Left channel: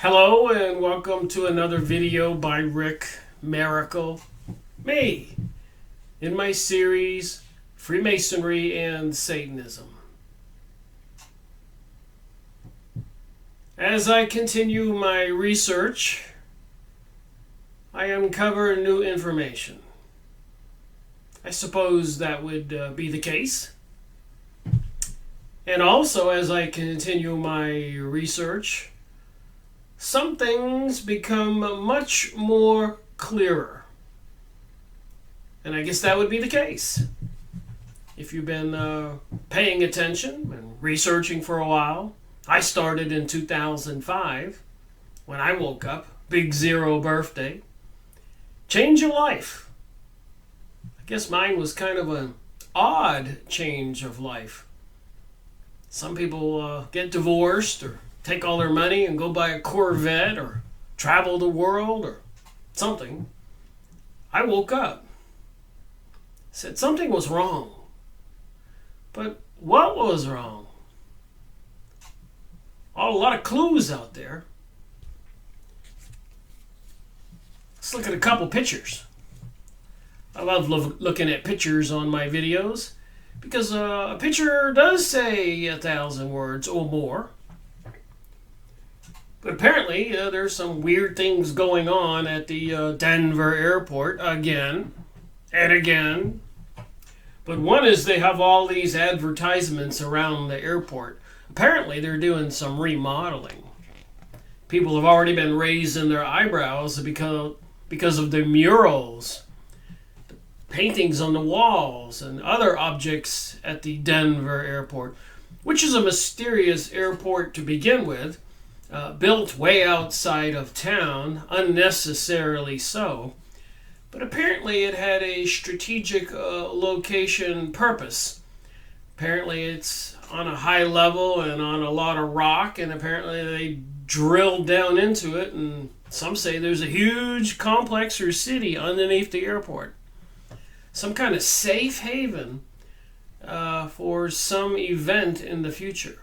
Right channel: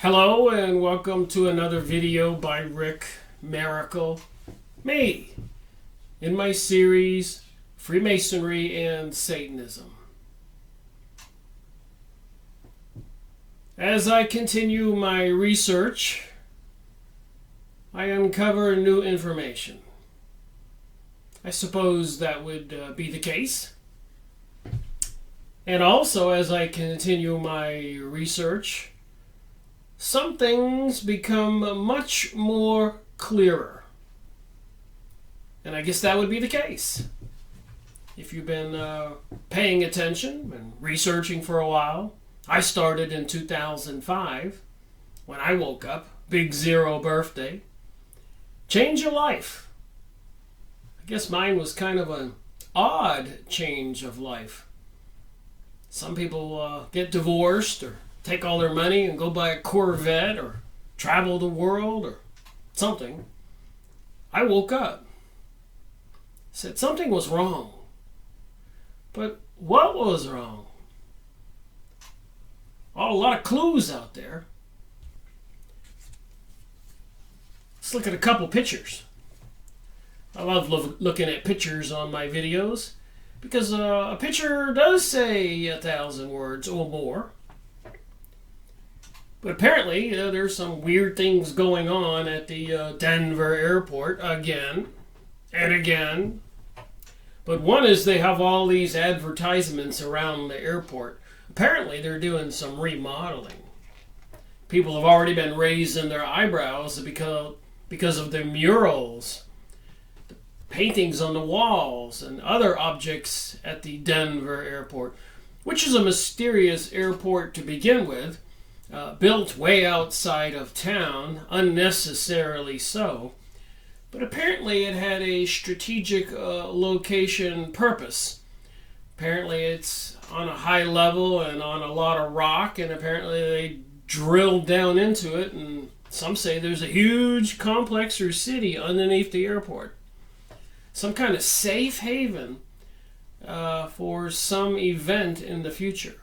Hello and welcome to another video by Rick Miracle, me, in my series Freemasonry and Satanism. As I continue my research, I uncover new information. I suppose that would be the case. And also, as I continue my research, some things become much more clearer. And I guess that would be the case. If you've been paying attention and researching for a while, I started in 2005 when I woke up, big 0 birthday. Change your life. I guess mine was kind of an odd change of life. Some people get divorced or take all their money and go buy a Corvette or travel the world or something. I woke up. Said something was wrong. But what was wrong? Oh, a lot of clues out there. Let's look at a couple pictures. I love looking at pictures on my videos because a picture does say 1,000 words or more. But apparently, there's some weird things going on at the Denver airport again and again. But one is they have all these advertisements around the airport. Apparently, they're doing some remodeling. People have already been raising their eyebrows because of the murals, the paintings on the walls, and other objects at the Denver airport, which is a mysterious airport to begin with. Built way outside of town, unnecessarily so, but apparently it had a strategic location purpose. Apparently it's on a high level and on a lot of rock, and apparently they drilled down into it, and some say there's a huge complex or city underneath the airport. Some kind of safe haven for some event in the future.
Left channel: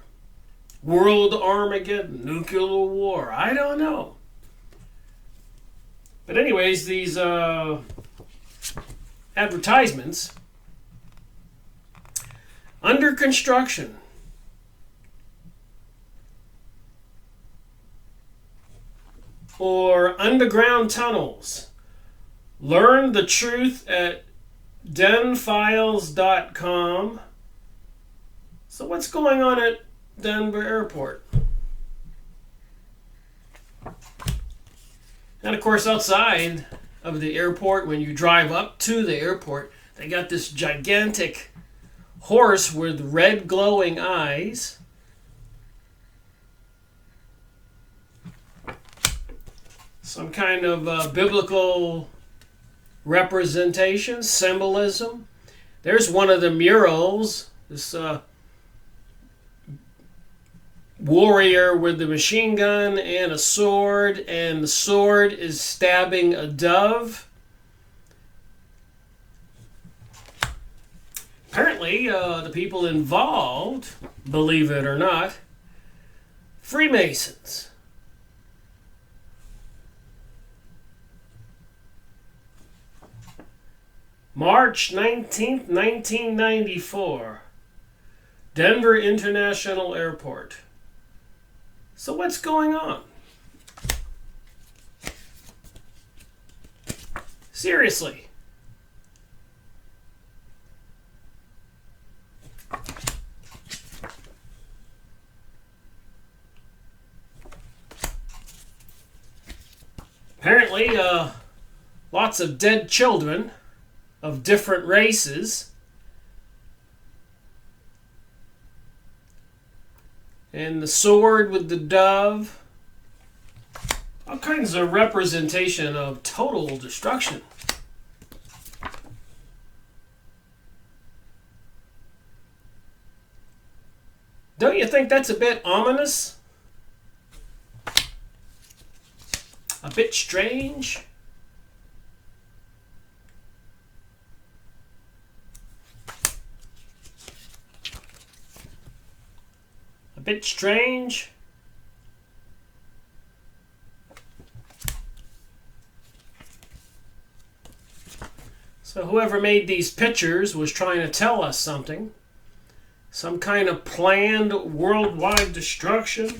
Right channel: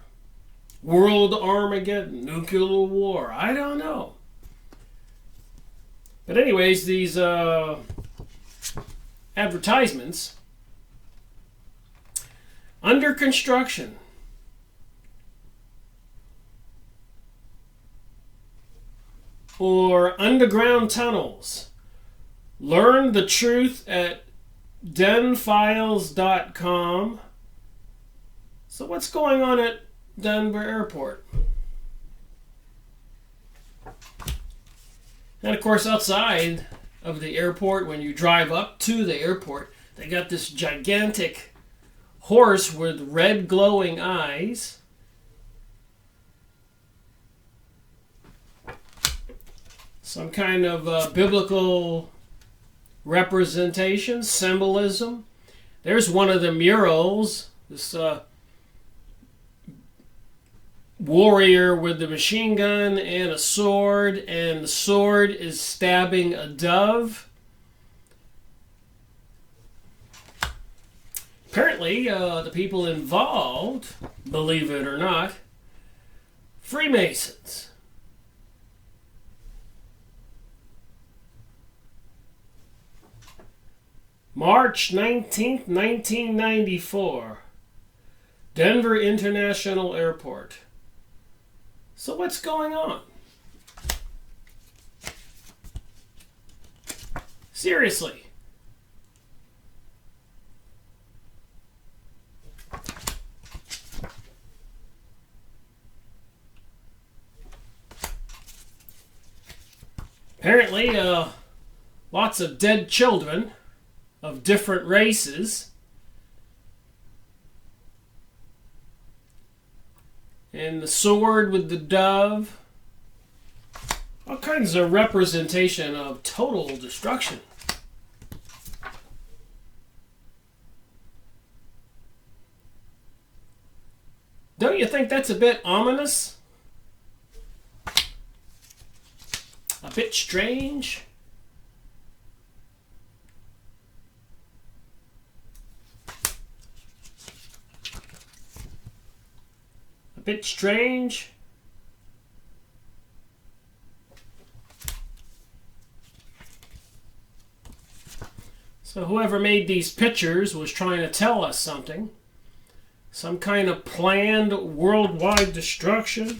World Armageddon, nuclear war, I don't know. But anyways, these advertisements, under construction, or underground tunnels, learn the truth at denfiles.com. So what's going on at Denver airport? And of course, outside of the airport, when you drive up to the airport, they got this gigantic horse with red glowing eyes. Some kind of biblical representation, symbolism. There's one of the murals, this warrior with the machine gun and a sword, and the sword is stabbing a dove. Apparently, the people involved, believe it or not, Freemasons. March 19th, 1994, Denver International Airport. So what's going on? Seriously. Apparently, lots of dead children of different races. And the sword with the dove. All kinds of representation of total destruction. Don't you think that's a bit ominous? A bit strange? bit strange. So whoever made these pictures was trying to tell us something. Some kind of planned worldwide destruction.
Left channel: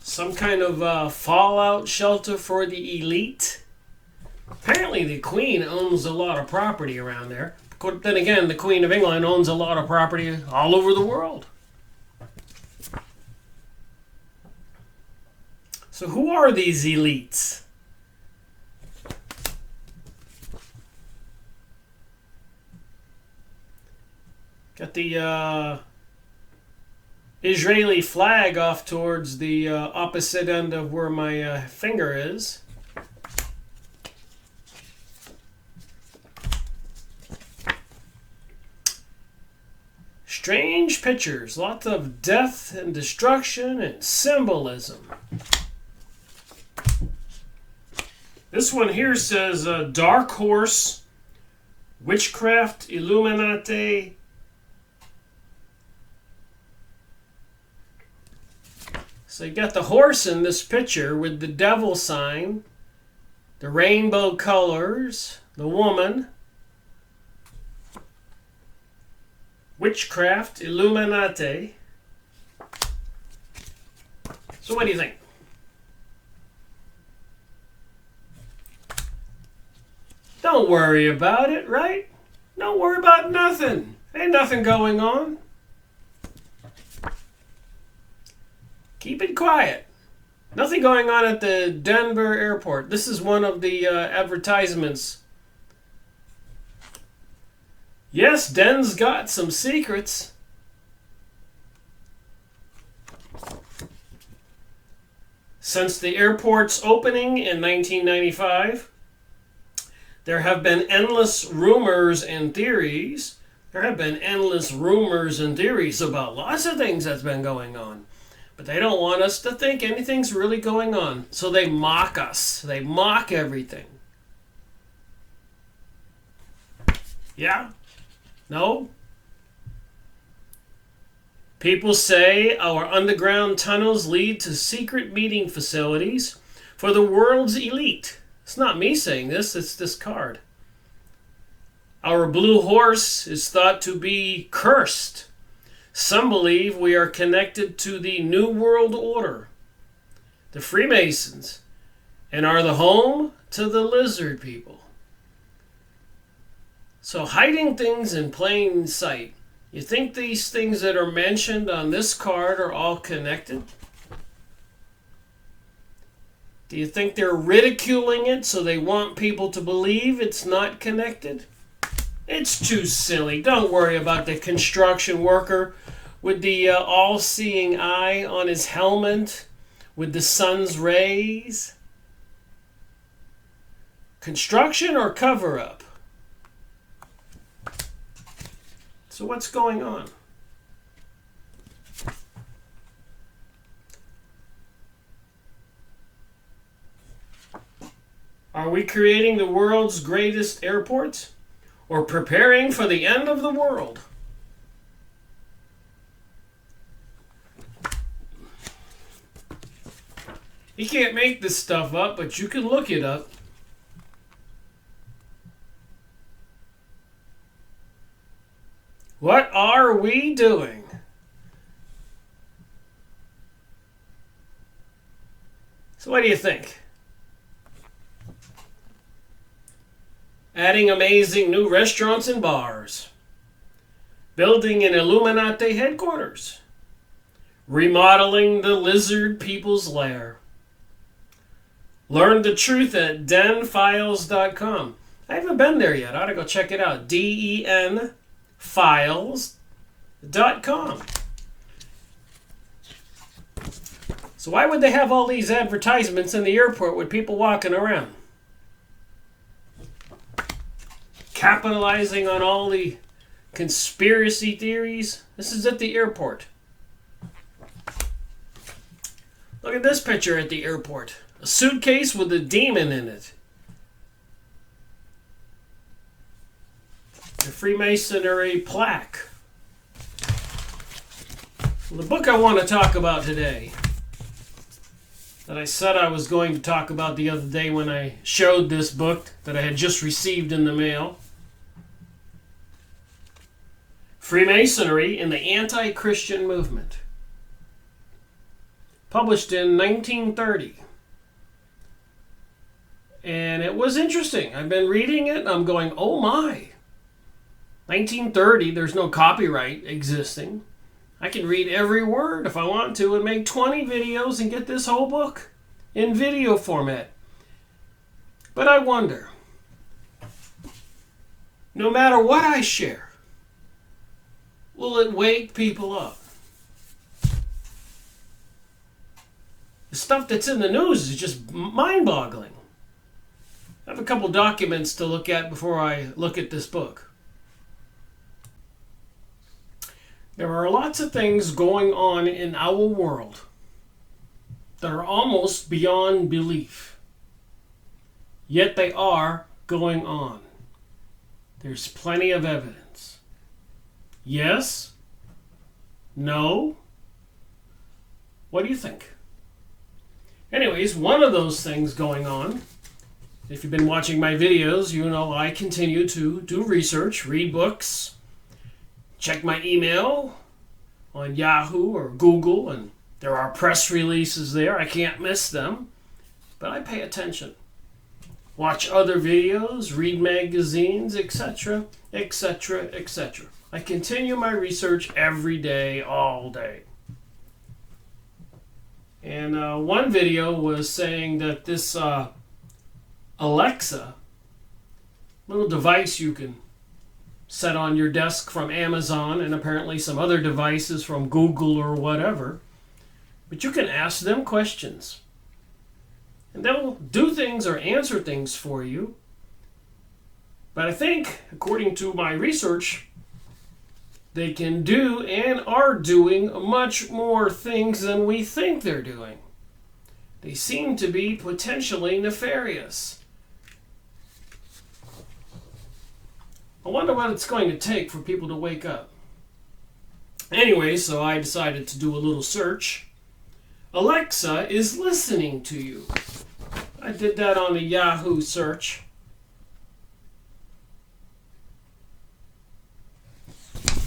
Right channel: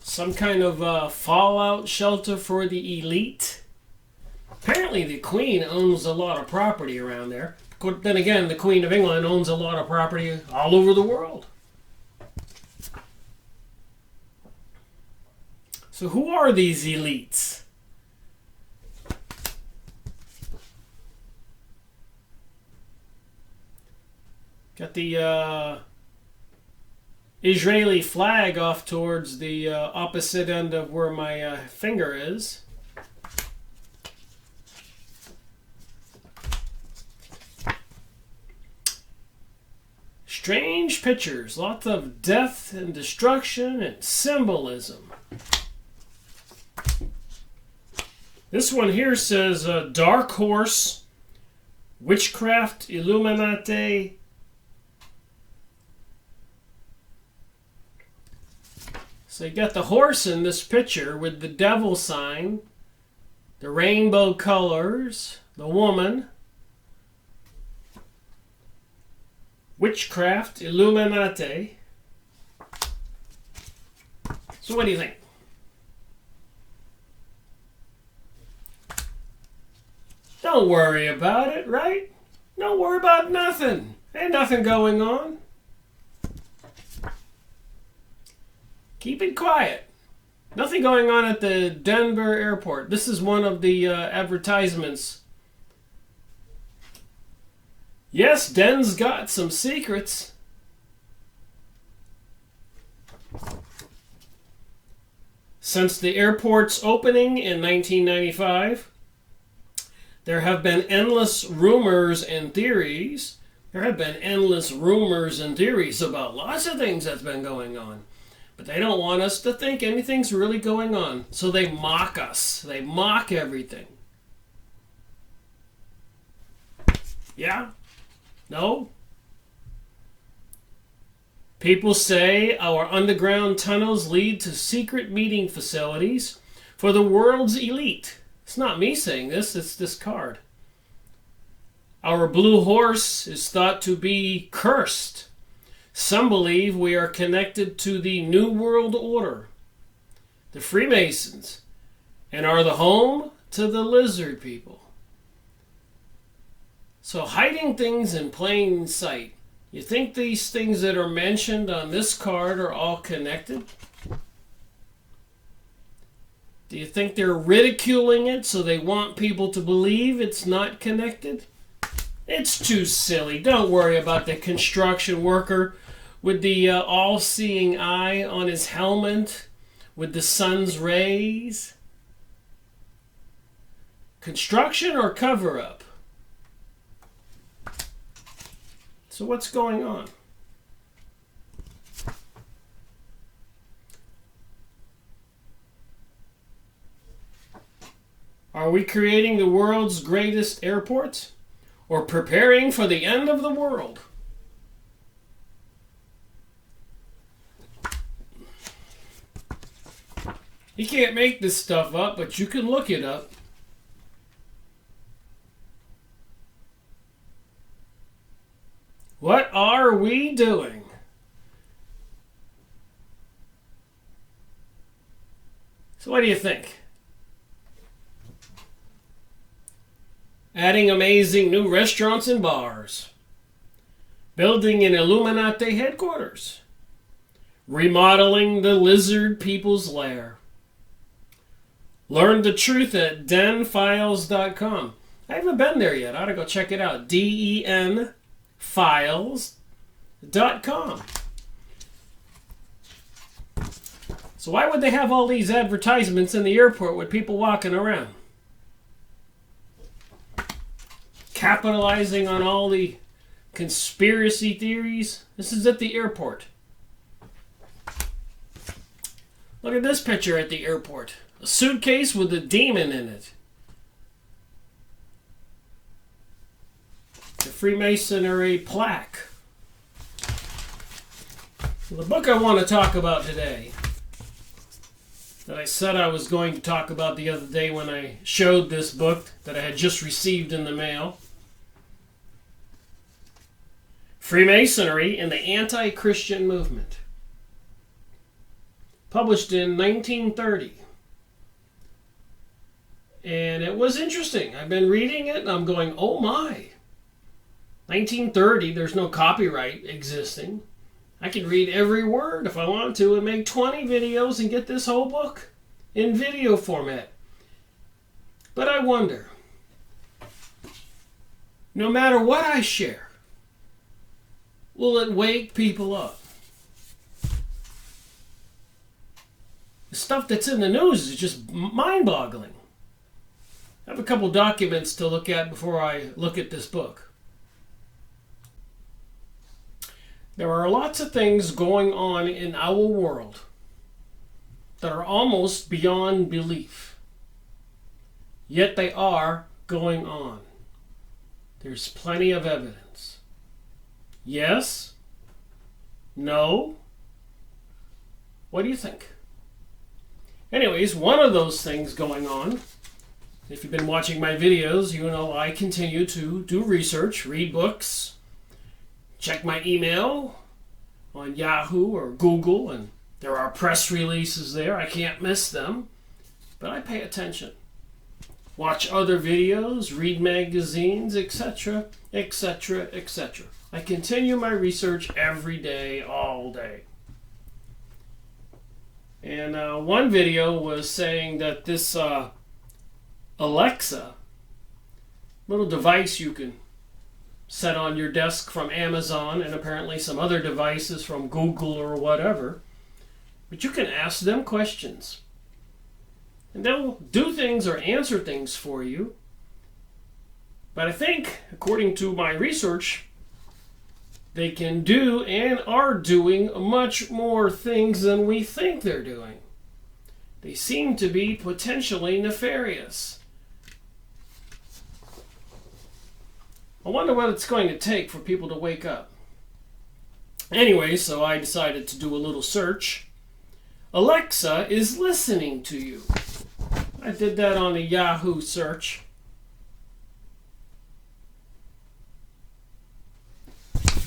Some kind of fallout shelter for the elite. Apparently the Queen owns a lot of property around there. But then again, the Queen of England owns a lot of property all over the world. So who are these elites? Got the Israeli flag off towards the opposite end of where my finger is. Strange pictures, lots of death and destruction and symbolism. This one here says Dark Horse, Witchcraft, Illuminati. So you got the horse in this picture with the devil sign, the rainbow colors, the woman, witchcraft, Illuminati. So what do you think? Don't worry about it, right? Don't worry about nothing. Ain't nothing going on. Keep it quiet. Nothing going on at the Denver airport. This is one of the advertisements. Yes, Den's got some secrets. Since the airport's opening in 1995, there have been endless rumors and theories. There have been endless rumors and theories about lots of things that's been going on. But they don't want us to think anything's really going on. So they mock us. They mock everything. Yeah? No? People say our underground tunnels lead to secret meeting facilities for the world's elite. It's not me saying this, it's this card. Our blue horse is thought to be cursed. Some believe we are connected to the New World Order, the Freemasons, and are the home to the lizard people. So hiding things in plain sight. You think these things that are mentioned on this card are all connected? Do you think they're ridiculing it so they want people to believe it's not connected? It's too silly. Don't worry about the construction worker with the all-seeing eye on his helmet with the sun's rays. Construction or cover-up? So what's going on? Are we creating the world's greatest airport or preparing for the end of the world? You can't make this stuff up, but you can look it up. What are we doing? So what do you think? Adding amazing new restaurants and bars. Building an Illuminati headquarters. Remodeling the lizard people's lair. Learn the truth at denfiles.com. I haven't been there yet. I ought to go check it out. denfiles.com. So why would they have all these advertisements in the airport with people walking around? Capitalizing on all the conspiracy theories. This is at the airport. Look at this picture at the airport. A suitcase with a demon in it. The Freemasonry plaque. Well, the book I want to talk about today, that I said I was going to talk about the other day when I showed this book that I had just received in the mail, Freemasonry and the Anti-Christian Movement. Published in 1930. And it was interesting. I've been reading it and I'm going, oh my. 1930, there's no copyright existing. I can read every word if I want to and make 20 videos and get this whole book in video format. But I wonder, no matter what I share, will it wake people up? The stuff that's in the news is just mind-boggling. I have a couple documents to look at before I look at this book. There are lots of things going on in our world that are almost beyond belief. Yet they are going on. There's plenty of evidence. Yes? No? What do you think? Anyways, one of those things going on, if you've been watching my videos, you know I continue to do research, read books, check my email on Yahoo or Google, and there are press releases there. I can't miss them, but I pay attention. Watch other videos, read magazines, etc., etc., etc. I continue my research every day, all day. And one video was saying that this Alexa, little device you can set on your desk from Amazon and apparently some other devices from Google or whatever, but you can ask them questions. And they'll do things or answer things for you. But I think, according to my research, they can do and are doing much more things than we think they're doing. They seem to be potentially nefarious. I wonder what it's going to take for people to wake up. Anyway, so I decided to do a little search. Alexa is listening to you. I did that on a Yahoo search.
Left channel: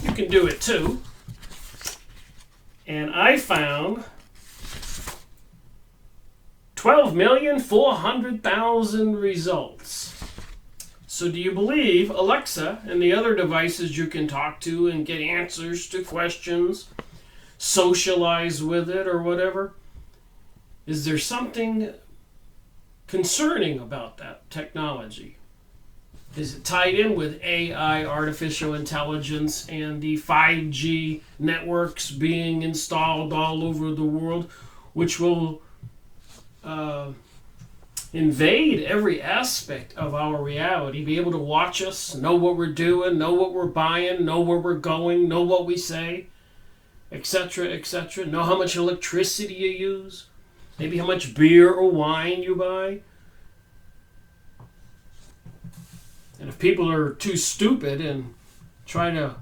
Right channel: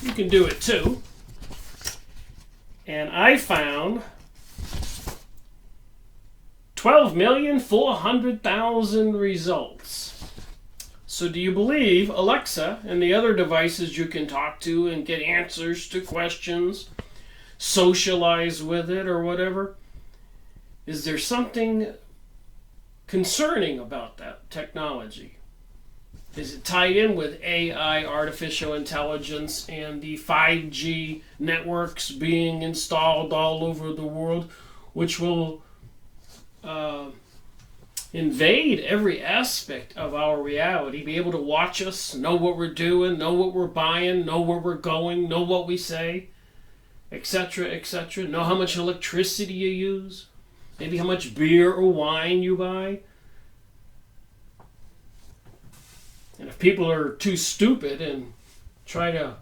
You can do it too. And I found 12,400,000 results. So do you believe Alexa and the other devices you can talk to and get answers to questions, socialize with it or whatever? Is there something concerning about that technology? Is it tied in with AI, artificial intelligence, and the 5G networks being installed all over the world, which will invade every aspect of our reality, be able to watch us, know what we're doing, know what we're buying, know where we're going, know what we say, etc., etc., know how much electricity you use, maybe how much beer or wine you buy? And if people are too stupid and try to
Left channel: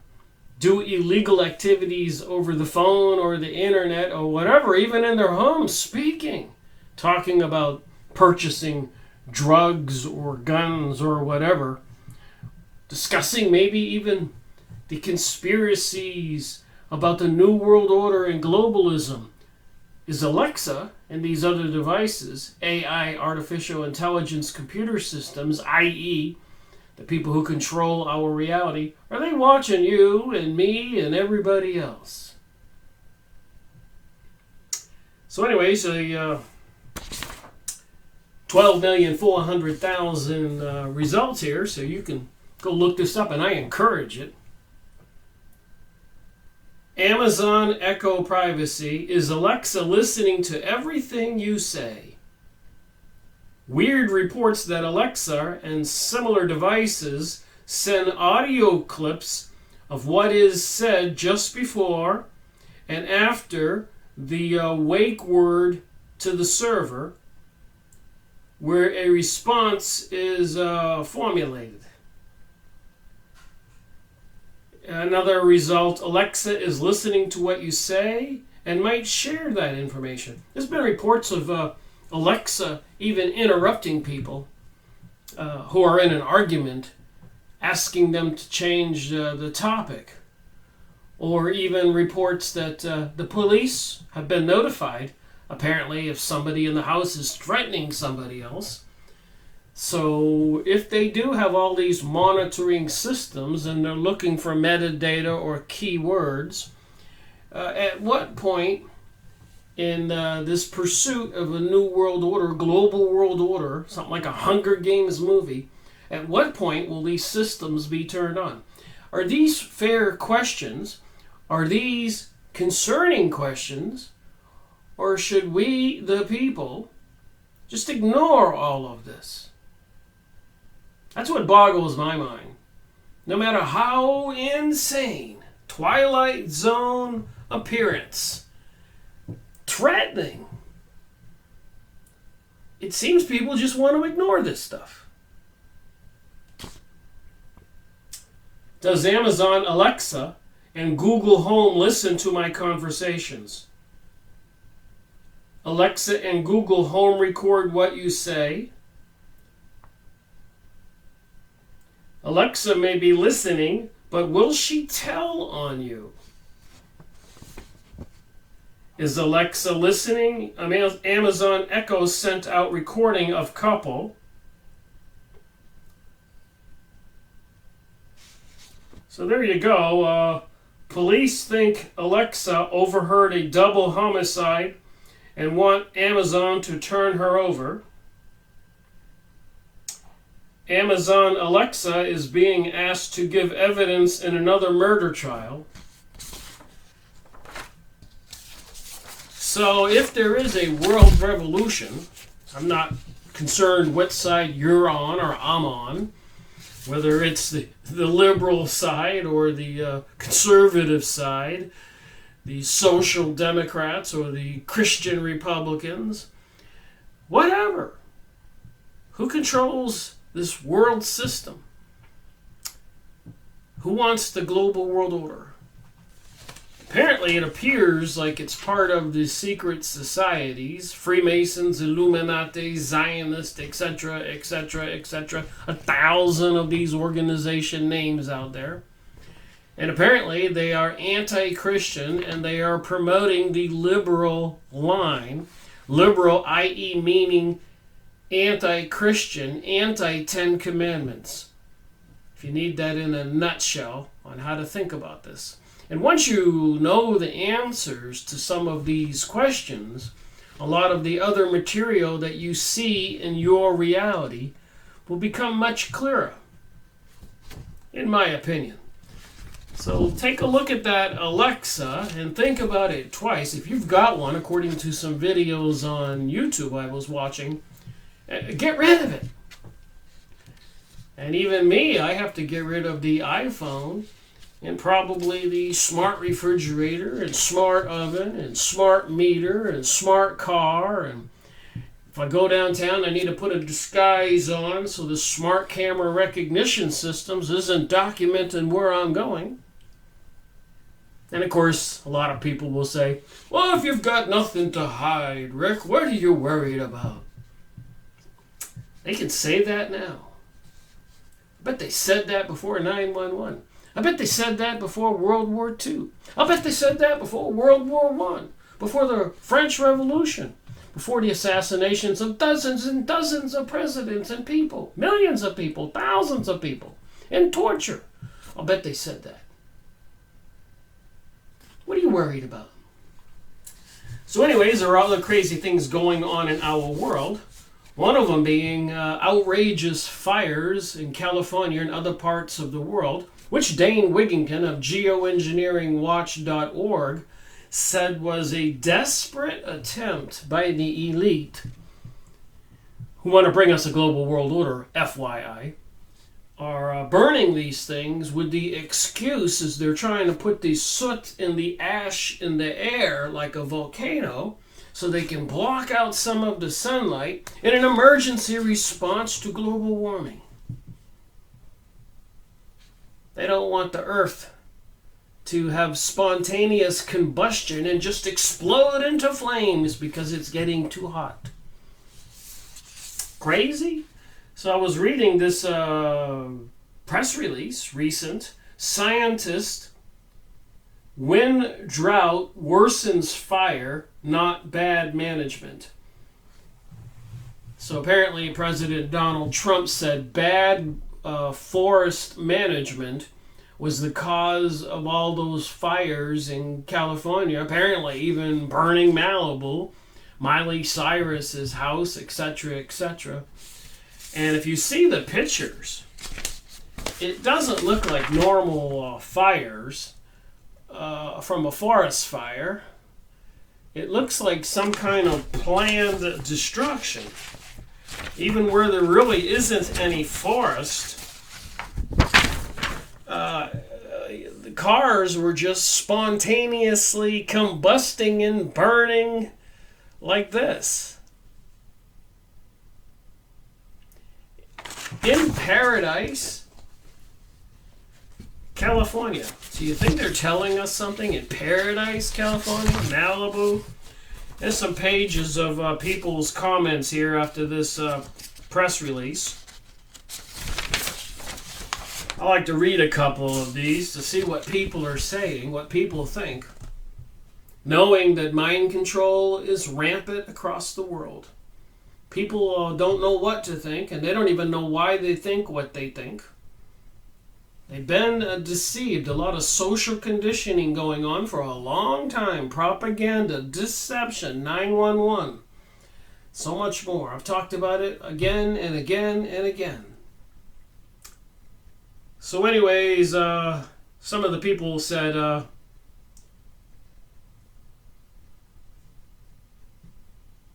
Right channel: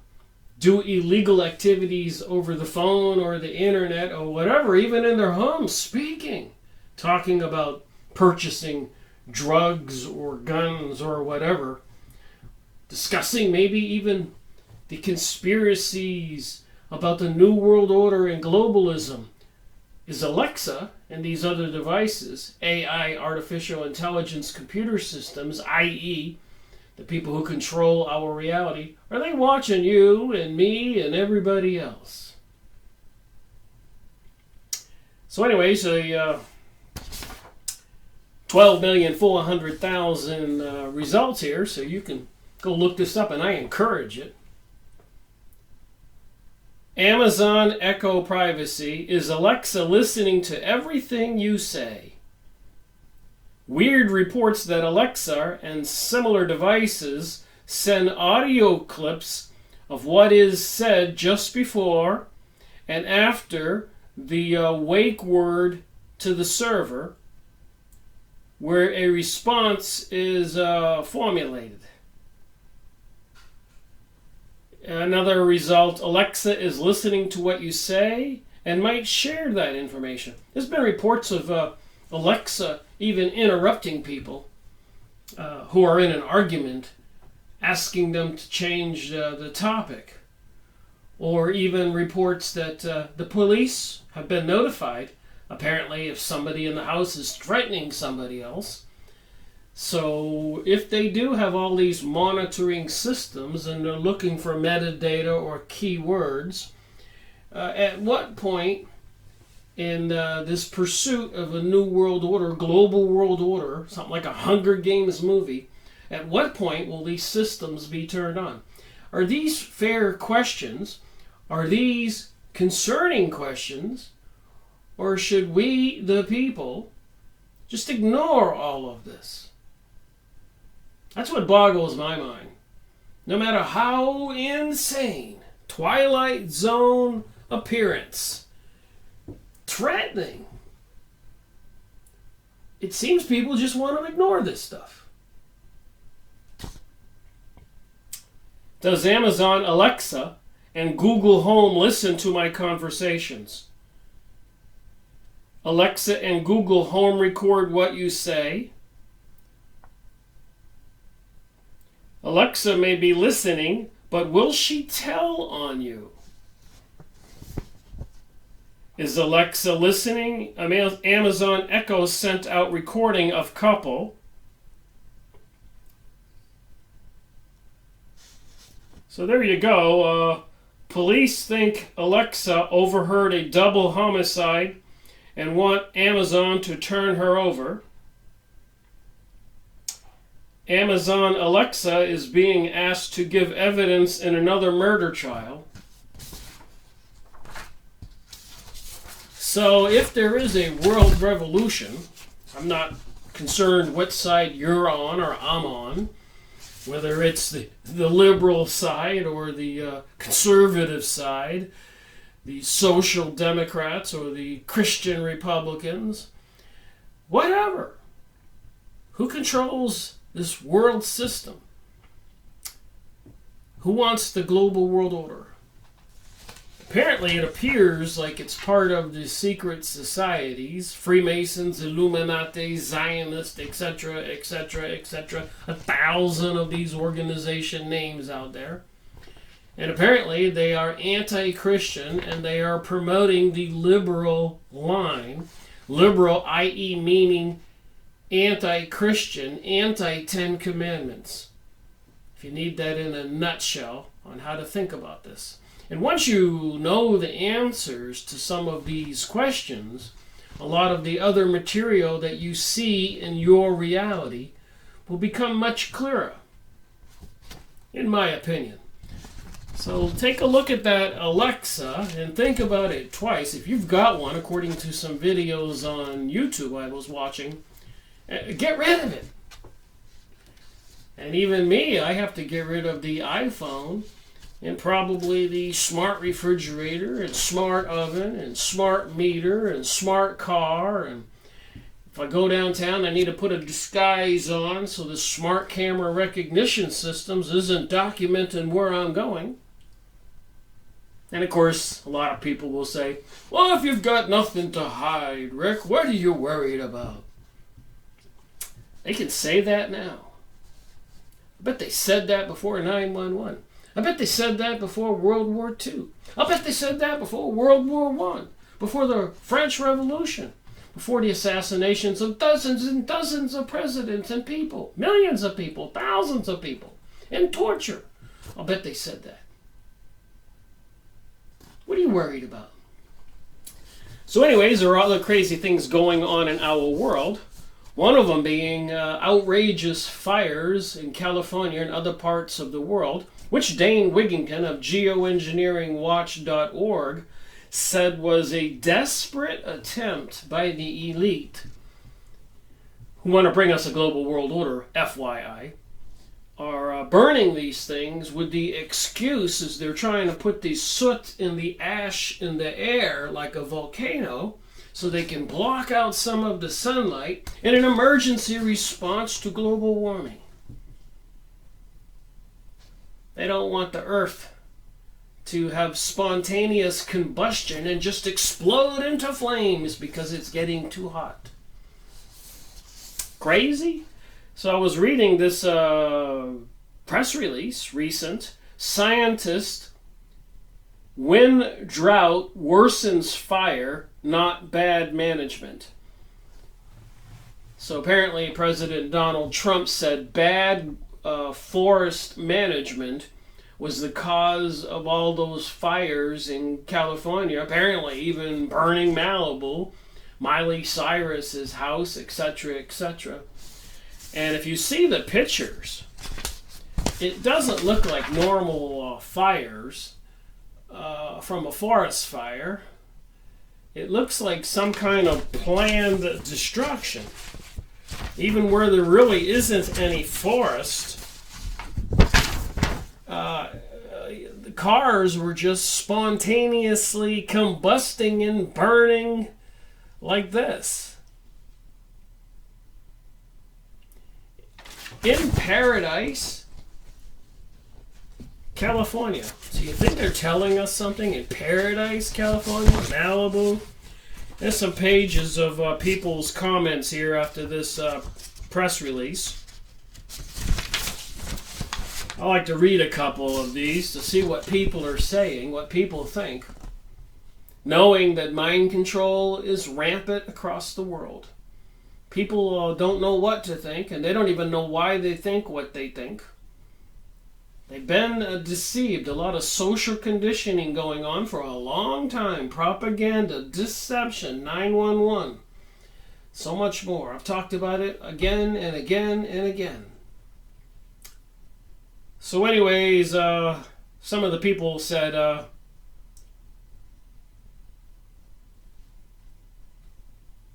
do illegal activities over the phone or the internet or whatever, even in their homes, speaking, talking about purchasing drugs or guns or whatever, discussing maybe even the conspiracies about the New World Order and globalism, is Alexa and these other devices, AI, artificial intelligence computer systems, i.e., the people who control our reality, are they watching you and me and everybody else? So anyways, 12,400,000 results here, so you can go look this up, and I encourage it. Amazon Echo Privacy. Is Alexa listening to everything you say? Weird reports that Alexa and similar devices send audio clips of what is said just before and after the wake word to the server, where a response is formulated. Another result, Alexa is listening to what you say and might share that information. There's been reports of Alexa even interrupting people who are in an argument, asking them to change the topic, or even reports that the police have been notified, apparently, if somebody in the house is threatening somebody else. So if they do have all these monitoring systems and they're looking for metadata or keywords, at what point in this pursuit of a new world order, global world order, something like a Hunger Games movie, at what point will these systems be turned on? Are these fair questions? Are these concerning questions? Or should we, the people, just ignore all of this? That's what boggles my mind. No matter how insane, Twilight Zone appearance, threatening, it seems people just want to ignore this stuff. Does Amazon Alexa and Google Home listen to my conversations? Alexa and Google Home record what you say. Alexa may be listening, but will she tell on you? Is Alexa listening? Amazon Echo sent out recording of couple. So there you go. Police think Alexa overheard a double homicide and want Amazon to turn her over. Amazon Alexa is being asked to give evidence in another murder trial. So if there is a world revolution, I'm not concerned what side you're on or I'm on, whether it's the liberal side or the conservative side, the social democrats or the Christian Republicans, whatever. Who controls this world system? Who wants the global world order? Apparently it appears like it's part of the secret societies, Freemasons, Illuminati, Zionist, etc., etc., etc. 1,000 of these organization names out there. And apparently they are anti-Christian and they are promoting the liberal line. Liberal, i.e. meaning anti-Christian, anti-Ten Commandments. If you need that in a nutshell on how to think about this. And once you know the answers to some of these questions, a lot of the other material that you see in your reality will become much clearer, in my opinion. So take a look at that Alexa and think about it twice. If you've got one, according to some videos on YouTube I was watching, get rid of it. And even me, I have to get rid of the iPhone and probably the smart refrigerator and smart oven and smart meter and smart car. And if I go downtown, I need to put a disguise on so the smart camera recognition systems isn't documenting where I'm going. And of course, a lot of people will say, well, if you've got nothing to hide, Rick, what are you worried about? They can say that now. I bet they said that before 9/11. I bet they said that before World War II. I bet they said that before World War I, before the French Revolution, before the assassinations of dozens and dozens of presidents and people, millions of people, thousands of people, and torture. I'll bet they said that. What are you worried about? So anyways, there are other crazy things going on in our world. One of them being outrageous fires in California and other parts of the world, which Dane Wigington of geoengineeringwatch.org said was a desperate attempt by the elite who want to bring us a global world order, FYI, are burning these things with the excuse as they're trying to put the soot and the ash in the air like a volcano so they can block out some of the sunlight in an emergency response to global warming. They don't want the earth to have spontaneous combustion and just explode into flames because it's getting too hot. Crazy? So I was reading this press release, recent. Scientists When drought worsens fire, not bad management. So apparently President Donald Trump said bad forest management was the cause of all those fires in California, apparently even burning Malibu, Miley Cyrus's house, etc., etc. And if you see the pictures, it doesn't look like normal fires from a forest fire. It looks like some kind of planned destruction. Even where there really isn't any forest, the cars were just spontaneously combusting and burning like this. In Paradise, California. So you think they're telling us something? In Paradise, California, Malibu? There's some pages of people's comments here after this press release. I like to read a couple of these to see what people are saying, what people think, knowing that mind control is rampant across the world. People don't know what to think, and they don't even know why they think what they think. They've been deceived. A lot of social conditioning going on for a long time. Propaganda, deception, 911. So much more. I've talked about it again and again and again. So anyways, some of the people said,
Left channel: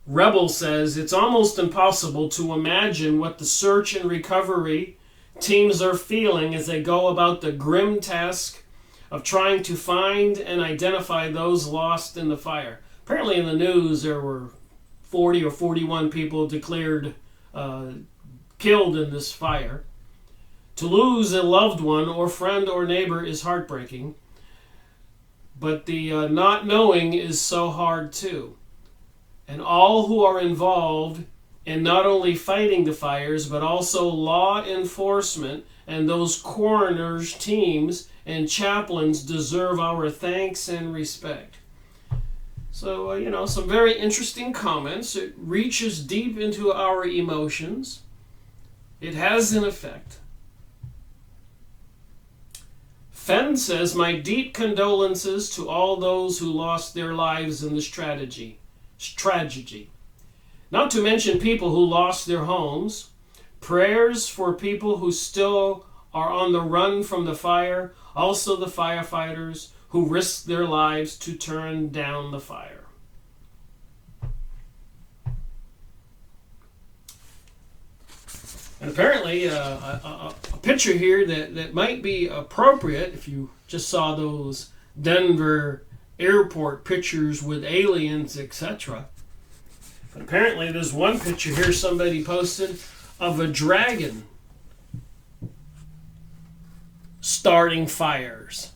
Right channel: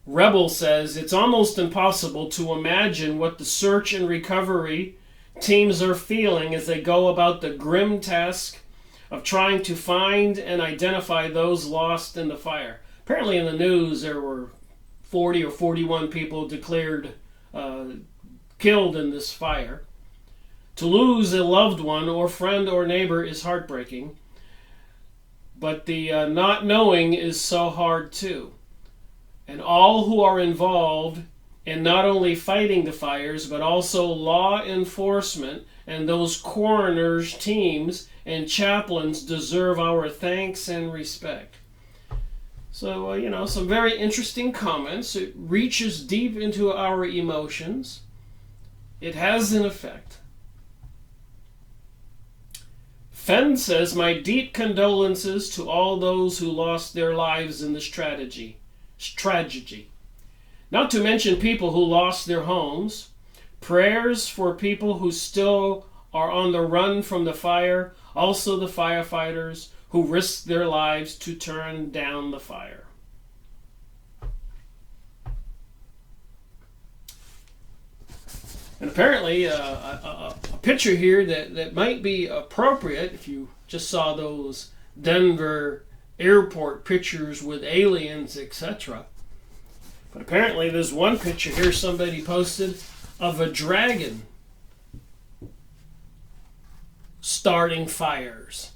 Rebel says, it's almost impossible to imagine what the search and recovery teams are feeling as they go about the grim task of trying to find and identify those lost in the fire. Apparently in the news there were 40 or 41 people declared killed in this fire. To lose a loved one or friend or neighbor is heartbreaking, but the not knowing is so hard too. And all who are involved in not only fighting the fires, but also law enforcement and those coroners, teams, and chaplains deserve our thanks and respect. So, some very interesting comments. It reaches deep into our emotions. It has an effect. Fenn says, my deep condolences to all those who lost their lives in this tragedy. Not to mention people who lost their homes. Prayers for people who still are on the run from the fire. Also the firefighters who risked their lives to turn down the fire. And apparently a picture here that might be appropriate if you just saw those Denver airport pictures with aliens, etc. But apparently there's one picture here somebody posted of a dragon starting fires.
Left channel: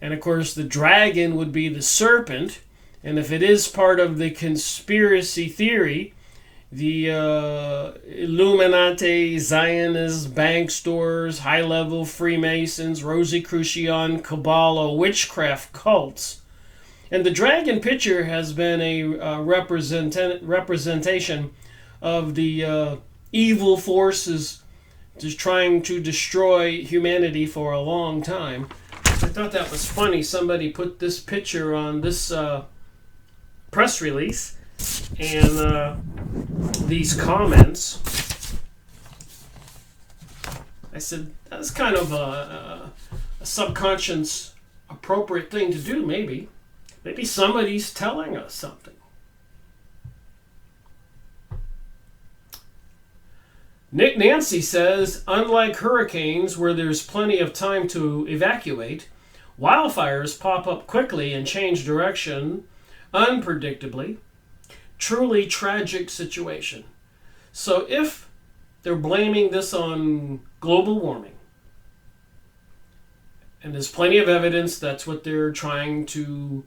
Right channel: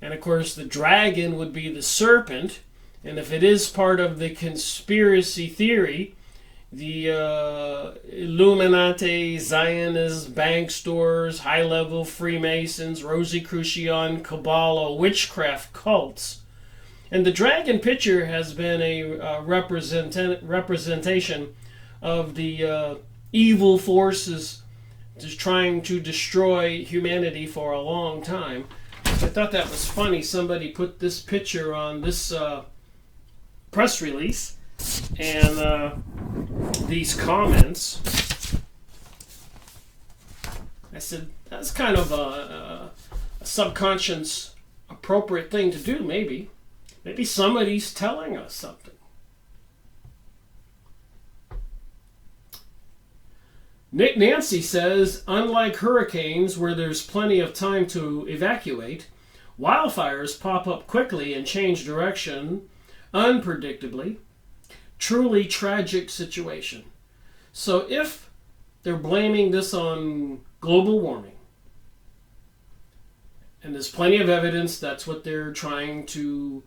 And of course the dragon would be the serpent, and if it is part of the conspiracy theory, the Illuminati, Zionist Banksters, high-level Freemasons, Rosicrucian, Kabbalah, witchcraft cults. And the dragon picture has been a representation of the evil forces just trying to destroy humanity for a long time. I thought that was funny. Somebody put this picture on this press release, and these comments. I said, that's kind of a subconscious appropriate thing to do, maybe. Maybe somebody's telling us something. Nick Nancy says, unlike hurricanes where there's plenty of time to evacuate, wildfires pop up quickly and change direction unpredictably. Truly tragic situation. So if they're blaming this on global warming, and there's plenty of evidence that's what they're trying to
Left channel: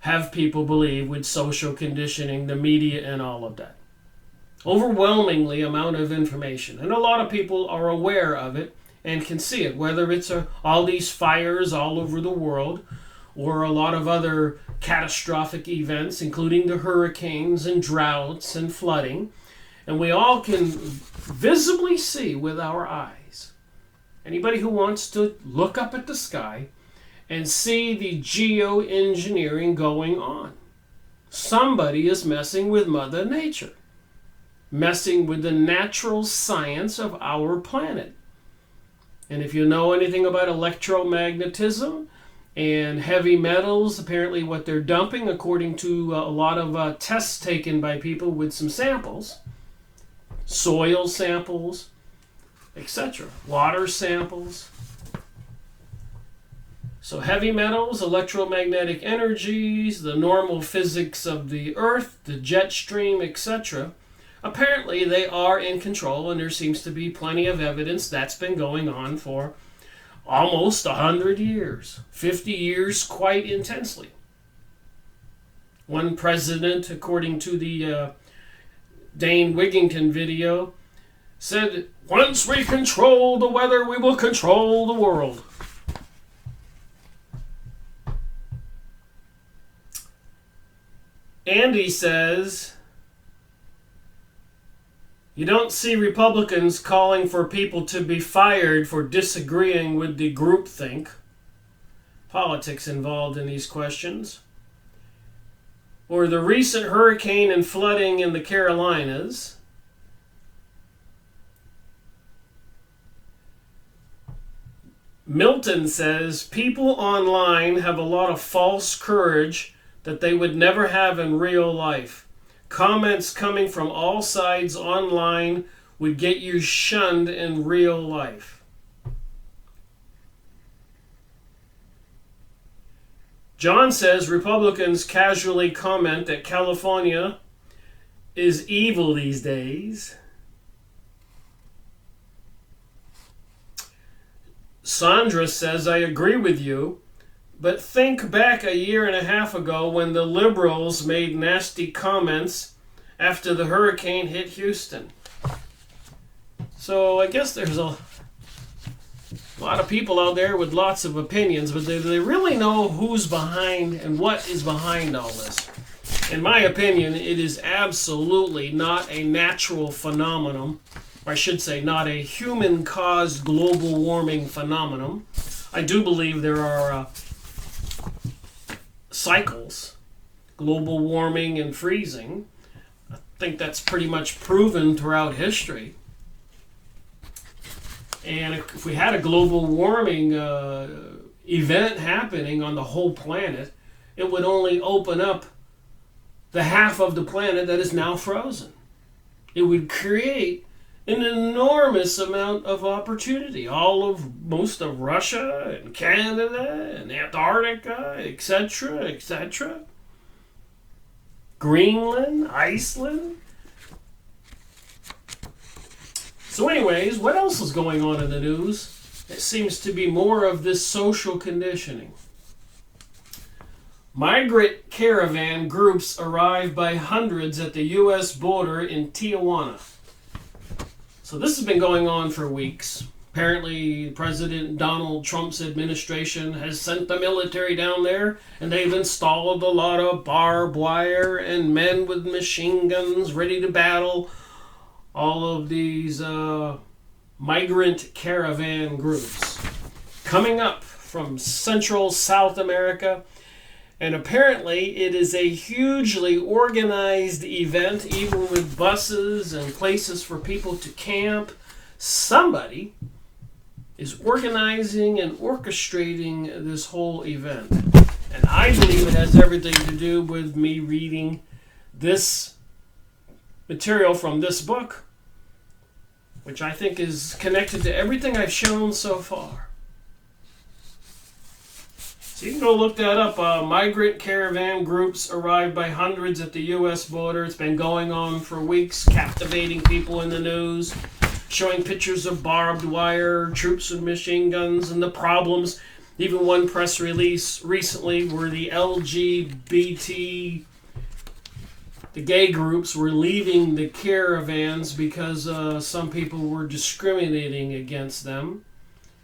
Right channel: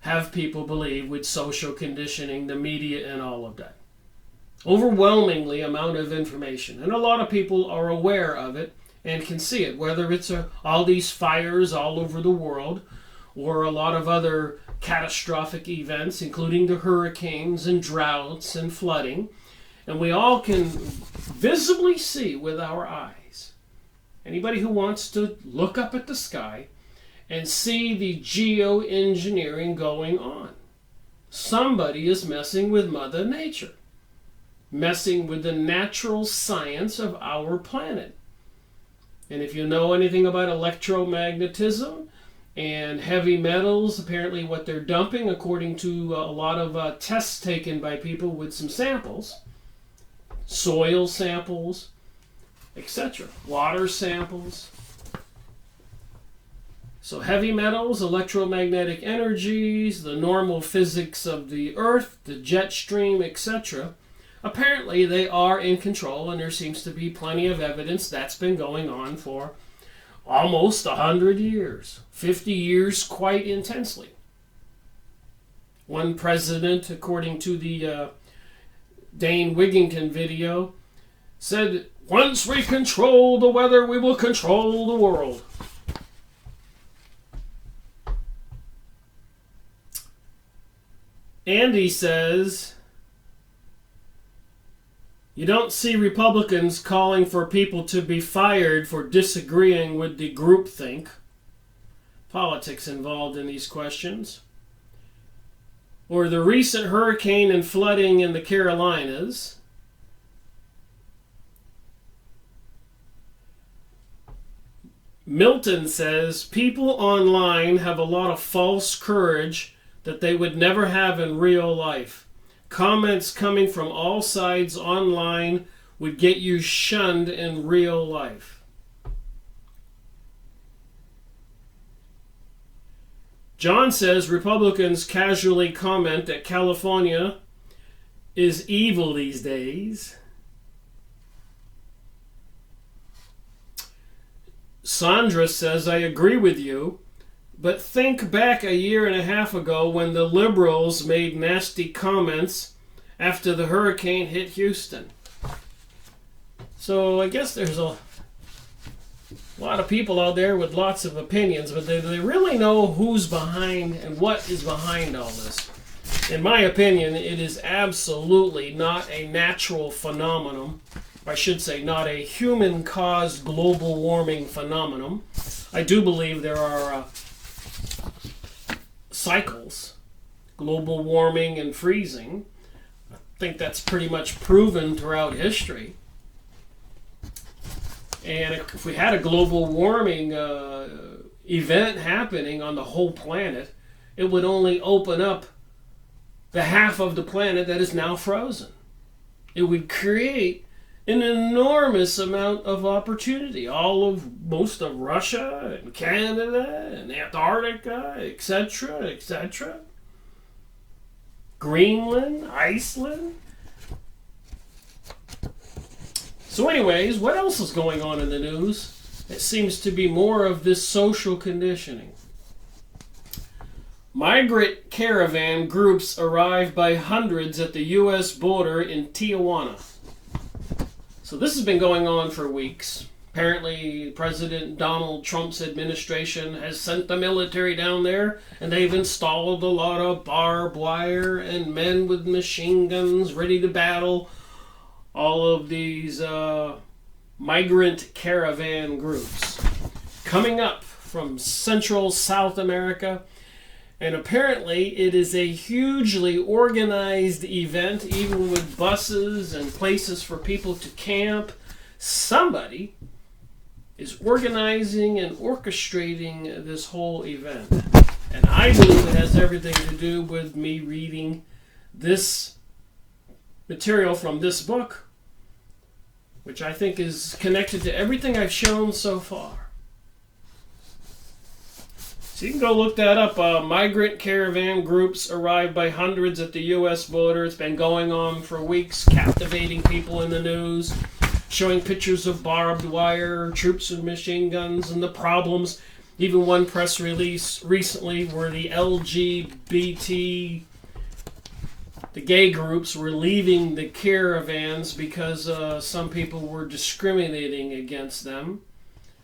have people believe with social conditioning, the media, and all of that. Overwhelmingly amount of information. And a lot of people are aware of it and can see it, whether it's all these fires all over the world, or a lot of other catastrophic events, including the hurricanes and droughts and flooding. And we all can visibly see with our eyes. Anybody who wants to look up at the sky and see the geoengineering going on. Somebody is messing with Mother Nature, messing with the natural science of our planet. And if you know anything about electromagnetism and heavy metals, apparently what they're dumping, according to a lot of tests taken by people with some samples, soil samples, etc., water samples. So heavy metals, electromagnetic energies, the normal physics of the earth, the jet stream, etc., apparently they are in control, and there seems to be plenty of evidence that's been going on for almost 100 years, 50 years quite intensely. One president, according to the Dane Wigington video, said, "Once we control the weather, we will control the world." Andy says, you don't see Republicans calling for people to be fired for disagreeing with the groupthink. Politics involved in these questions. Or the recent hurricane and flooding in the Carolinas. Milton says, people online have a lot of false courage that they would never have in real life. Comments coming from all sides online would get you shunned in real life. John says Republicans casually comment that California is evil these days. Sandra says, I agree with you. But think back a year and a half ago when the liberals made nasty comments after the hurricane hit Houston. So I guess there's a lot of people out there with lots of opinions, but do they really know who's behind and what is behind all this? In my opinion, it is absolutely not a natural phenomenon. Or I should say, not a human-caused global warming phenomenon. I do believe there are cycles, global warming and freezing. I think that's pretty much proven throughout history. And if we had a global warming event happening on the whole planet, it would only open up the half of the planet that is now frozen. It would create an enormous amount of opportunity. Most of Russia and Canada and Antarctica, etc., etc. Greenland, Iceland. So anyways, what else is going on in the news? It seems to be more of this social conditioning. Migrant caravan groups arrive by hundreds at the U.S. border in Tijuana. So this has been going on for weeks. Apparently, President Donald Trump's administration has sent the military down there, and they've installed a lot of barbed wire and men with machine guns ready to battle all of these migrant caravan groups coming up from Central South America. And apparently it is a hugely organized event, even with buses and places for people to camp. Somebody is organizing and orchestrating this whole event. And I believe it has everything to do with me reading this material from this book, which I think is connected to everything I've shown so far. So you can go look that up. Migrant caravan groups arrive by hundreds at the U.S. border. It's been going on for weeks, captivating people in the news, showing pictures of barbed wire, troops with machine guns, and the problems. Even one press release recently where the LGBT, the gay groups, were leaving the caravans because some people were discriminating against them.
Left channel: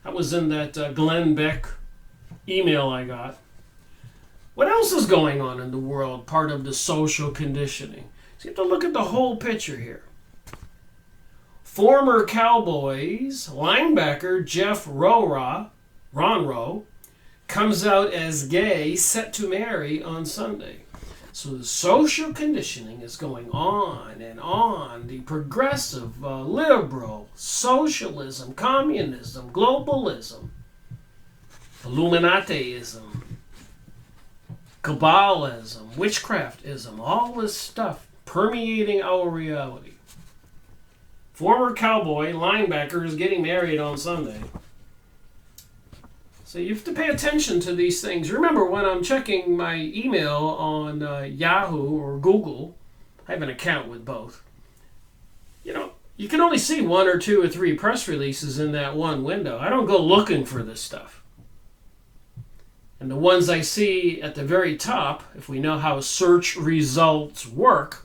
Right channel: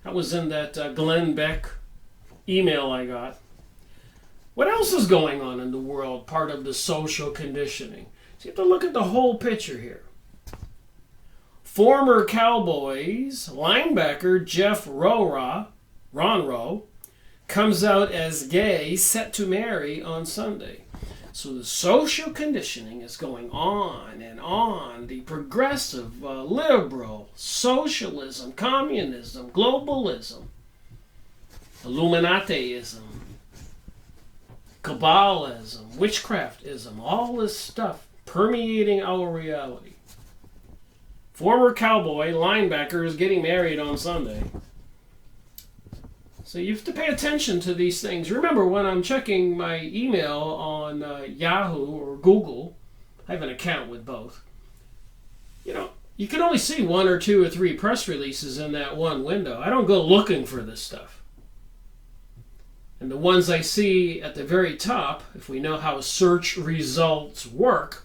That was in that Glenn Beck email I got. What else is going on in the world, part of the social conditioning? So you have to look at the whole picture here. Former Cowboys linebacker Jeff Ronroe comes out as gay, set to marry on Sunday. So the social conditioning is going on and on. The progressive, liberal, socialism, communism, globalism, Illuminatiism, Kabbalism, witchcraftism, all this stuff permeating our reality. Former Cowboy linebacker is getting married on Sunday. So you have to pay attention to these things. Remember, when I'm checking my email on Yahoo or Google, I have an account with both. You can only see 1 or 2 or 3 press releases in that one window. I don't go looking for this stuff. And the ones I see at the very top, if we know how search results work,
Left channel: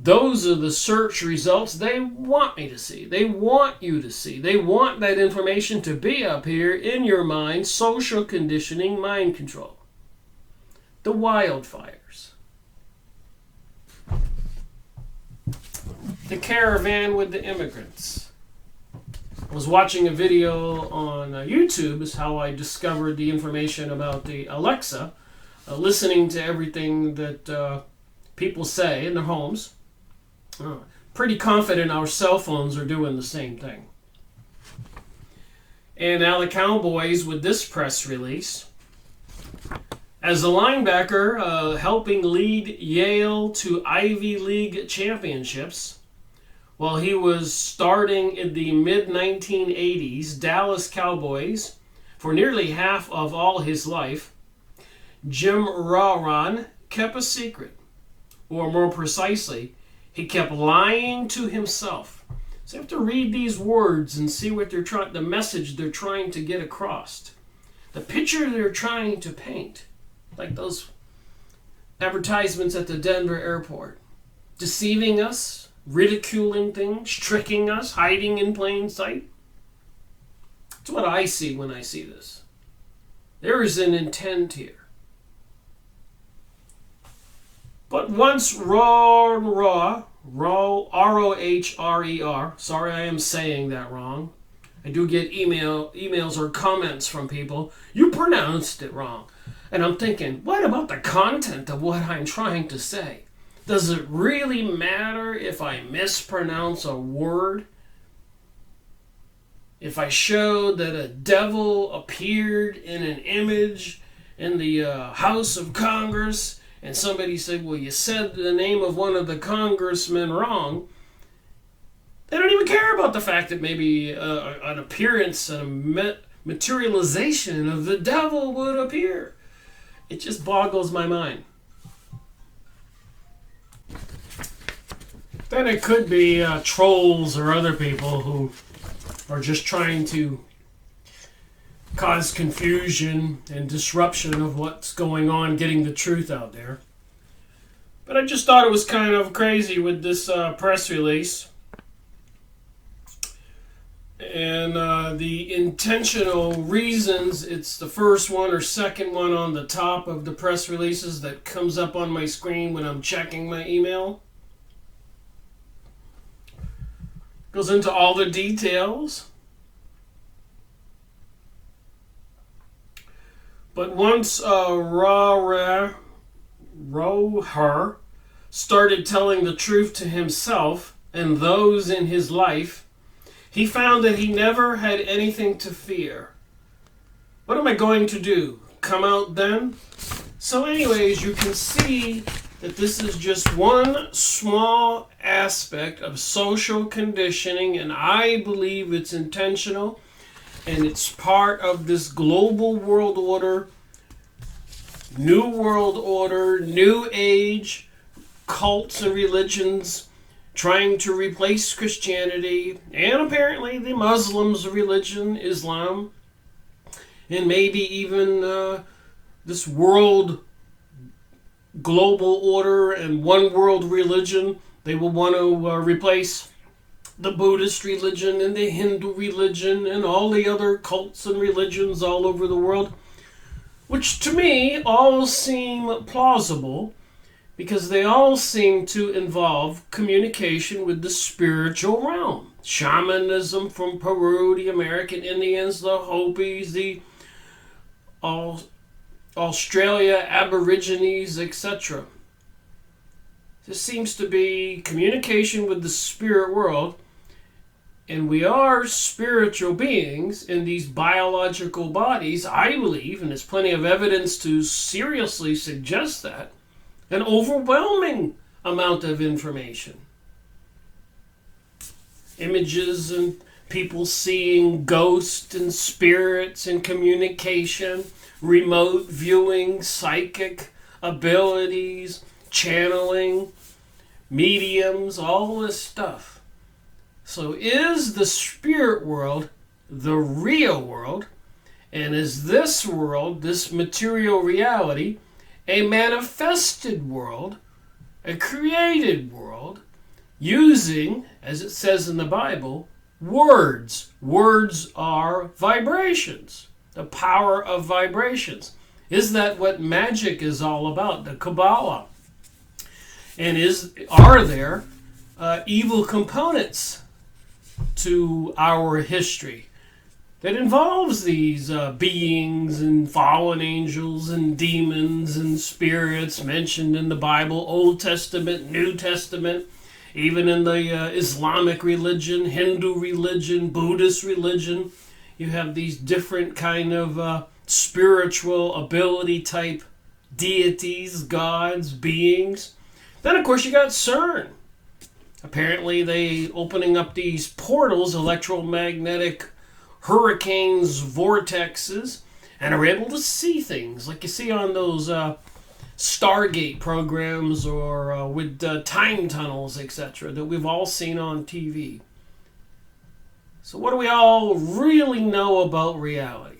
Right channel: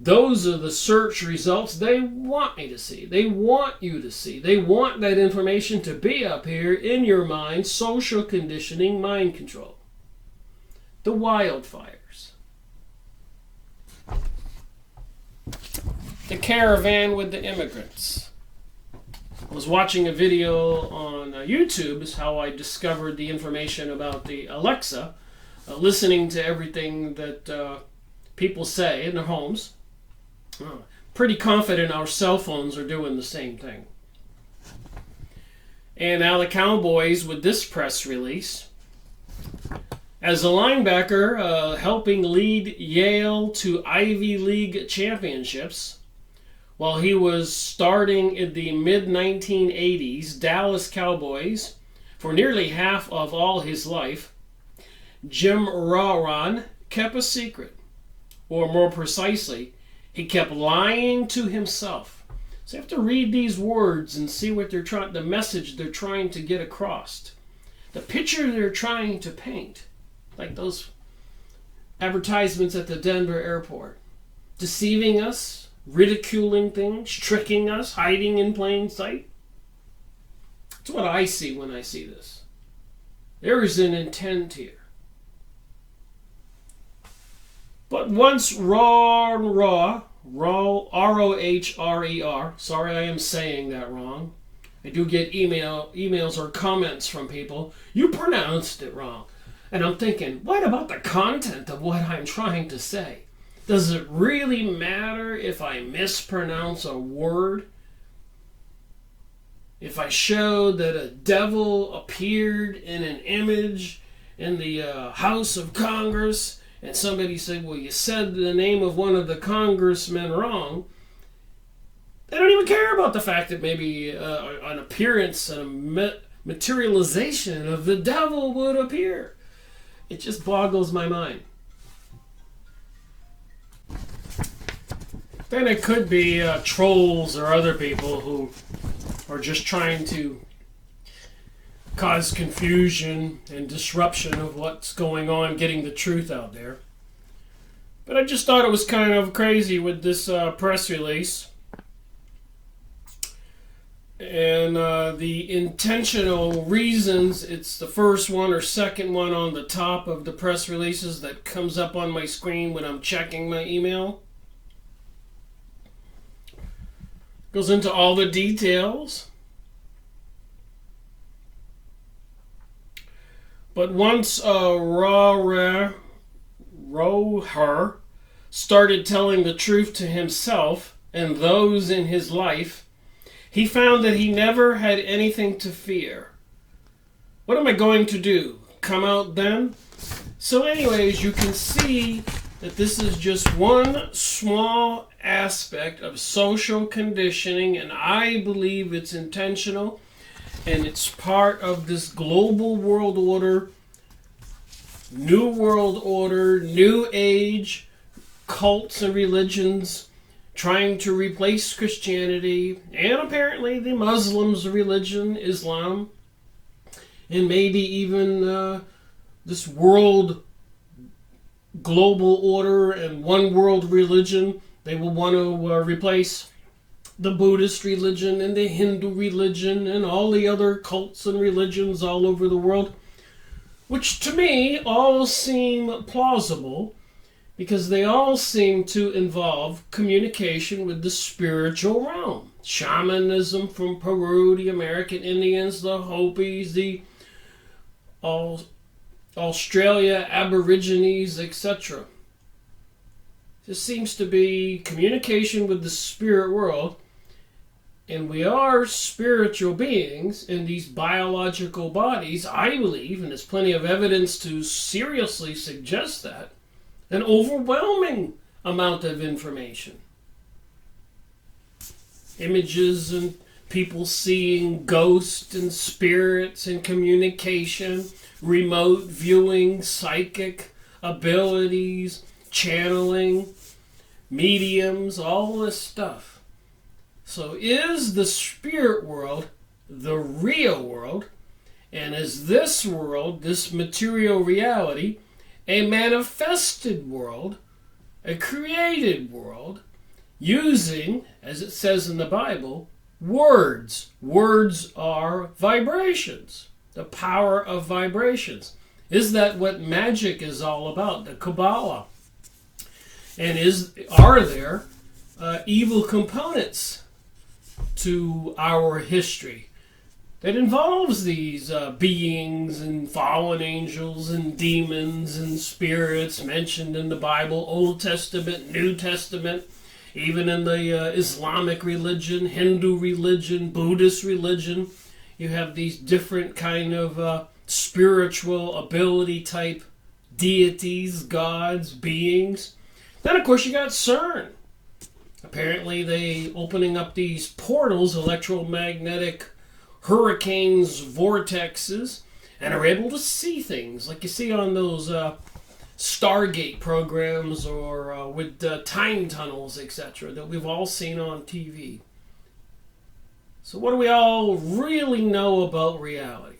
those are the search results they want me to see. They want you to see. They want that information to be up here in your mind. Social conditioning, mind control. The wildfires. The caravan with the immigrants. I was watching a video on YouTube, is how I discovered the information about the Alexa, listening to everything that people say in their homes. Pretty confident our cell phones are doing the same thing. And now the Cowboys with this press release. As a linebacker helping lead Yale to Ivy League championships, while he was starting in the mid-1980s Dallas Cowboys for nearly half of all his life, Jim Ronroe kept a secret, or more precisely, he kept lying to himself. So you have to read these words and see what the message they're trying to get across. The picture they're trying to paint. Like those advertisements at the Denver airport. Deceiving us, ridiculing things, tricking us, hiding in plain sight. That's what I see when I see this. There is an intent here. But once Rohrer, R-O-H-R-E-R, sorry I am saying that wrong. I do get emails or comments from people, you pronounced it wrong. And I'm thinking, what about the content of what I'm trying to say? Does it really matter if I mispronounce a word? If I showed that a devil appeared in an image in the House of Congress, and somebody said, well, you said the name of one of the congressmen wrong, they don't even care about the fact that maybe an appearance and a materialization of the devil would appear. It just boggles my mind. Then it could be trolls or other people who are just trying to cause confusion and disruption of what's going on, getting the truth out there. But I just thought it was kind of crazy with this press release. And the intentional reasons, it's the first one or second one on the top of the press releases that comes up on my screen when I'm checking my email. Goes into all the details. But once Rohrer started telling the truth to himself and those in his life, he found that he never had anything to fear. What am I going to do? Come out then? So anyways, you can see that this is just one small aspect of social conditioning, and I believe it's intentional. And it's part of this global world order, new world order, new age, cults and religions trying to replace Christianity and apparently the Muslims' religion, Islam, and maybe even this world global order and one world religion. They will want to replace the Buddhist religion and the Hindu religion and all the other cults and religions all over the world. which to me all seem plausible because they all seem to involve communication with the spiritual realm. Shamanism from Peru, the American Indians, the Hopis, the Australia Aborigines, etc. This seems to be communication with the spirit world, and we are spiritual beings in these biological bodies, I believe, and there's plenty of evidence to seriously suggest that. An overwhelming amount of information. Images and people seeing ghosts and spirits and communication, remote viewing, psychic abilities, channeling, mediums, all this stuff. So is the spirit world the real world? And is this world, this material reality, a manifested world, a created world, using, as it says in the Bible, words? Words are vibrations, the power of vibrations. Is that what magic is all about, the Kabbalah? And are there evil components to our history that involves these beings and fallen angels and demons and spirits mentioned in the Bible, Old Testament, New Testament, even in the Islamic religion, Hindu religion, Buddhist religion? You have these different kind of spiritual ability type deities, gods, beings. Then, of course, you got CERN. Apparently, they opening up these portals, electromagnetic hurricanes, vortexes, and are able to see things like you see on those Stargate programs or with time tunnels, etc., that we've all seen on TV. So what do we all really know about reality?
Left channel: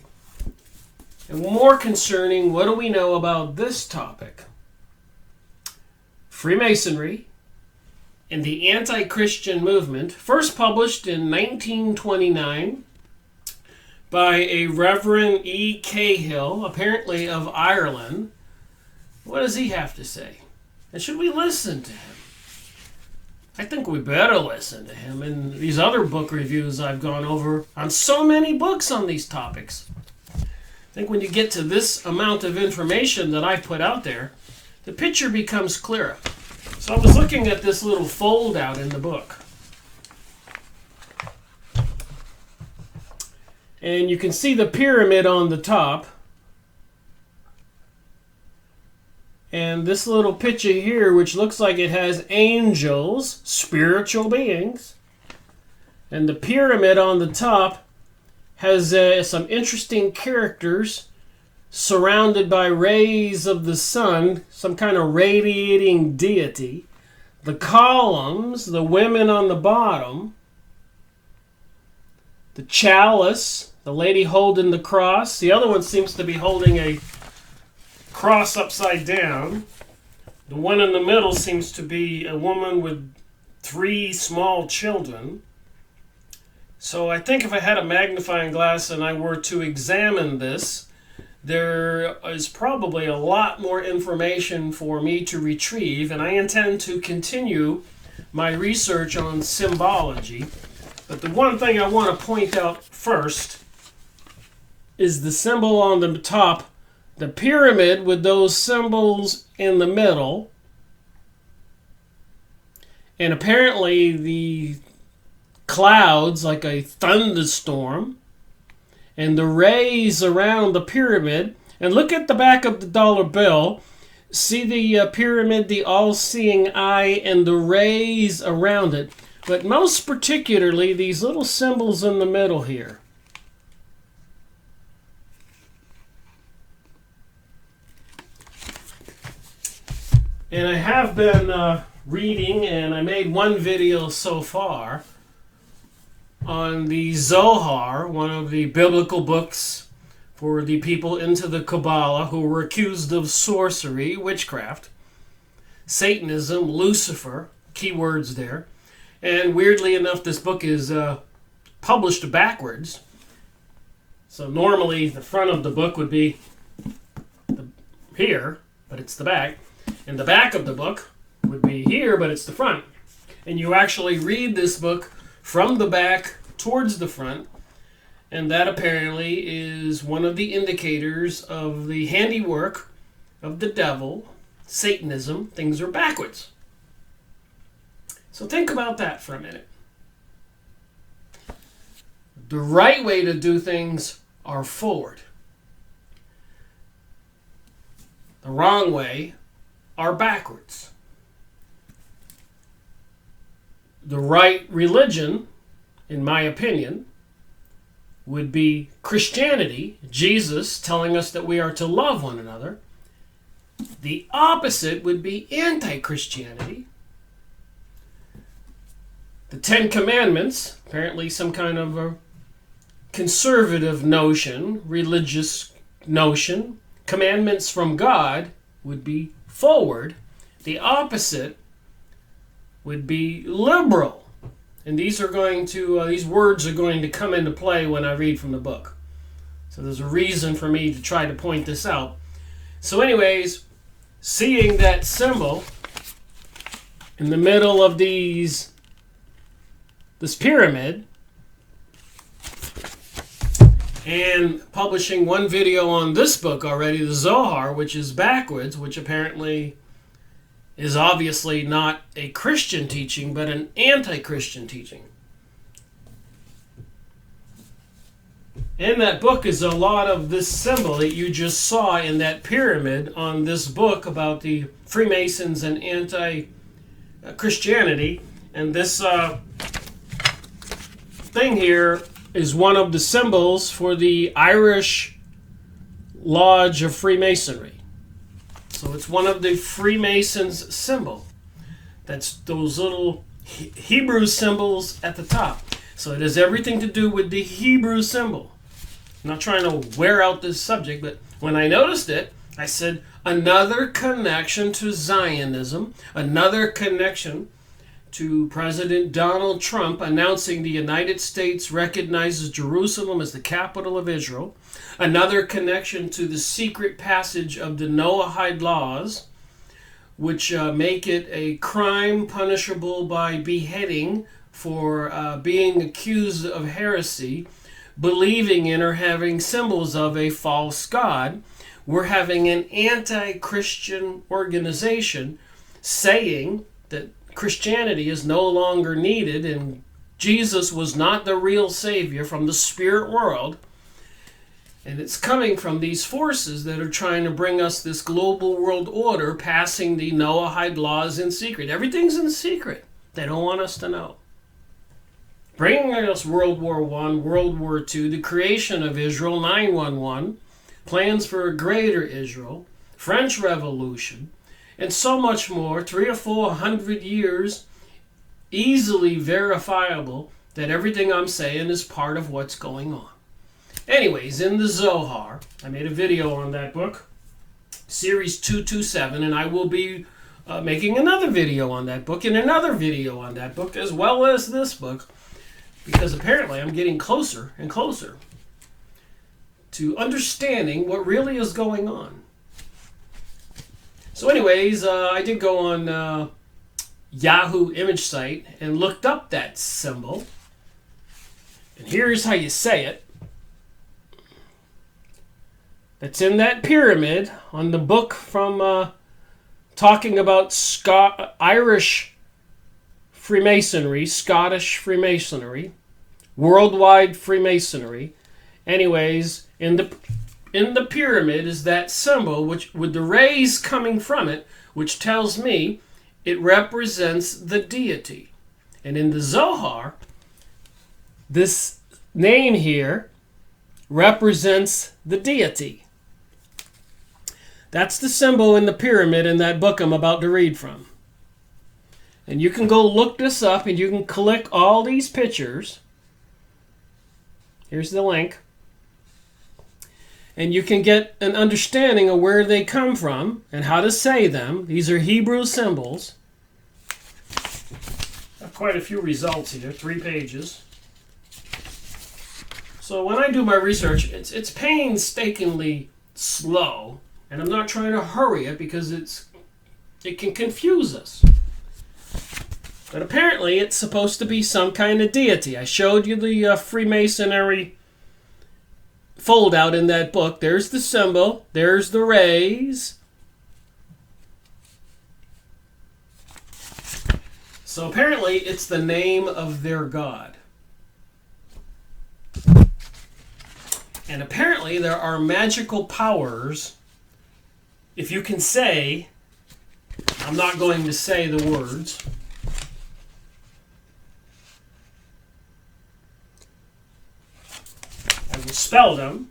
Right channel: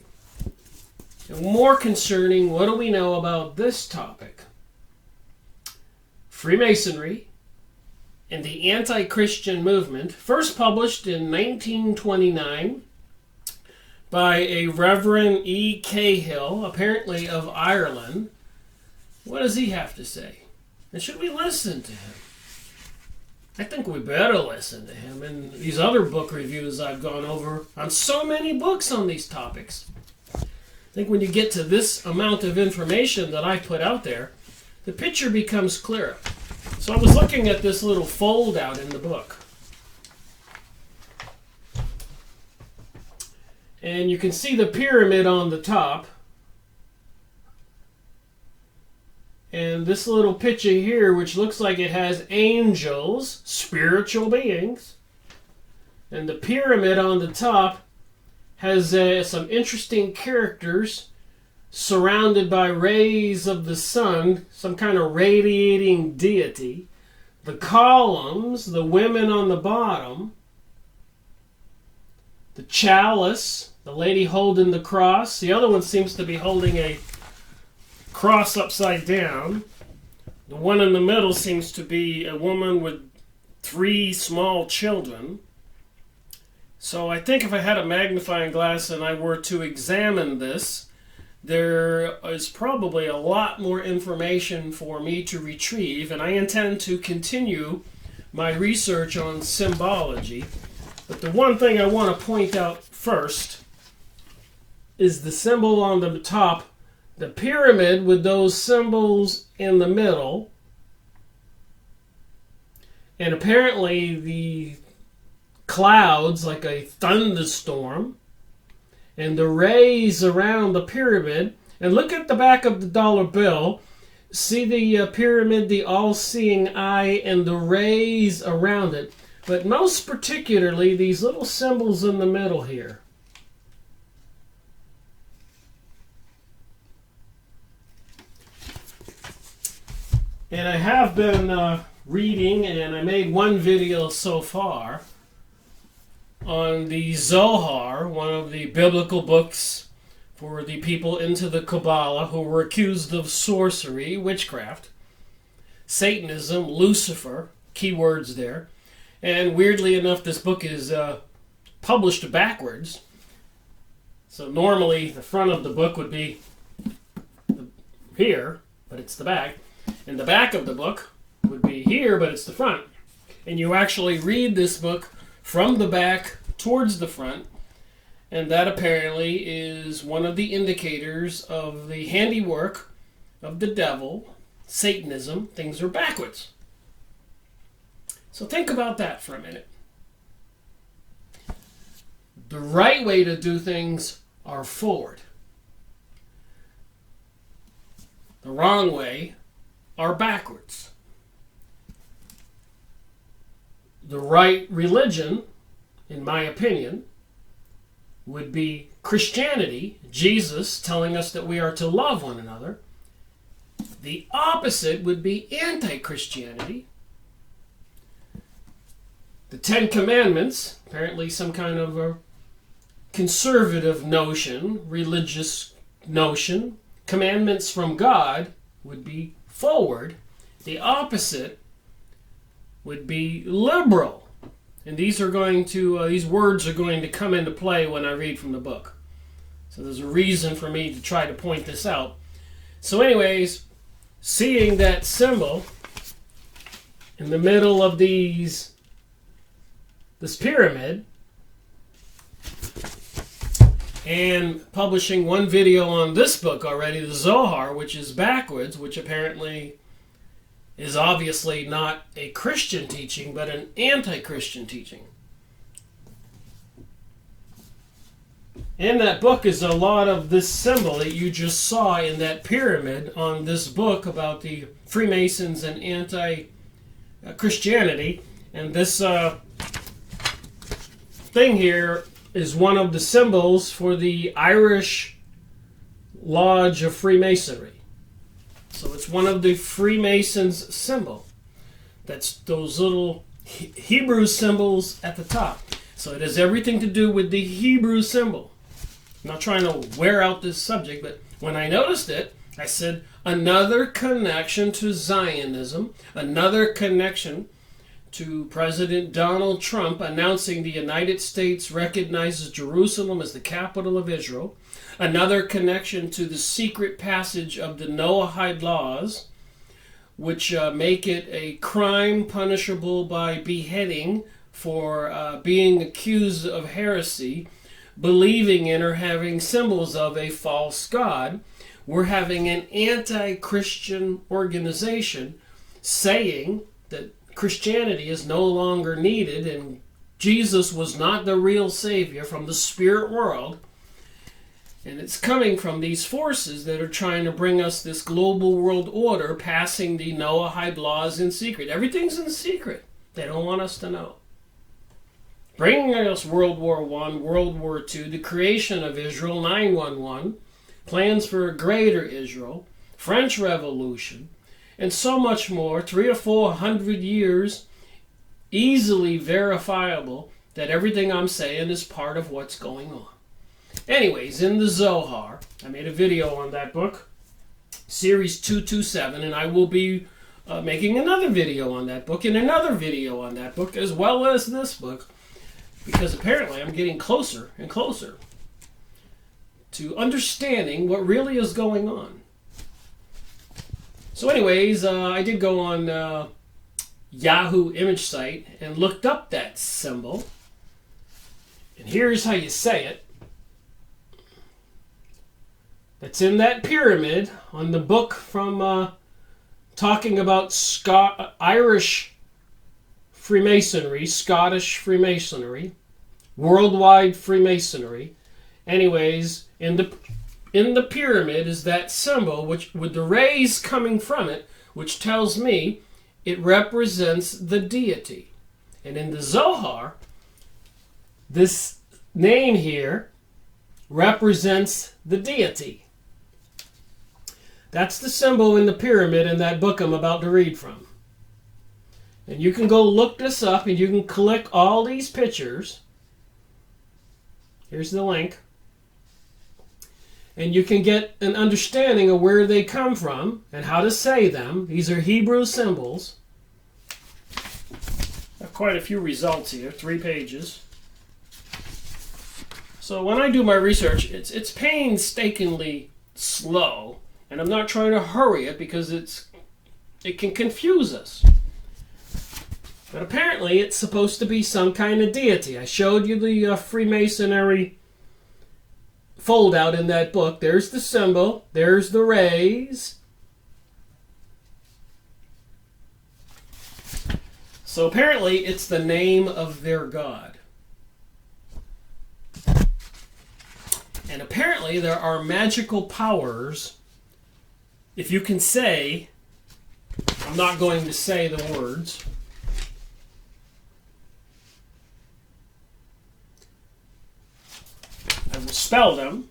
And more concerning, what do we know about this topic? Freemasonry and the anti-Christian movement, first published in 1929 by a Reverend E. Cahill, apparently of Ireland. What does he have to say? And should we listen to him? I think we better listen to him and these other book reviews I've gone over on so many books on these topics. I think when you get to this amount of information that I put out there, the picture becomes clearer. So I was looking at this little fold out in the book. And you can see the pyramid on the top. And this little picture here, which looks like it has angels, spiritual beings. And the pyramid on the top has some interesting characters surrounded by rays of the sun, some kind of radiating deity. The columns, the women on the bottom, the chalice, the lady holding the cross. The other one seems to be holding a cross upside down. The one in the middle seems to be a woman with 3 small children. So I think if I had a magnifying glass and I were to examine this, there is probably a lot more information for me to retrieve, and I intend to continue my research on symbology. But the one thing I want to point out first is the symbol on the top, the pyramid with those symbols in the middle. And apparently the clouds, like a thunderstorm, and the rays around the pyramid. And look at the back of the dollar bill. See the pyramid, the all-seeing eye, and the rays around it. But most particularly, these little symbols in the middle here. And I have been reading, and I made one video so far on the Zohar, one of the biblical books for the people into the Kabbalah who were accused of sorcery, witchcraft, Satanism, Lucifer, keywords there. And weirdly enough, this book is published backwards. So normally the front of the book would be here, but it's the back. And the back of the book would be here, but it's the front. And you actually read this book from the back towards the front, and that apparently is one of the indicators of the handiwork of the devil, Satanism. Things are backwards. So think about that for a minute. The right way to do things are forward. The wrong way are backwards. The right religion, in my opinion, would be Christianity, Jesus telling us that we are to love one another. The opposite would be anti-Christianity. The Ten Commandments, apparently some kind of a conservative notion, religious notion, commandments from God would be forward. The opposite would be liberal. And these words are going to come into play when I read from the book. So there's a reason for me to try to point this out. So anyways, seeing that symbol in the middle of this pyramid, and publishing one video on this book already, the Zohar, which is backwards, which apparently is obviously not a Christian teaching, but an anti-Christian teaching. In that book is a lot of this symbol that you just saw in that pyramid on this book about the Freemasons and anti-Christianity. And this thing here is one of the symbols for the Irish Lodge of Freemasonry. So it's one of the Freemasons' symbol. That's those little Hebrew symbols at the top. So it has everything to do with the Hebrew symbol. I'm not trying to wear out this subject, but when I noticed it, I said, another connection to Zionism, another connection to President Donald Trump announcing the United States recognizes Jerusalem as the capital of Israel, another connection to the secret passage of the Noahide laws, which make it a crime punishable by beheading for being accused of heresy, believing in or having symbols of a false god. We're having an anti-Christian organization saying that Christianity is no longer needed and Jesus was not the real Savior from the spirit world. And it's coming from these forces that are trying to bring us this global world order, passing the Noahide laws in secret. Everything's in secret. They don't want us to know. Bringing us World War I, World War II, the creation of Israel, 9/11, plans for a greater Israel, French Revolution, and so much more, 300 or 400 years, easily verifiable that everything I'm saying is part of what's going on. Anyways, in the Zohar, I made a video on that book, Series 227, and I will be making another video on that book and another video on that book, as well as this book, because apparently I'm getting closer and closer to understanding what really is going on. So anyways, I did go on Yahoo image site and looked up that symbol. And here's how you say it. It's in that pyramid on the book from talking about Irish Freemasonry, Scottish Freemasonry, worldwide Freemasonry. Anyways, in the pyramid is that symbol, which with the rays coming from it, which tells me it represents the deity. And in the Zohar, this name here represents the deity. That's the symbol in the pyramid in that book I'm about to read from. And you can go look this up and you can click all these pictures. Here's the link. And you can get an understanding of where they come from and how to say them. These are Hebrew symbols. I have quite a few results here, 3 pages. So when I do my research, it's painstakingly slow. And I'm not trying to hurry it because it can confuse us. But apparently it's supposed to be some kind of deity. I showed you the Freemasonry fold out in that book. There's the symbol. There's the rays. So apparently it's the name of their god. And apparently there are magical powers. If you can say, I'm not going to say the words. I will spell them.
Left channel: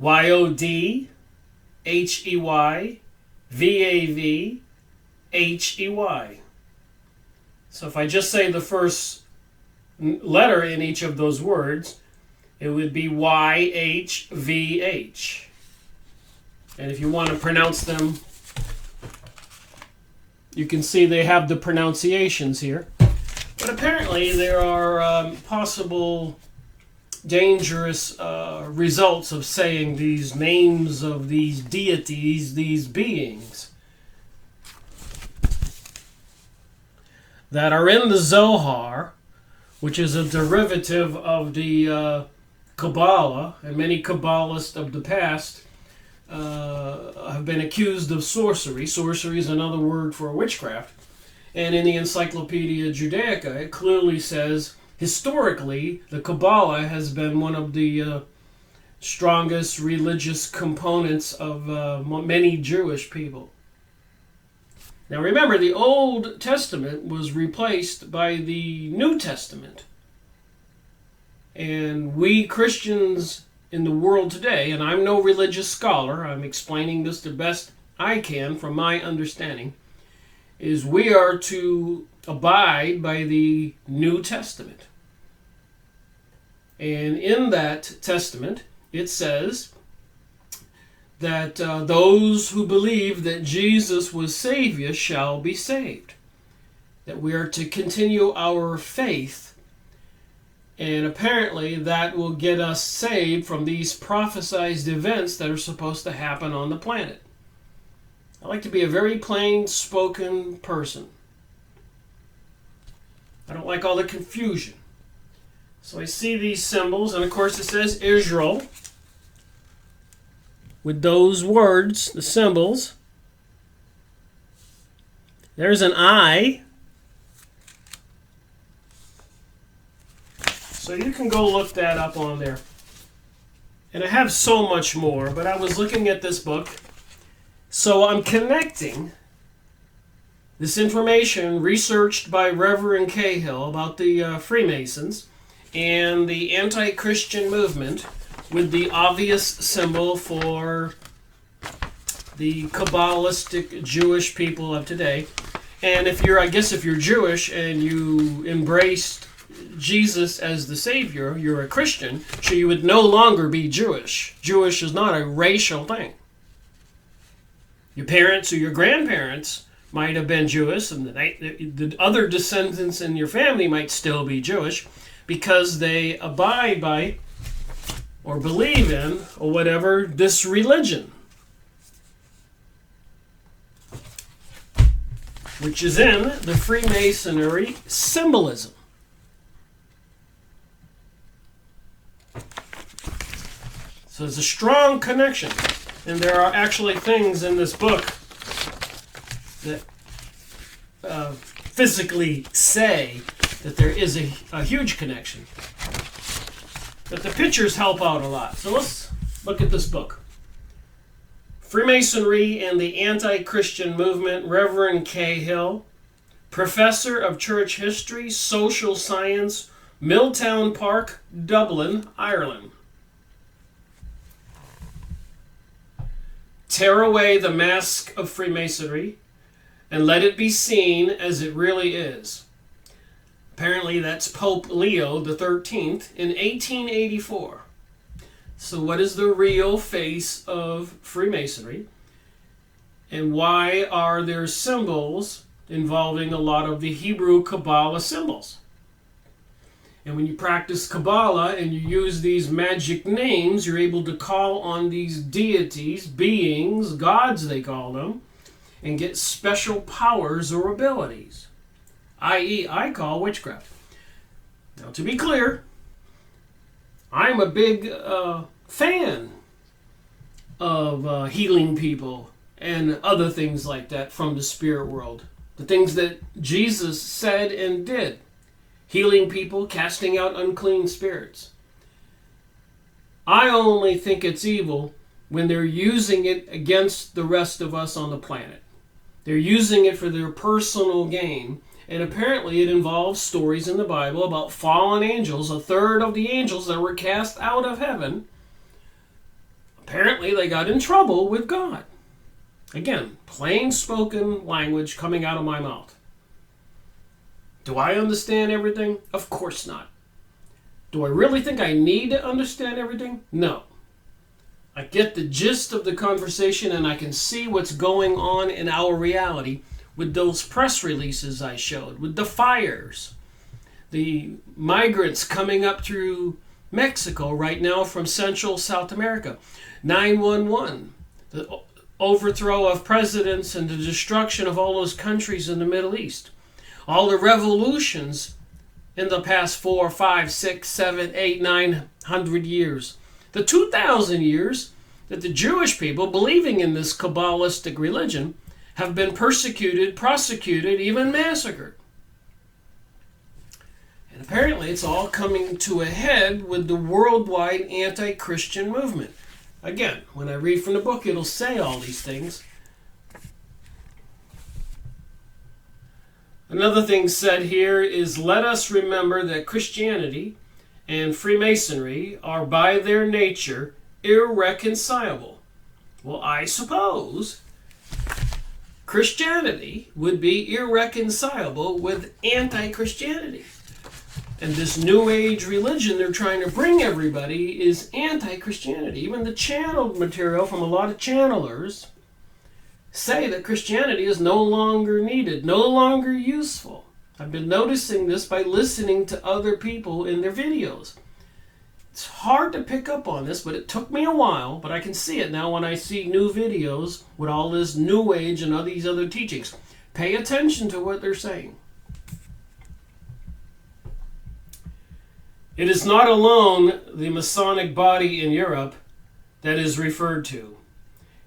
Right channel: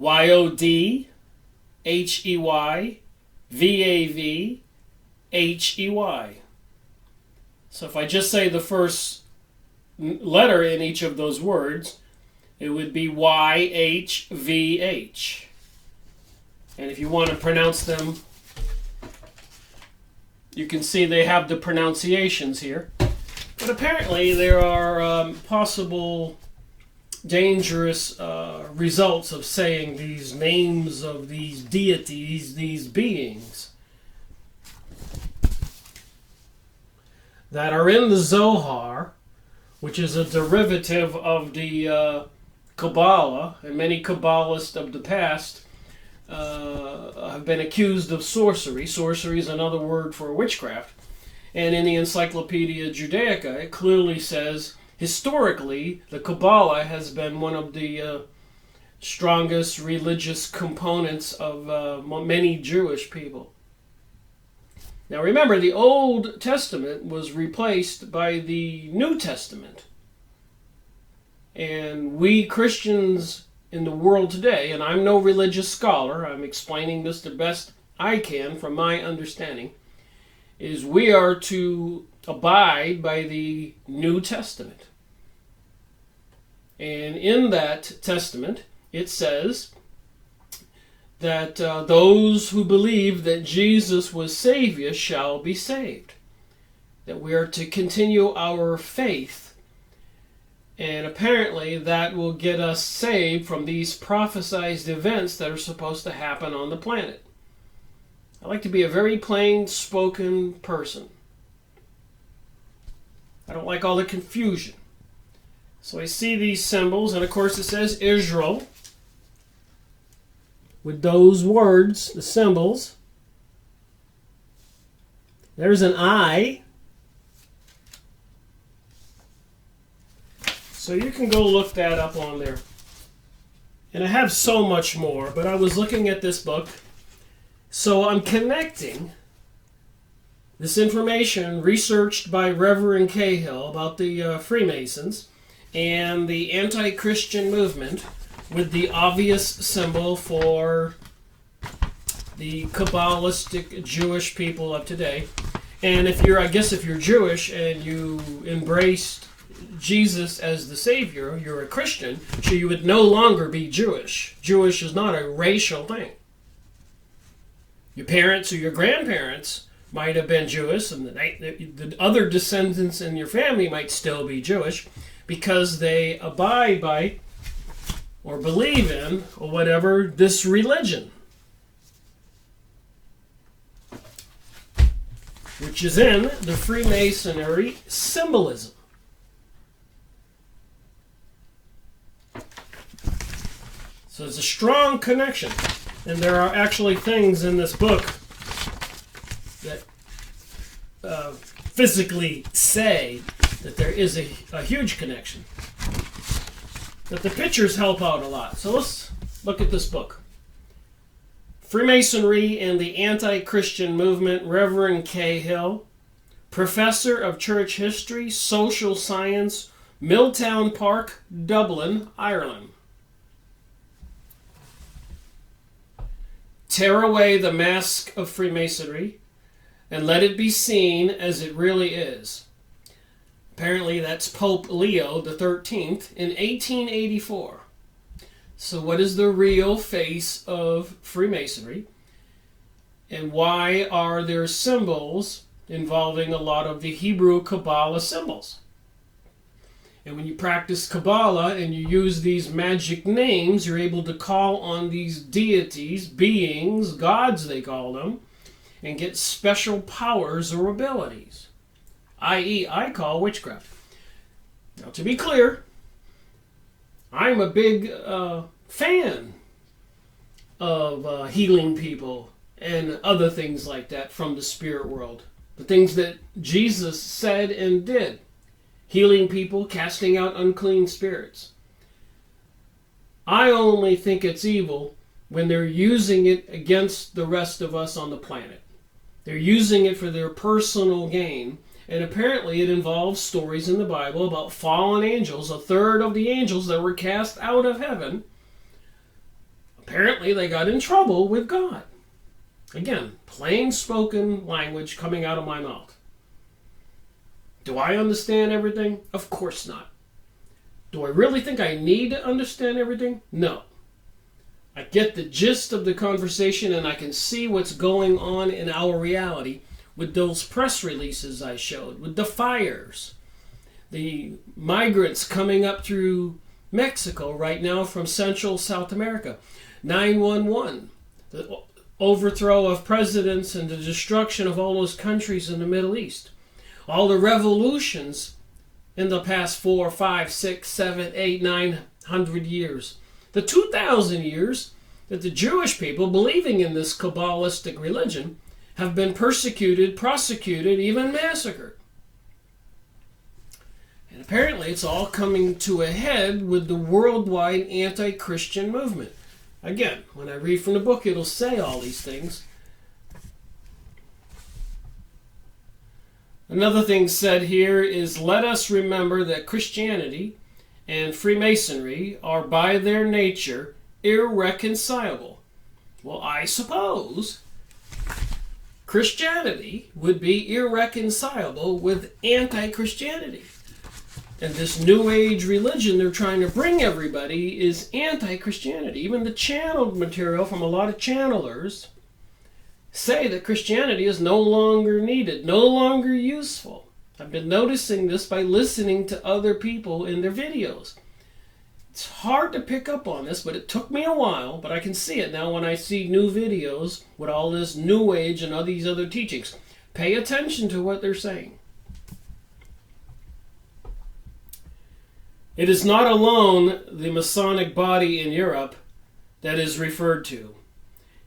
YODHEYVAVHEY. So if I just say the first letter in each of those words, it would be YHVH. And if you want to pronounce them, you can see they have the pronunciations here. But apparently there are possible dangerous results of saying these names of these deities, these beings that are in the Zohar, which is a derivative of the Kabbalah, and many Kabbalists of the past have been accused of sorcery. Sorcery is another word for witchcraft. And in the Encyclopedia Judaica, it clearly says, historically, the Kabbalah has been one of the strongest religious components of many Jewish people. Now remember, the Old Testament was replaced by the New Testament. And we Christians in the world today, and I'm no religious scholar, I'm explaining this the best I can from my understanding, is we are to abide by the New Testament. And in that testament, it says that those who believe that Jesus was Savior shall be saved. That we are to continue our faith. And apparently that will get us saved from these prophesized events that are supposed to happen on the planet. I like to be a very plain-spoken person. I don't like all the confusion. So I see these symbols, and of course it says Israel. With those words, the symbols. There's an eye. So you can go look that up on there. And I have so much more, but I was looking at this book. So I'm connecting this information researched by Reverend Cahill about the Freemasons and the anti-Christian movement with the obvious symbol for the Kabbalistic Jewish people of today. And if you're Jewish and you embraced Jesus as the Savior, you're a Christian, so you would no longer be Jewish. Jewish is not a racial thing. Your parents or your grandparents might have been Jewish, and the other descendants in your family might still be Jewish because they abide by or believe in or whatever this religion, which is in the Freemasonry symbolism. So there's a strong connection. And there are actually things in this book that physically say that there is a huge connection. But the pictures help out a lot. So let's look at this book. Freemasonry and the Anti-Christian Movement, Reverend Cahill, Professor of Church History, Social Science, Milltown Park, Dublin, Ireland. Tear away the mask of Freemasonry and let it be seen as it really is. Apparently that's Pope Leo XIII in 1884. So what is the real face of Freemasonry? And why are there symbols involving a lot of the Hebrew Kabbalah symbols? And when you practice Kabbalah and you use these magic names, you're able to call on these deities, beings, gods they call them, and get special powers or abilities, i.e. I call witchcraft. Now, to be clear, I'm a big fan of healing people and other things like that from the spirit world. The things that Jesus said and did. Healing people, casting out unclean spirits. I only think it's evil when they're using it against the rest of us on the planet. They're using it for their personal gain. And apparently it involves stories in the Bible about fallen angels. A third of the angels that were cast out of heaven, apparently they got in trouble with God. Again, plain spoken language coming out of my mouth. Do I understand everything? Of course not. Do I really think I need to understand everything? No. I get the gist of the conversation and I can see what's going on in our reality with those press releases I showed, with the fires, the migrants coming up through Mexico right now from Central South America, 911, the overthrow of presidents and the destruction of all those countries in the Middle East. All the revolutions in the past 4, 5, 6, 7, 8, 900 years. The 2,000 years that the Jewish people, believing in this Kabbalistic religion, have been persecuted, prosecuted, even massacred. And apparently it's all coming to a head with the worldwide anti-Christian movement. Again, when I read from the book, it'll say all these things. Another thing said here is, let us remember that Christianity and Freemasonry are by their nature irreconcilable. Well, I suppose Christianity would be irreconcilable with anti-Christianity. And this New Age religion they're trying to bring everybody is anti-Christianity. Even the channeled material from a lot of channelers say that Christianity is no longer needed, no longer useful. I've been noticing this by listening to other people in their videos. It's hard to pick up on this, but it took me a while, but I can see it now when I see new videos with all this New Age and all these other teachings. Pay attention to what they're saying. It is not alone the Masonic body in Europe that is referred to.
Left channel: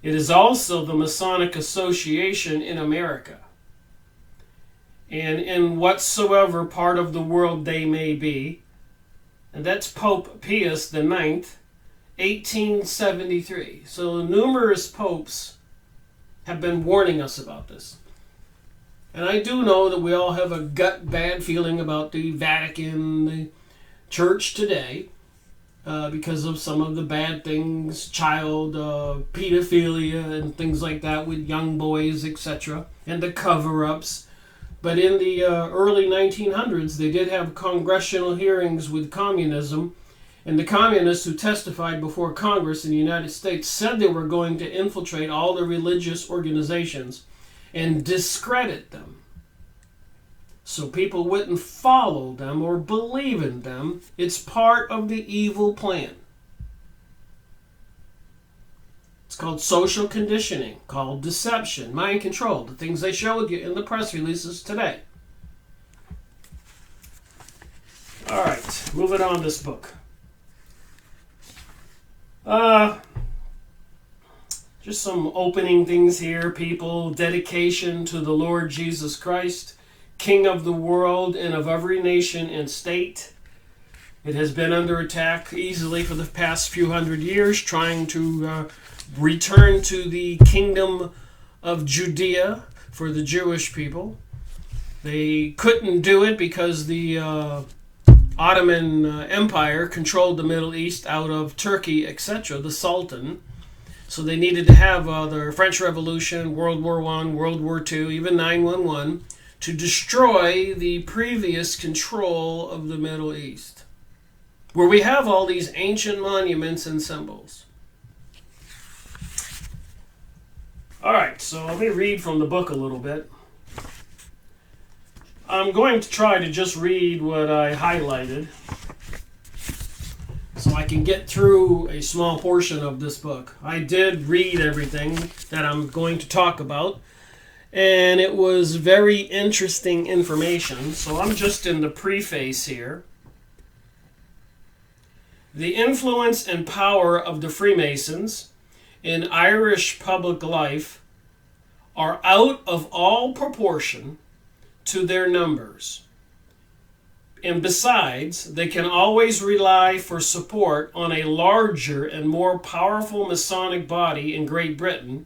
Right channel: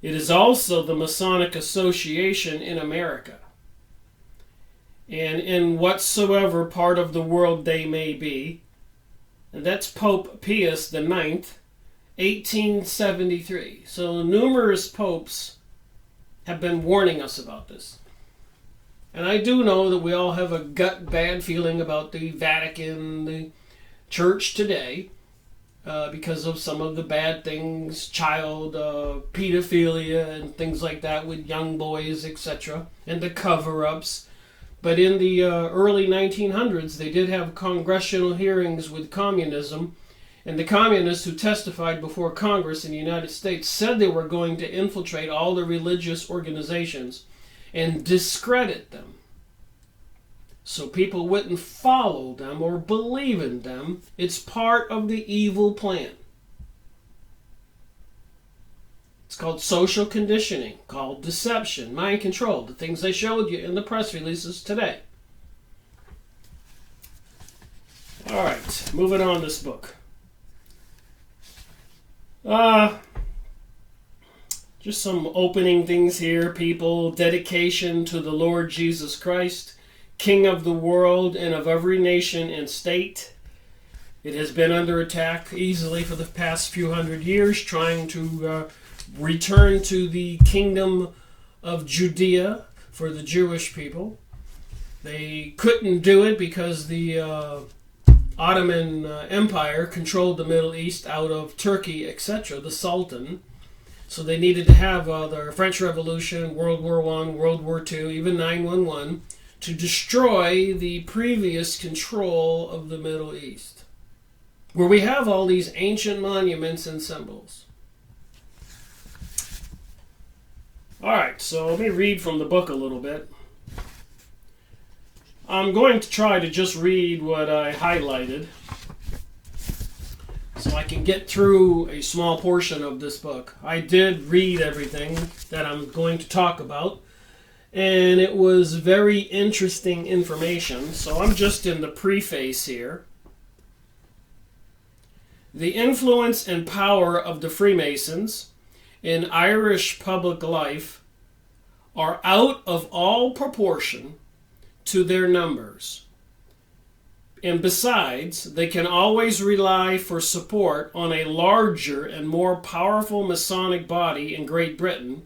It is also the Masonic Association in America. And in whatsoever part of the world they may be. And that's Pope Pius IX, 1873. So numerous popes have been warning us about this. And I do know that we all have a gut bad feeling about the Vatican, the Church today, because of some of the bad things, child pedophilia and things like that with young boys, etc., and the cover-ups. But in the early 1900s, they did have congressional hearings with communism, and the communists who testified before Congress in the United States said they were going to infiltrate all the religious organizations and discredit them, so people wouldn't follow them or believe in them. It's part of the evil plan. It's called social conditioning, called deception, mind control, the things they showed you in the press releases today. All right, moving on this book. Just some opening things here, people. Dedication to the Lord Jesus Christ, King of the world and of every nation and state. It has been under attack easily for the past few hundred years, trying to return to the kingdom of Judea for the Jewish people. They couldn't do it because the Ottoman Empire controlled the Middle East out of Turkey, etc., the Sultan. So they needed to have the French Revolution, World War I, World War II, even 911, to destroy the previous control of the Middle East, where we have all these ancient monuments and symbols. All right, so let me read from the book a little bit. I'm going to try to just read what I highlighted so I can get through a small portion of this book. I did read everything that I'm going to talk about, and it was very interesting information. So I'm just in the preface here. The influence and power of the Freemasons in Irish public life are out of all proportion to their numbers. And besides, they can always rely for support on a larger and more powerful Masonic body in Great Britain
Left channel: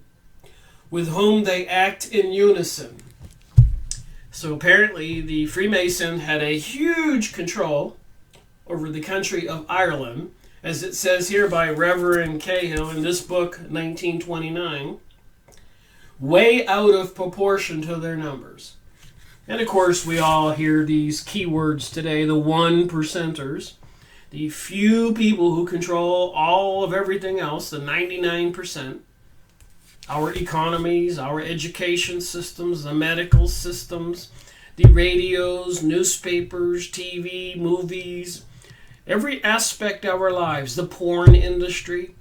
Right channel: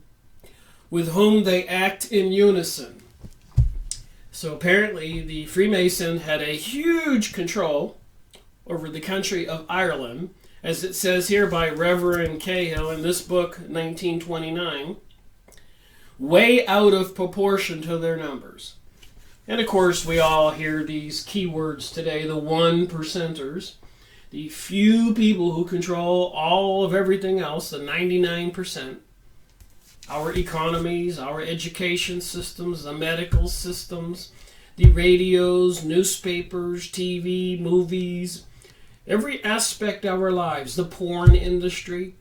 with whom they act in unison. So apparently the Freemason had a huge control over the country of Ireland, as it says here by Reverend Cahill in this book, 1929, way out of proportion to their numbers. And of course, we all hear these keywords today, the 1%ers, the few people who control all of everything else, the 99%, our economies, our education systems, the medical systems, the radios, newspapers, TV, movies, every aspect of our lives, the porn industry.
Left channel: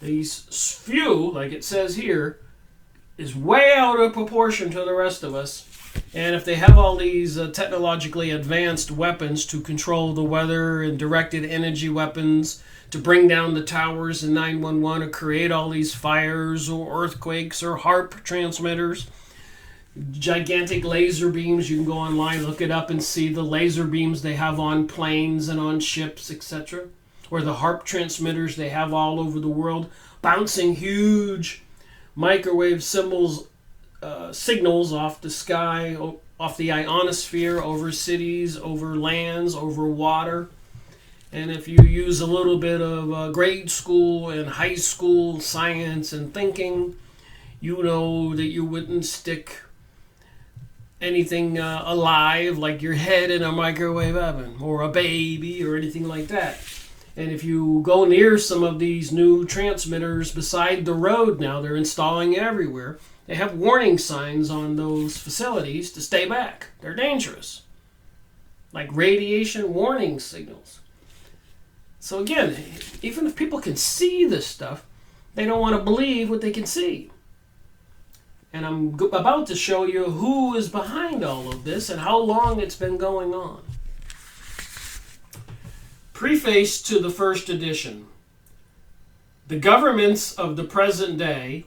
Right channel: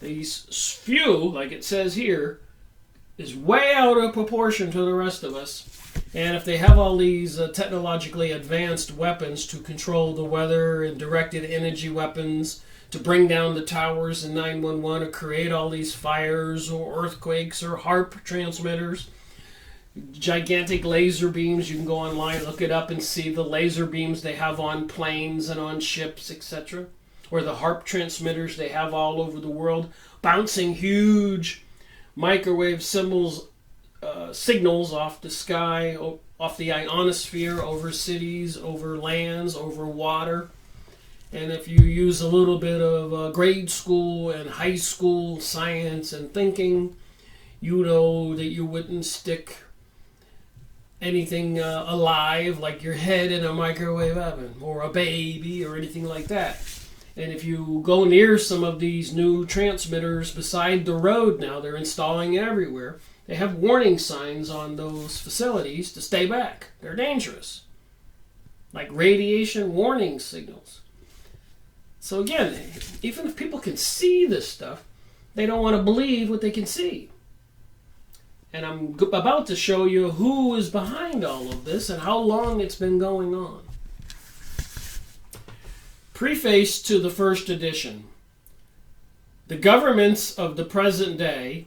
These few, like it says here, is way out of proportion to the rest of us. And if they have all these technologically advanced weapons to control the weather and directed energy weapons to bring down the towers in 911 or create all these fires or earthquakes or HARP transmitters, gigantic laser beams, you can go online, look it up and see the laser beams they have on planes and on ships, etc. Or the HARP transmitters they have all over the world, bouncing huge microwave signals off the sky, off the ionosphere, over cities, over lands, over water. And if you use a little bit of grade school and high school science and thinking, you know that you wouldn't stick anything alive like your head in a microwave oven or a baby or anything like that. And if you go near some of these new transmitters beside the road now, they're installing everywhere, they have warning signs on those facilities to stay back. They're dangerous. Like radiation warning signals. So again, even if people can see this stuff, they don't want to believe what they can see. And I'm about to show you who is behind all of this and how long it's been going on. Preface to the first edition. The governments of the present day,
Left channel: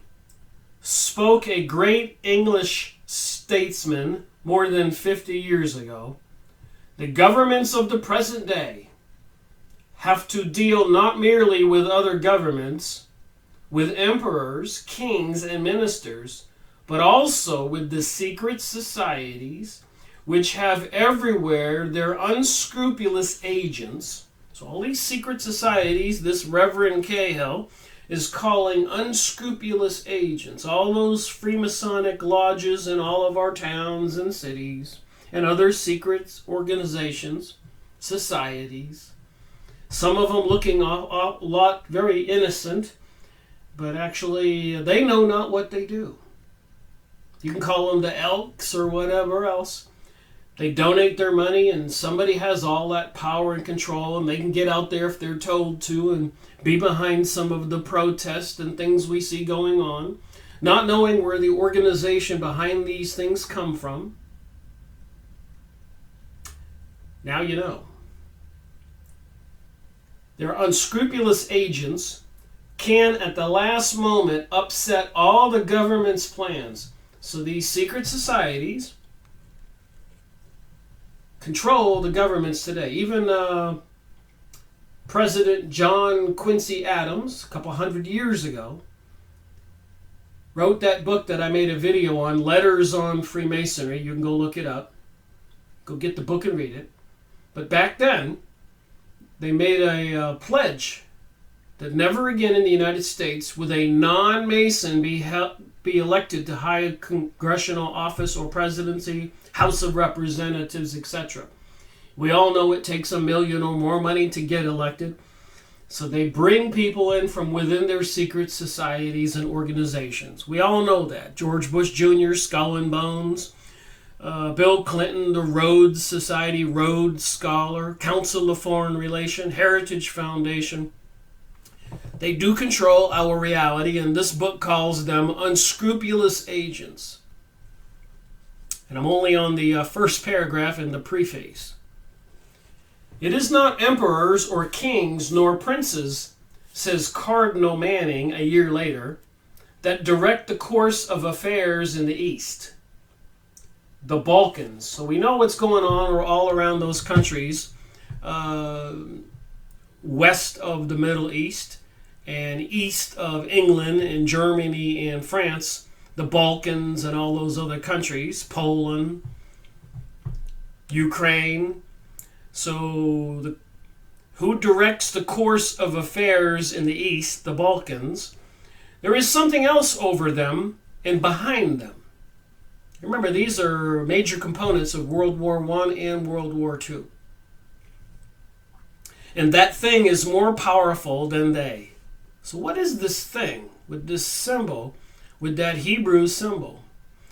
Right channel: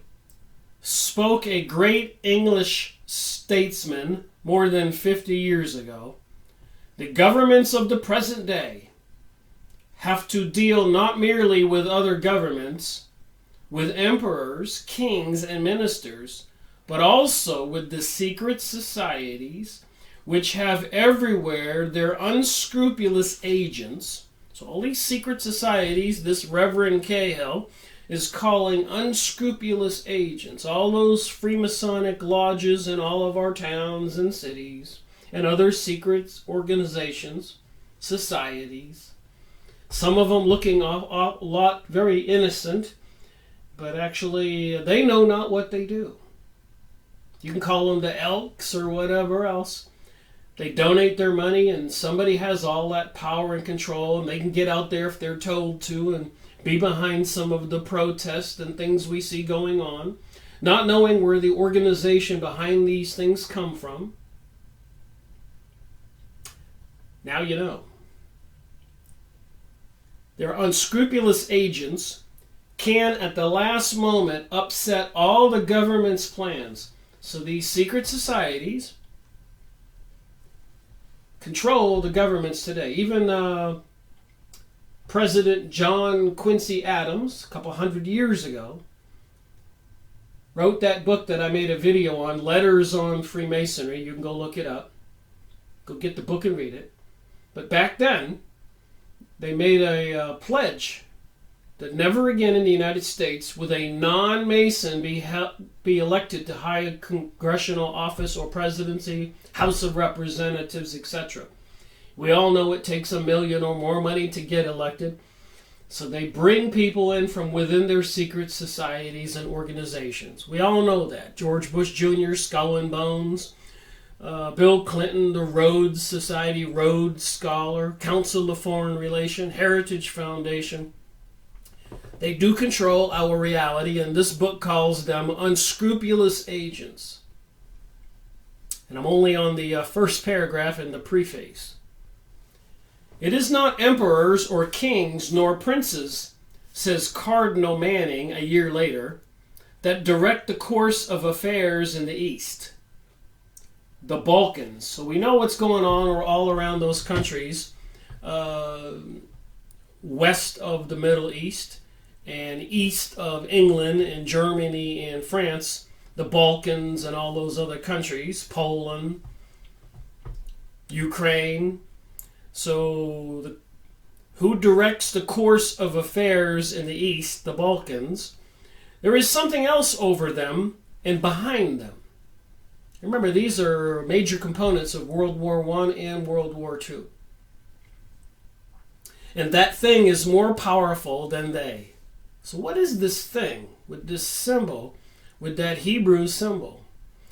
spoke a great English statesman more than 50 years ago. The governments of the present day have to deal not merely with other governments, with emperors, kings, and ministers, but also with the secret societies which have everywhere their unscrupulous agents. So all these secret societies, this Reverend Cahill is calling unscrupulous agents, all those Freemasonic lodges in all of our towns and cities, and other secret organizations, societies. Some of them looking a lot very innocent, but actually they know not what they do. You can call them the Elks or whatever else. They donate their money and somebody has all that power and control, and they can get out there if they're told to and be behind some of the protests and things we see going on, not knowing where the organization behind these things come from. Now you know. Their unscrupulous agents can at the last moment upset all the government's plans. So these secret societies control the governments today. Even President John Quincy Adams, a couple hundred years ago, wrote that book that I made a video on, Letters on Freemasonry. You can go look it up. Go get the book and read it. But back then, they made a pledge that never again in the United States would a non-Mason be elected to high congressional office or presidency, House of Representatives, etc. We all know it takes $1 million or more money to get elected. So they bring people in from within their secret societies and organizations. We all know that. George Bush Jr., Skull and Bones, Bill Clinton, the Rhodes Society, Rhodes Scholar, Council of Foreign Relations, Heritage Foundation. They do control our reality, and this book calls them unscrupulous agents. And I'm only on the first paragraph in the preface. It is not emperors or kings nor princes, says Cardinal Manning a year later, that direct the course of affairs in the East. The Balkans. So we know what's going on all around those countries west of the Middle East and east of England and Germany and France, the Balkans and all those other countries, Poland, Ukraine. So who directs the course of affairs in the East, the Balkans? There is something else over them and behind them. Remember, these are major components of World War I and World War II. And that thing is more powerful than they. So what is this thing with this symbol, with that Hebrew symbol?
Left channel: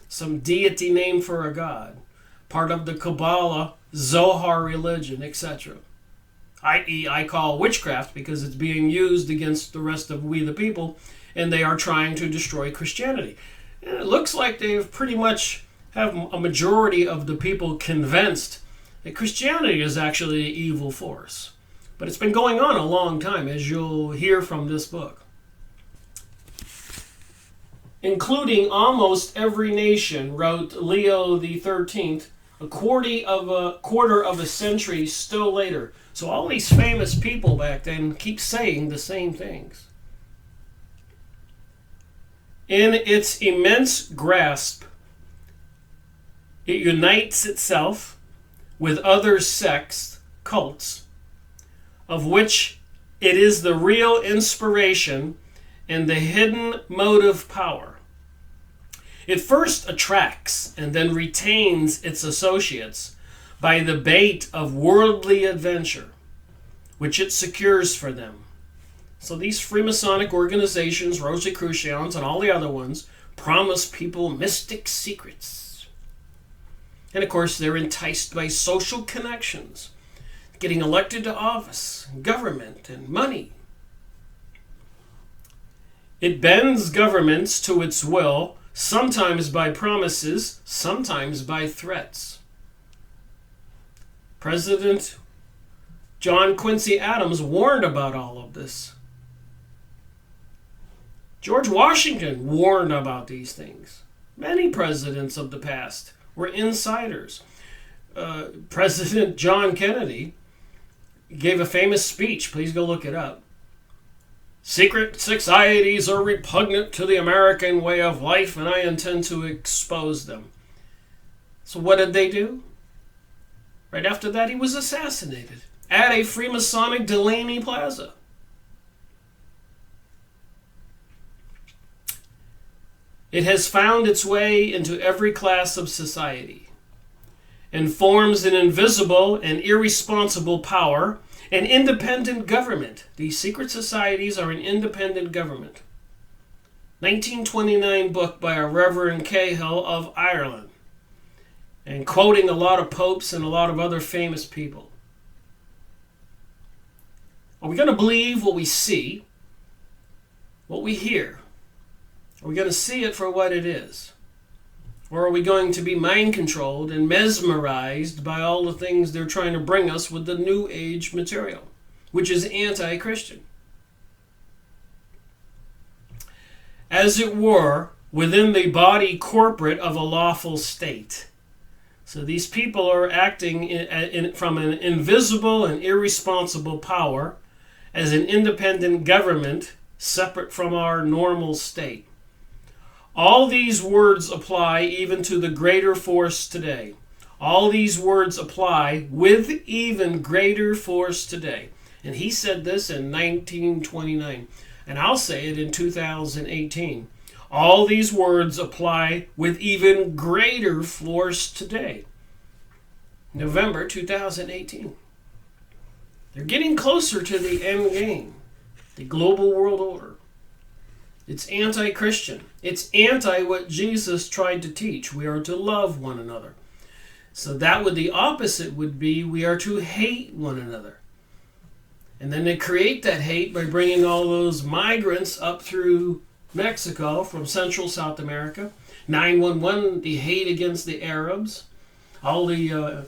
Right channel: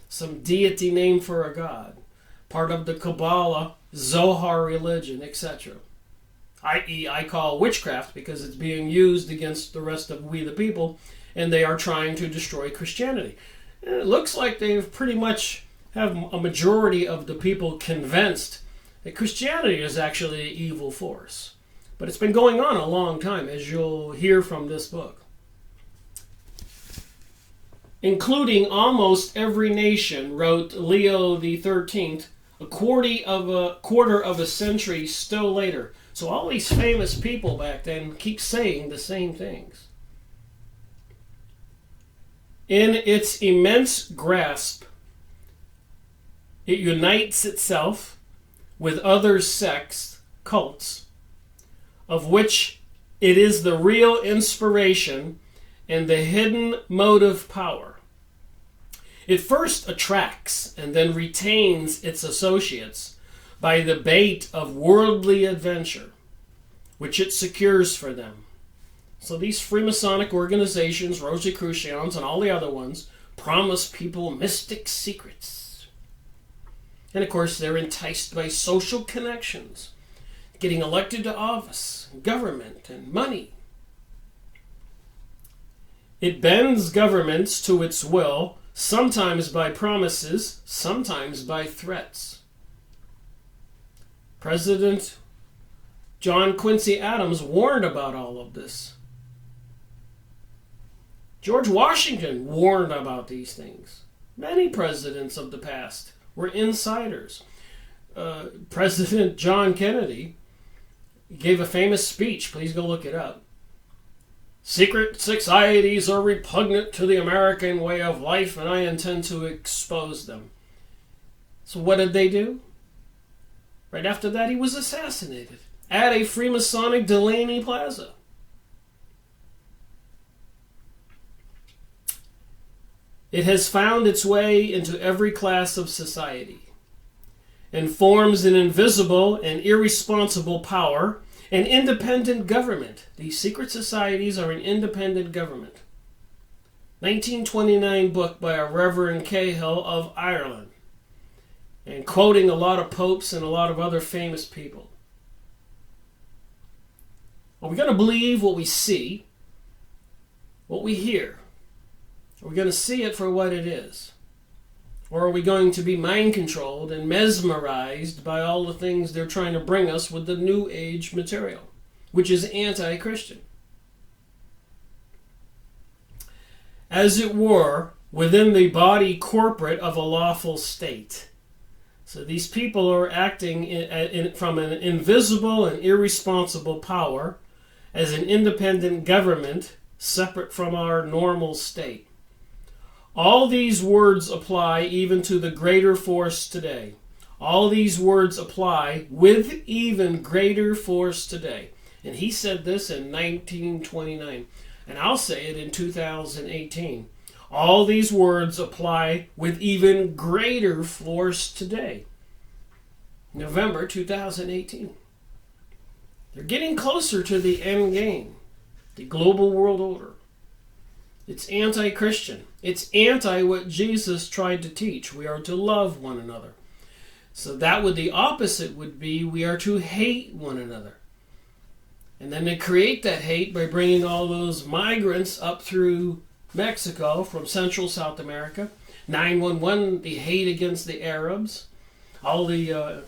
Some deity name for a god, part of the Kabbalah, Zohar religion, etc. I.e., I call witchcraft because it's being used against the rest of we the people, and they are trying to destroy Christianity. And it looks like they've pretty much have a majority of the people convinced that Christianity is actually an evil force. But it's been going on a long time, as you'll hear from this book. Including almost every nation, wrote Leo the 13th, a quarter of a century still later. So all these famous people back then keep saying the same things. In its immense grasp, it unites itself with other sects, cults, of which it is the real inspiration and the hidden motive power. It first attracts and then retains its associates by the bait of worldly adventure, which it secures for them. So these Freemasonic organizations, Rosicrucians and all the other ones, promise people mystic secrets. And of course, they're enticed by social connections, getting elected to office, government, and money. It bends governments to its will, sometimes by promises, sometimes by threats. President John Quincy Adams warned about all of this. George Washington warned about these things. Many presidents of the past were insiders. President John Kennedy gave a famous speech. Please go look it up. Secret societies are repugnant to the American way of life, and I intend to expose them. So what did they do? Right after that, he was assassinated at a Freemasonic Delaney Plaza. It has found its way into every class of society and forms an invisible and irresponsible power, an independent government. These secret societies are an independent government. 1929 book by a Reverend Cahill of Ireland, and quoting a lot of popes and a lot of other famous people. Are we going to believe what we see, what we hear? Are we going to see it for what it is? Or are we going to be mind-controlled and mesmerized by all the things they're trying to bring us with the New Age material, which is anti-Christian? As it were, within the body corporate of a lawful state. So these people are acting from an invisible and irresponsible power as an independent government separate from our normal state. All these words apply even to the greater force today. All these words apply with even greater force today. And he said this in 1929. And I'll say it in 2018. All these words apply with even greater force today. November 2018. They're getting closer to the end game, the global world order. It's anti-Christian. It's anti what Jesus tried to teach. We are to love one another. So the opposite would be we are to hate one another. And then they create that hate by bringing all those migrants up through Mexico from Central South America. 911, the hate against the Arabs. All the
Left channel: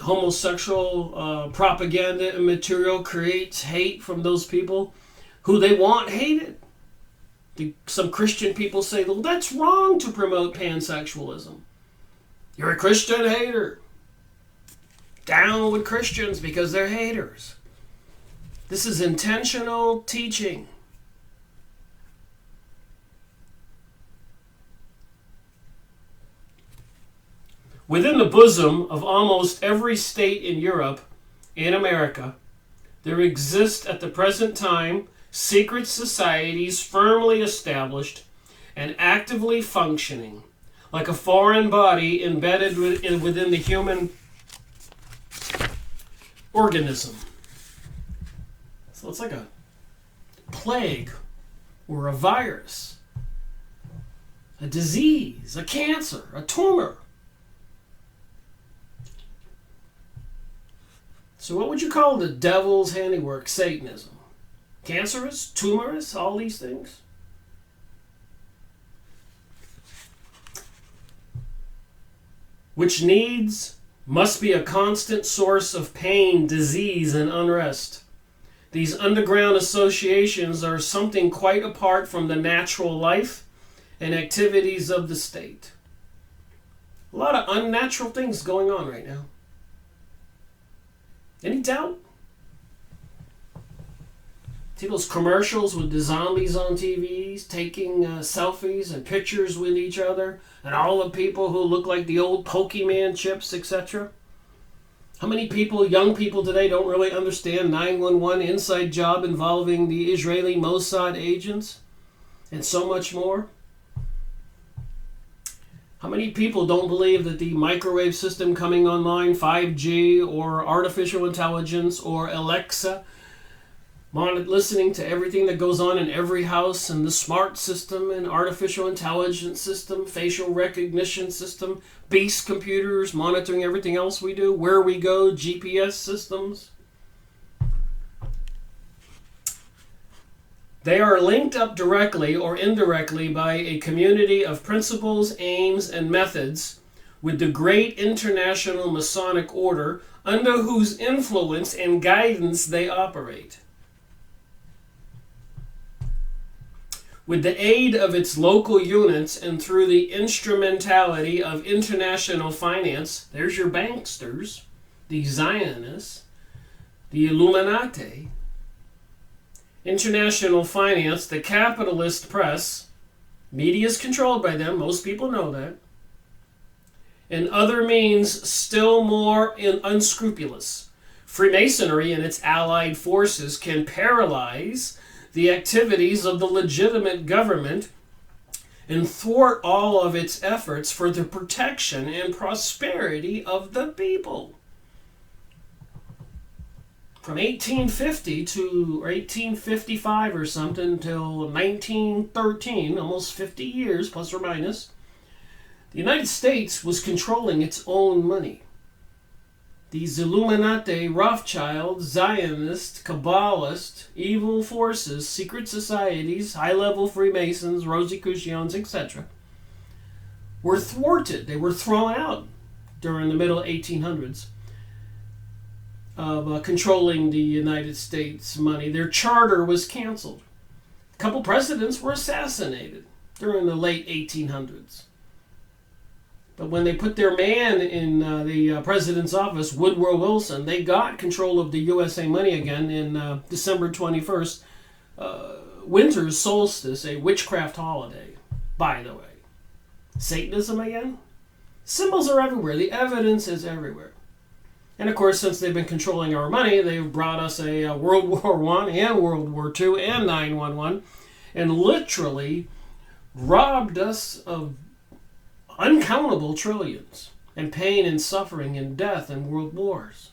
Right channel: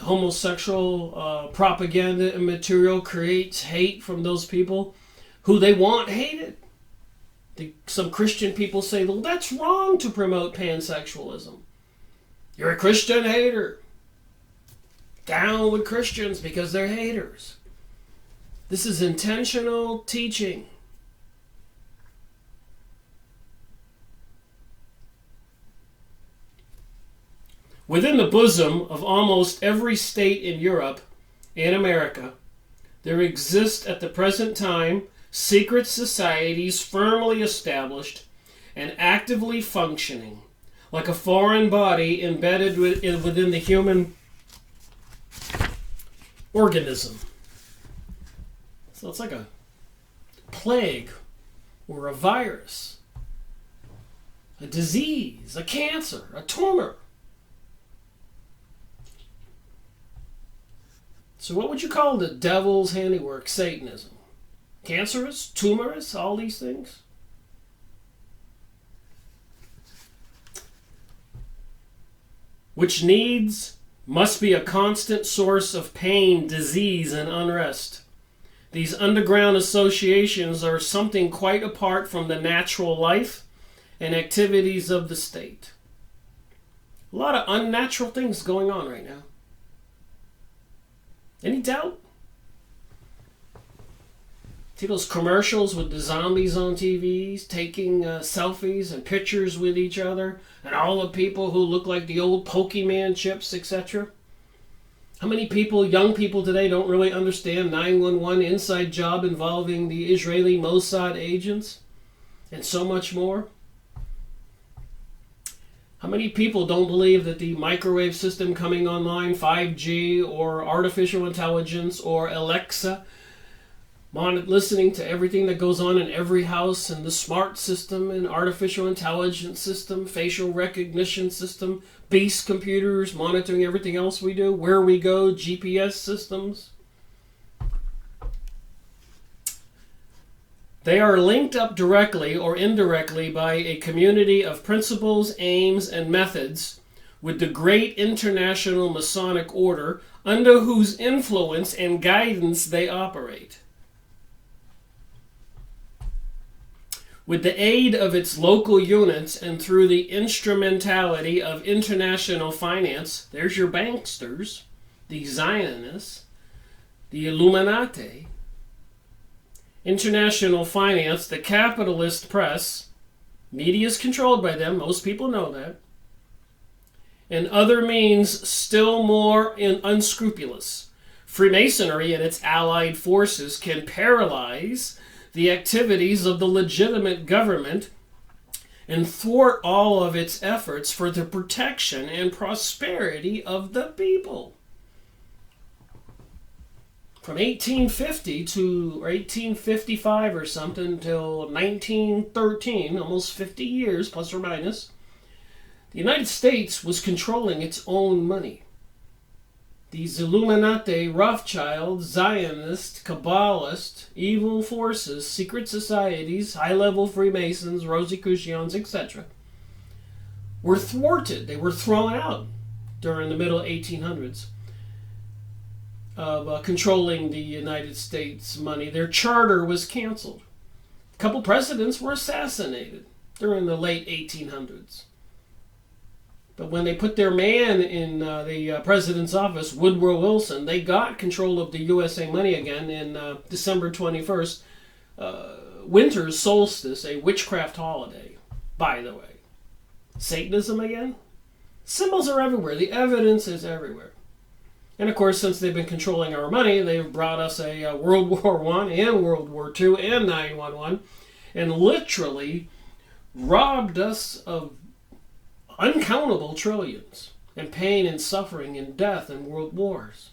homosexual propaganda and material creates hate from those people who they want hated. Some Christian people say, well, that's wrong to promote pansexualism. You're a Christian hater. Down with Christians because they're haters. This is intentional teaching. Within the bosom of almost every state in Europe and America, there exist at the present time secret societies firmly established and actively functioning, like a foreign body embedded within the human organism. So it's like a plague or a virus, a disease, a cancer, a tumor. So what would you call the devil's handiwork, Satanism? Cancerous, tumorous, all these things? Which must be a constant source of pain, disease, and unrest. These underground associations are something quite apart from the natural life and activities of the state. A lot of unnatural things going on right now. Any doubt? See those commercials with the zombies on TVs taking selfies and pictures with each other, and all the people who look like the old Pokemon chips, etc.? How many people, young people today, don't really understand 911 inside job involving the Israeli Mossad agents and so much more? How many people don't believe that the microwave system coming online, 5G or artificial intelligence or Alexa, listening to everything that goes on in every house, and the smart system and artificial intelligence system, facial recognition system, beast computers monitoring everything else we do, where we go, GPS systems? They are linked up directly or indirectly by a community of principles, aims, and methods with the great international Masonic order under whose influence and guidance they operate. With the aid of its local units and through the instrumentality of international finance, there's your banksters, the Zionists, the Illuminati, international finance, the capitalist press, media is controlled by them, most people know that, and other means still more unscrupulous. Freemasonry and its allied forces can paralyze the activities of the legitimate government and thwart all of its efforts for the protection and prosperity of the people. From 1850 to 1855 or something till 1913, almost 50 years plus or minus, the United States was controlling its own money. These Illuminati, Rothschild, Zionist, Kabbalist, evil forces, secret societies, high-level Freemasons, Rosicrucians, etc., were thwarted. They were thrown out during the middle 1800s. Of controlling the United States money. Their charter was canceled. A couple presidents were assassinated during the late 1800s. But when they put their man in the president's office, Woodrow Wilson, they got control of the USA money again in December 21st, winter's solstice, a witchcraft holiday, by the way. Satanism again? Symbols are everywhere. The evidence is everywhere. And of course, since they've been controlling our money, they've brought us a World War I and World War II and 911 and literally robbed us of uncountable trillions and pain and suffering and death and world wars.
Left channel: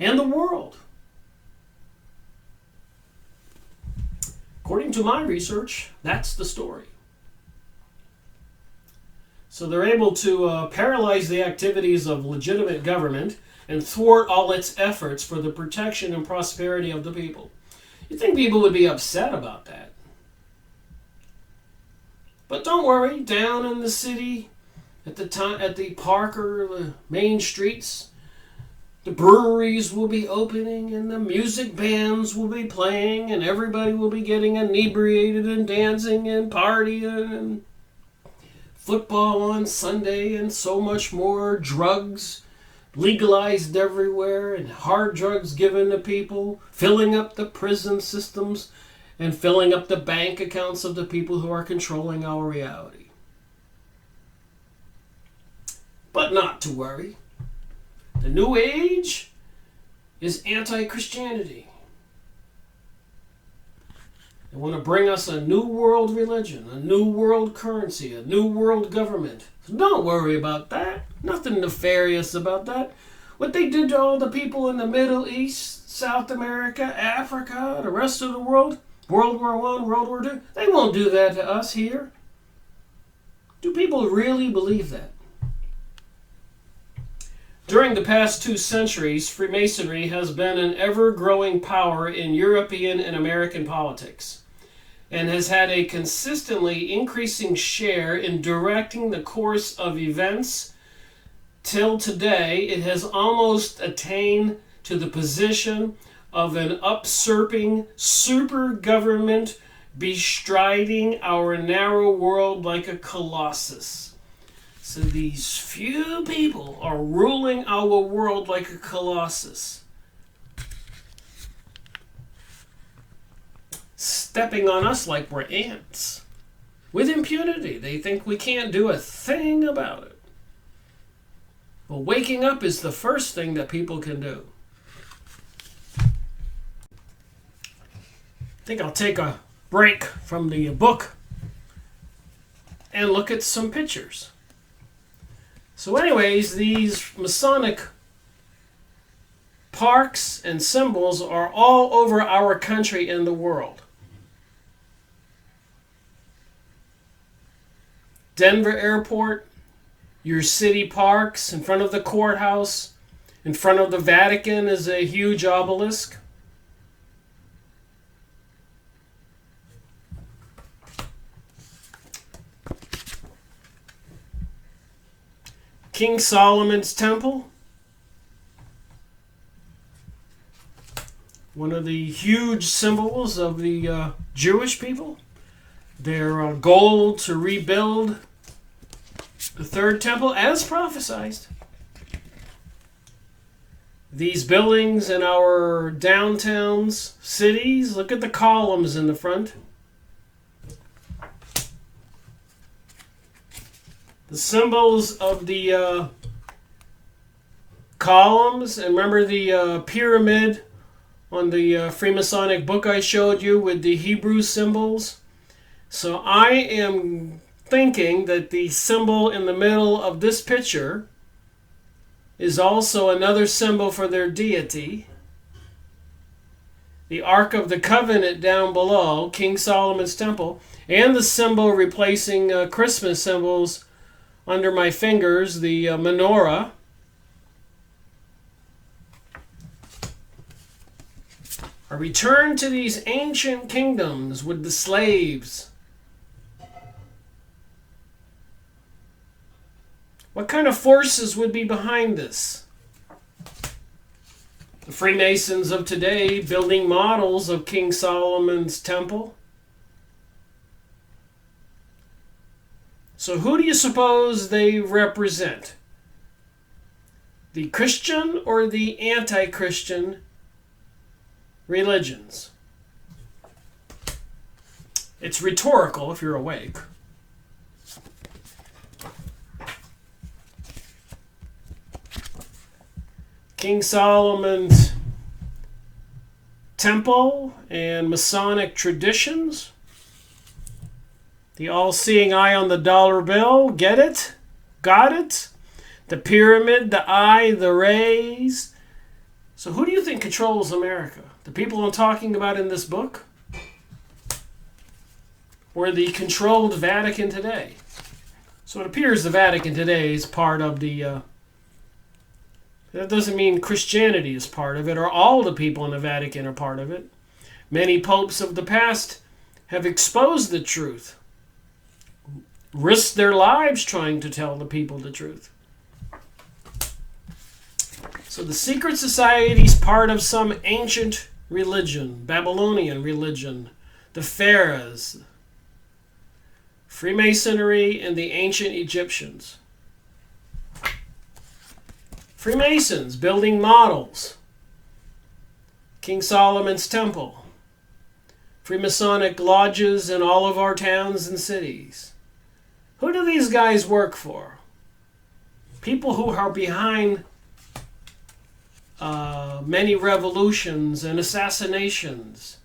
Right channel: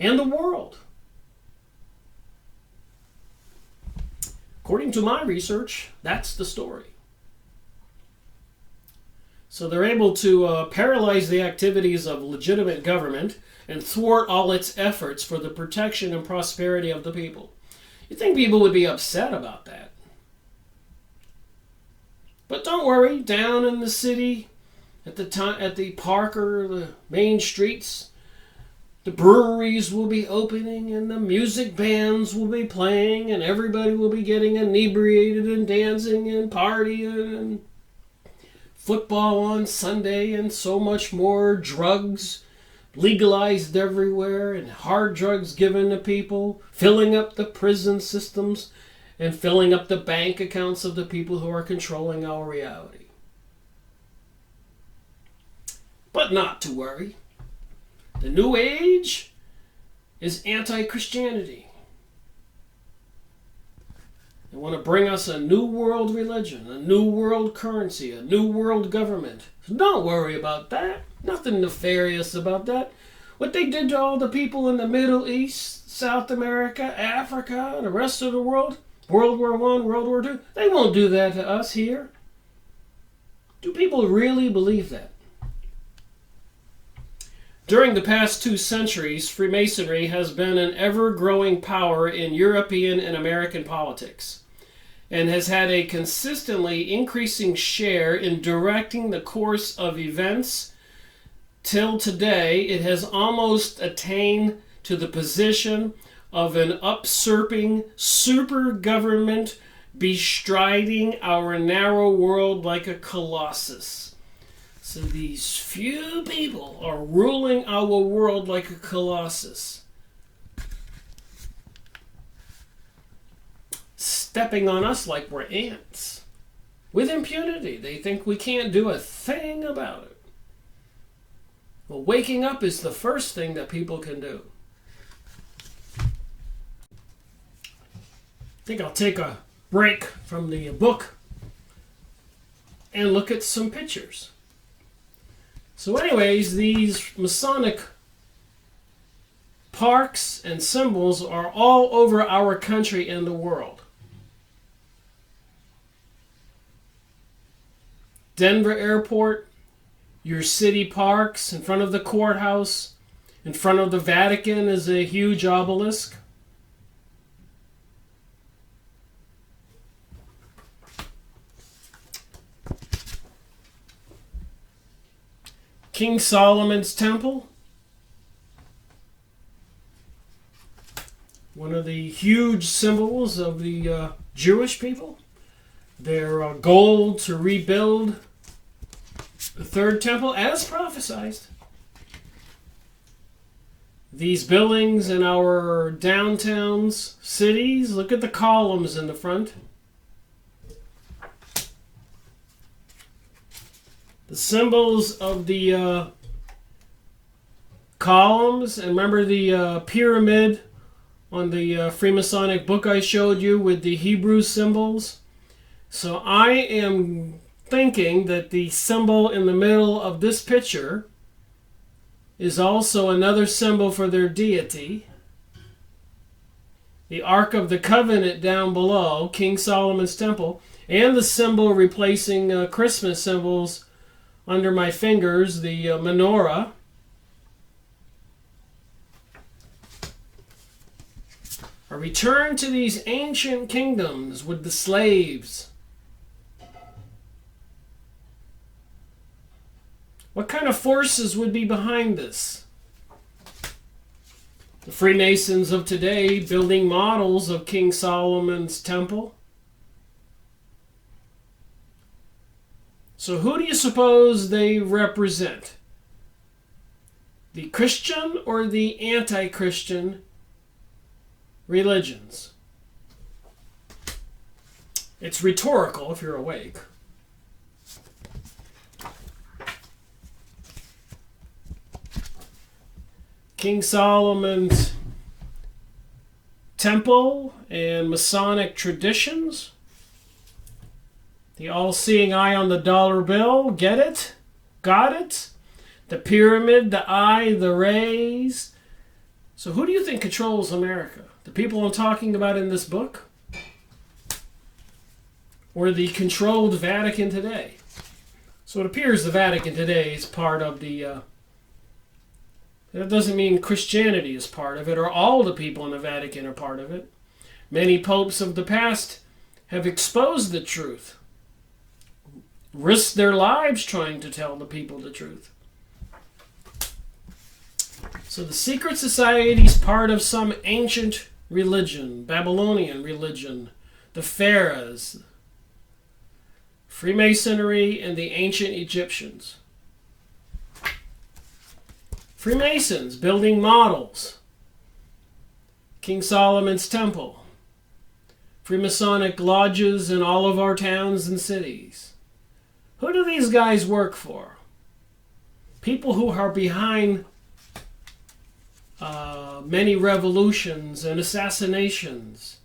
And the world. According to my research, that's the story. So they're able to paralyze the activities of legitimate government and thwart all its efforts for the protection and prosperity of the people. You'd think people would be upset about that. But don't worry, down in the city, at the park or the main streets, the breweries will be opening and the music bands will be playing and everybody will be getting inebriated and dancing and partying and football on Sunday and so much more, drugs legalized everywhere and hard drugs given to people, filling up the prison systems and filling up the bank accounts of the people who are controlling our reality. But not to worry. The New Age is anti-Christianity. They want to bring us a new world religion, a new world currency, a new world government. So don't worry about that. Nothing nefarious about that. What they did to all the people in the Middle East, South America, Africa, the rest of the world, World War I, World War II, they won't do that to us here. Do people really believe that? During the past 2 centuries, Freemasonry has been an ever-growing power in European and American politics, and has had a consistently increasing share in directing the course of events. Till today, it has almost attained to the position of an usurping super government bestriding our narrow world like a colossus. So these few people are ruling our world like a colossus, stepping on us like we're ants, with impunity. They think we can't do a thing about it. Well, waking up is the first thing that people can do. I think I'll take a break from the book and look at some pictures. So anyways, these Masonic parks and symbols are all over our country and the world. Denver Airport, your city parks, in front of the courthouse, in front of the Vatican is a huge obelisk. King Solomon's Temple, one of the huge symbols of the Jewish people. Their goal to rebuild the third temple as prophesied. These buildings in our downtowns, cities, look at the columns in the front. The symbols of the columns, and remember the pyramid on the Freemasonic book I showed you with the Hebrew symbols? So I am thinking that the symbol in the middle of this picture is also another symbol for their deity. The Ark of the Covenant down below, King Solomon's Temple, and the symbol replacing Christmas symbols under my fingers, the menorah. A return to these ancient kingdoms with the slaves. What kind of forces would be behind this? The Freemasons of today building models of King Solomon's Temple. So who do you suppose they represent? The Christian or the anti-Christian religions? It's rhetorical if you're awake. King Solomon's Temple and Masonic traditions. The all-seeing eye on the dollar bill. Get it? Got it? The pyramid, the eye, the rays. So who do you think controls America? The people I'm talking about in this book? Or the controlled Vatican today? So it appears the Vatican today is part of the... that doesn't mean Christianity is part of it, or all the people in the Vatican are part of it. Many popes of the past have exposed the truth, risked their lives trying to tell the people the truth. So the secret society is part of some ancient religion, Babylonian religion, the pharaohs, Freemasonry, and the ancient Egyptians. Freemasons building models, King Solomon's Temple, Freemasonic lodges in all of our towns and cities. Who do these guys work for? People who are behind many revolutions and assassinations.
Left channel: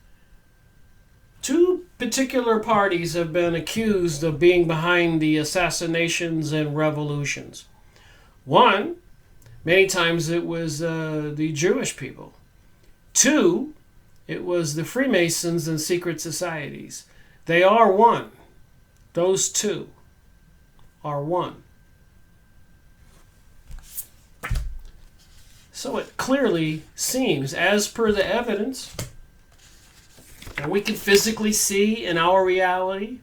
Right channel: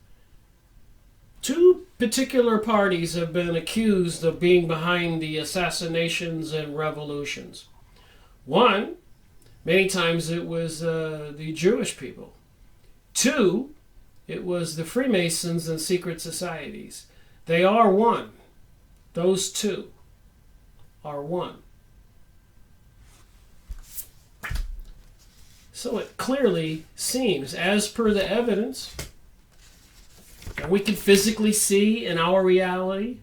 Two particular parties have been accused of being behind the assassinations and revolutions. One, many times it was the Jewish people. Two, it was the Freemasons and secret societies. They are one. Those two are one. So it clearly seems, as per the evidence that we can physically see in our reality,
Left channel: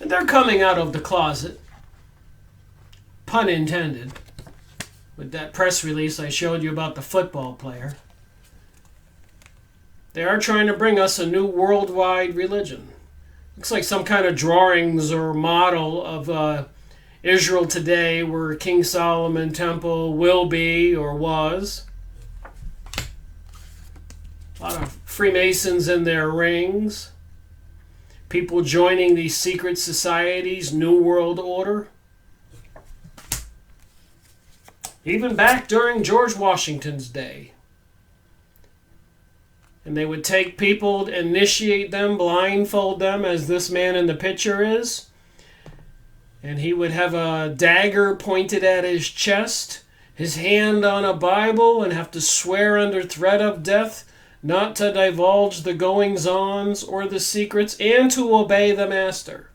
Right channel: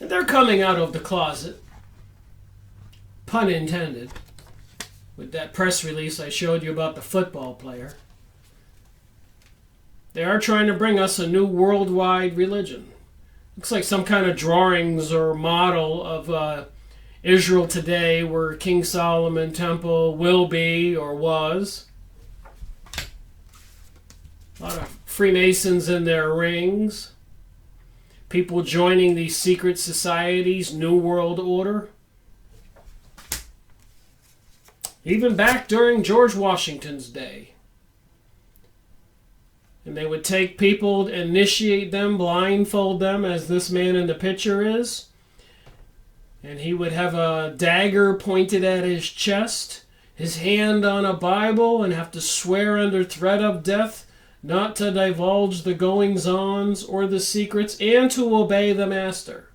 and they're coming out of the closet, pun intended, with that press release I showed you about the football player. They are trying to bring us a new worldwide religion. Looks like some kind of drawings or model of Israel today, where King Solomon Temple will be or was. A lot of Freemasons in their rings. People joining these secret societies, New World Order. Even back during George Washington's day. And they would take people, initiate them, blindfold them, as this man in the picture is. And he would have a dagger pointed at his chest, his hand on a Bible, and have to swear under threat of death not to divulge the goings-ons or the secrets, and to obey the master.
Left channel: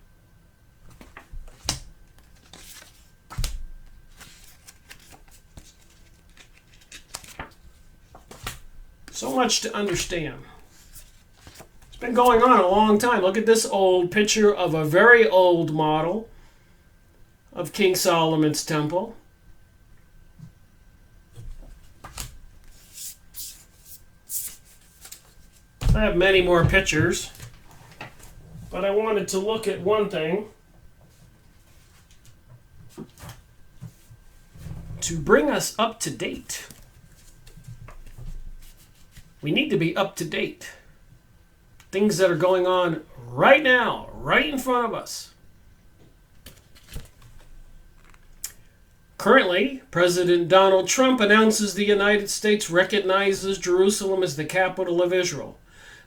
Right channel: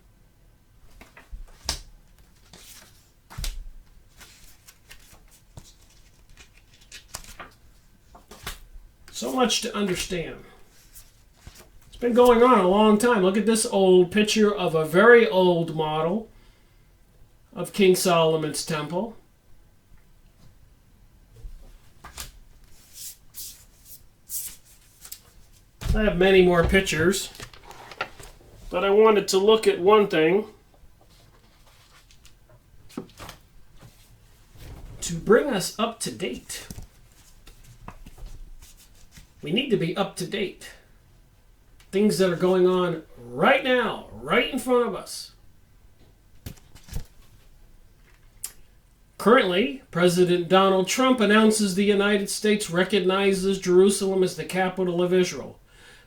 So much to understand. It's been going on a long time. Look at this old picture of a very old model of King Solomon's Temple. I have many more pictures, but I wanted to look at one thing to bring us up to date. We need to be up to date. Things that are going on right now, right in front of us. Currently, President Donald Trump announces the United States recognizes Jerusalem as the capital of Israel.